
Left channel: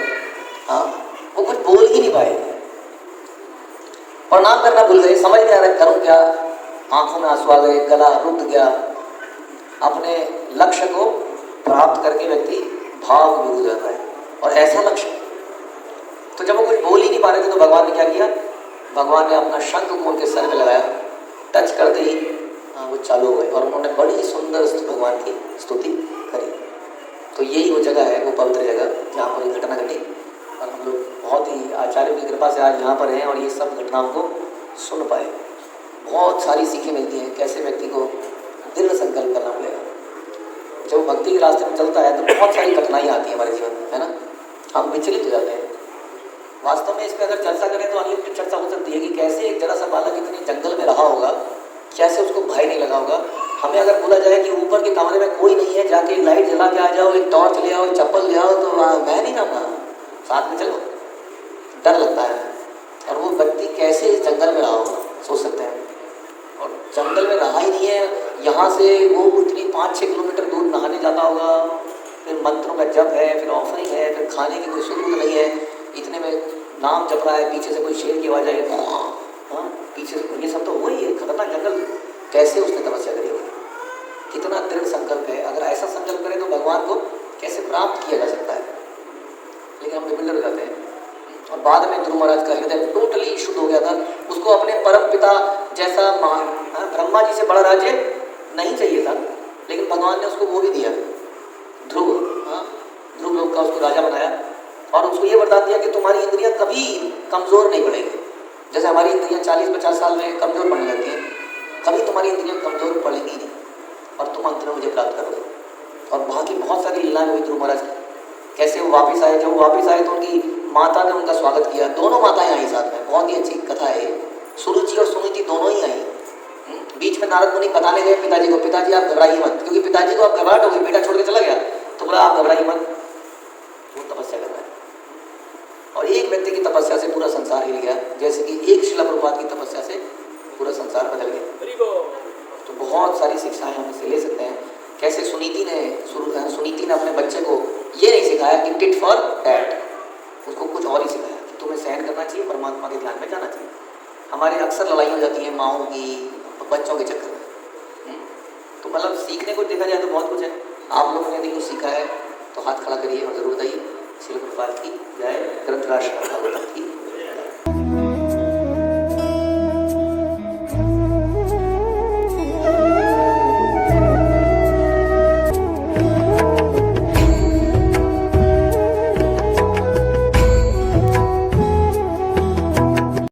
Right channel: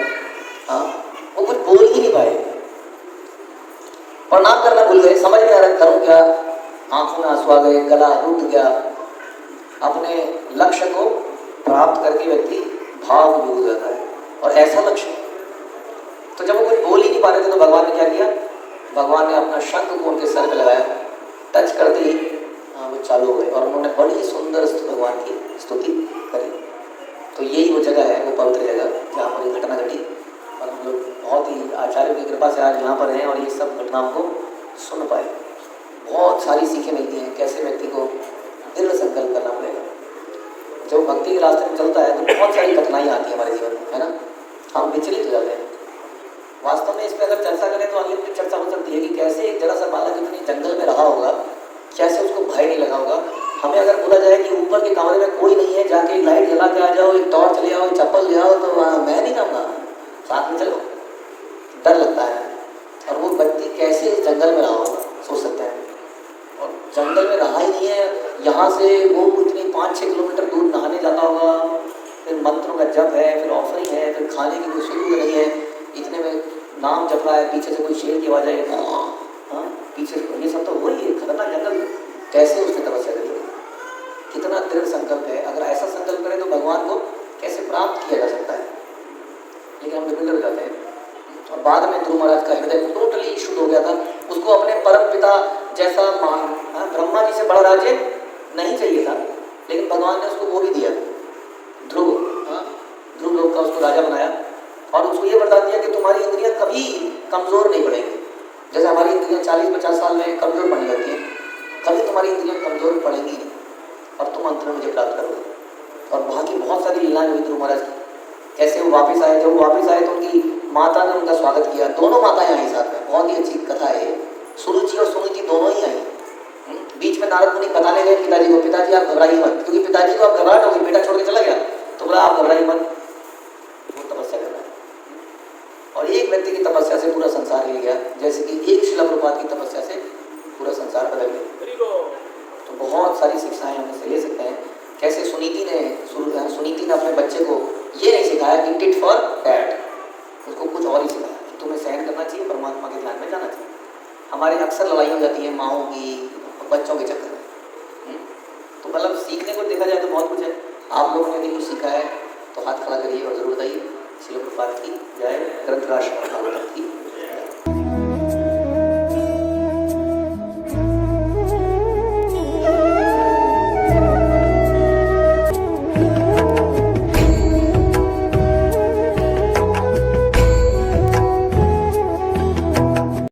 हाँ, वो कुछ बोल ही नहीं पाए, प्रणाम करना भूल गए, समझ नहीं आ रहा करूं क्या, आंखों में आंसू आ गए, गला रुक गया। अपने लक्ष्य को प्राप्त करके व्यक्ति भाव में डूब जाता है, और ऐसा लक्ष्य। तो जब वो कुछ बोल ही नहीं पा रहे थे तो भगवान ने क्या किया, भगवान ने अपना शंख को उनके सर पे लगाया, टच करते ही वो चालू हो गए, और उन्होंने बड़ी सुंदर भगवान की स्तुति करी। तो यही वो जगह है, वो पवित्र जगह जहाँ पर ये घटना घटी, और हम लोग बहुत ही आचार्यों की कृपा से आज यहाँ पर हैं और ये सब घटनाओं को सुन पाए। बहुत सारी सीखें मिलती हैं, कैसे व्यक्ति को दृढ़ संकल्प करना पड़ेगा। जब भक्ति के रास्ते में चलता है तो बहुत सारी कठिनाइयाँ आती हैं हमारे जीवन में, है ना, हम विचलित हो जाते हैं। वास्तव में इस पर अगर चर्चा करें तो अनलिमिटेड चर्चा हो सकती है कि कैसे एक जरा सा बालक इतनी जंगल में रहा होगा, कैसे उसको भय नहीं लगा होगा। हमें अगर बोला जाए कि ऊपर के कमरे में कोई नहीं है, जाके लाइट जला के आ जाओ, एक टॉर्च ले आओ, चप्पल ले आओ, तो मैं नहीं जाऊँगा, साथ में चलो, डर लगता है। और वो व्यक्ति कैसे इस जंगल में रहा होगा, सोच सकते हैं। और जंगल में रहा ही नहीं है, यहाँ से वो इतनी 5-6 किलोमीटर दूर नहाने जाता होगा, फिर मंत्रों का जप है, फिर ऑफरिंग है, फिर खाने की कोई शुरू नहीं है, इतने में नाम जप रहा है, पीछे से कोई शेर की आवाज़ आई, हाँ पीछे से, ये सब तो वही है खतरनाक जंगल। कैसे उसकी तपस्या करेगी, कितना दृढ़ संकल्प है। अगर ऐसा संकल्प करें तो भगवान को कैसे प्राप्त किया जा सकता है, लेकिन हम बिल्कुल डर जाते हैं। और बाद में ध्रुव महाराज का हृदय टोटली शुद्ध हो गया था, उसको अपने परम पिता जैसा ब्रह्मा जी से बड़ा राज्य नहीं चाहिए था, लेकिन भगवान ने उसको वो भी दिया, ध्रुव, ध्रुव लोक का उसको राजा बनाया, और उसको ये वरदान दिया कि तुम्हारी इंद्रियां कभी कमज़ोर नहीं पड़ेंगी। जैसे हमारी इंद्रियां 40-50 साल में कमज़ोर पड़ने लगती हैं, कभी तुम्हारी इंद्रियां कमज़ोर पड़ेंगी नहीं, और तुम अंत में मुझे प्राप्त करोगे। और वहाँ की बहुत सारी लीलाएं हुई ध्रुव महाराज की, कैसे वो वापस आए। जब वापस आए तो उनकी माता ने उनका स्वागत किया, दोनों माताएं आई साथ में, बहुत ही अच्छी कथा है। सुरुचि और सुनीति दोनों ही आई। बीच में नारद मुनि बताने गए पिताजी को, पिताजी आप घबराइए मत, क्योंकि पिताजी को आप घबराहट हो गई, बेटा छोड़ के चला गया, तो बोला आप घबराइए मत, वो तपस्या कर रहा है। और एक व्यक्ति की तपस्या से पूरा संसार हिल गया, जैसे कि एक श्रील प्रभुपाद की तपस्या से पूरा संसार बदल गया। तो बहुत सारी शिक्षाएं हम इससे ले सकते हैं। कैसे सुनीति ने अपने बच्चे को ये नहीं सिखाया कि टिट फॉर टैट, उसको कुछ और ही सिखाया कि तुम्हें सहन करना चाहिए, परमात्मा के ध्यान में जाना चाहिए। हमारे अक्सर लड़ाई हो जाती है माओं की, बच्चों के चक्कर में। तो मतलब सीखने को देखा जाए तो बहुत कुछ है। आप लोगों ने भी कुछ सीखा है तो हाथ खड़ा करिए और जरूर बताइए। श्रील प्रभुपाद की जय, ग्रंथराज की।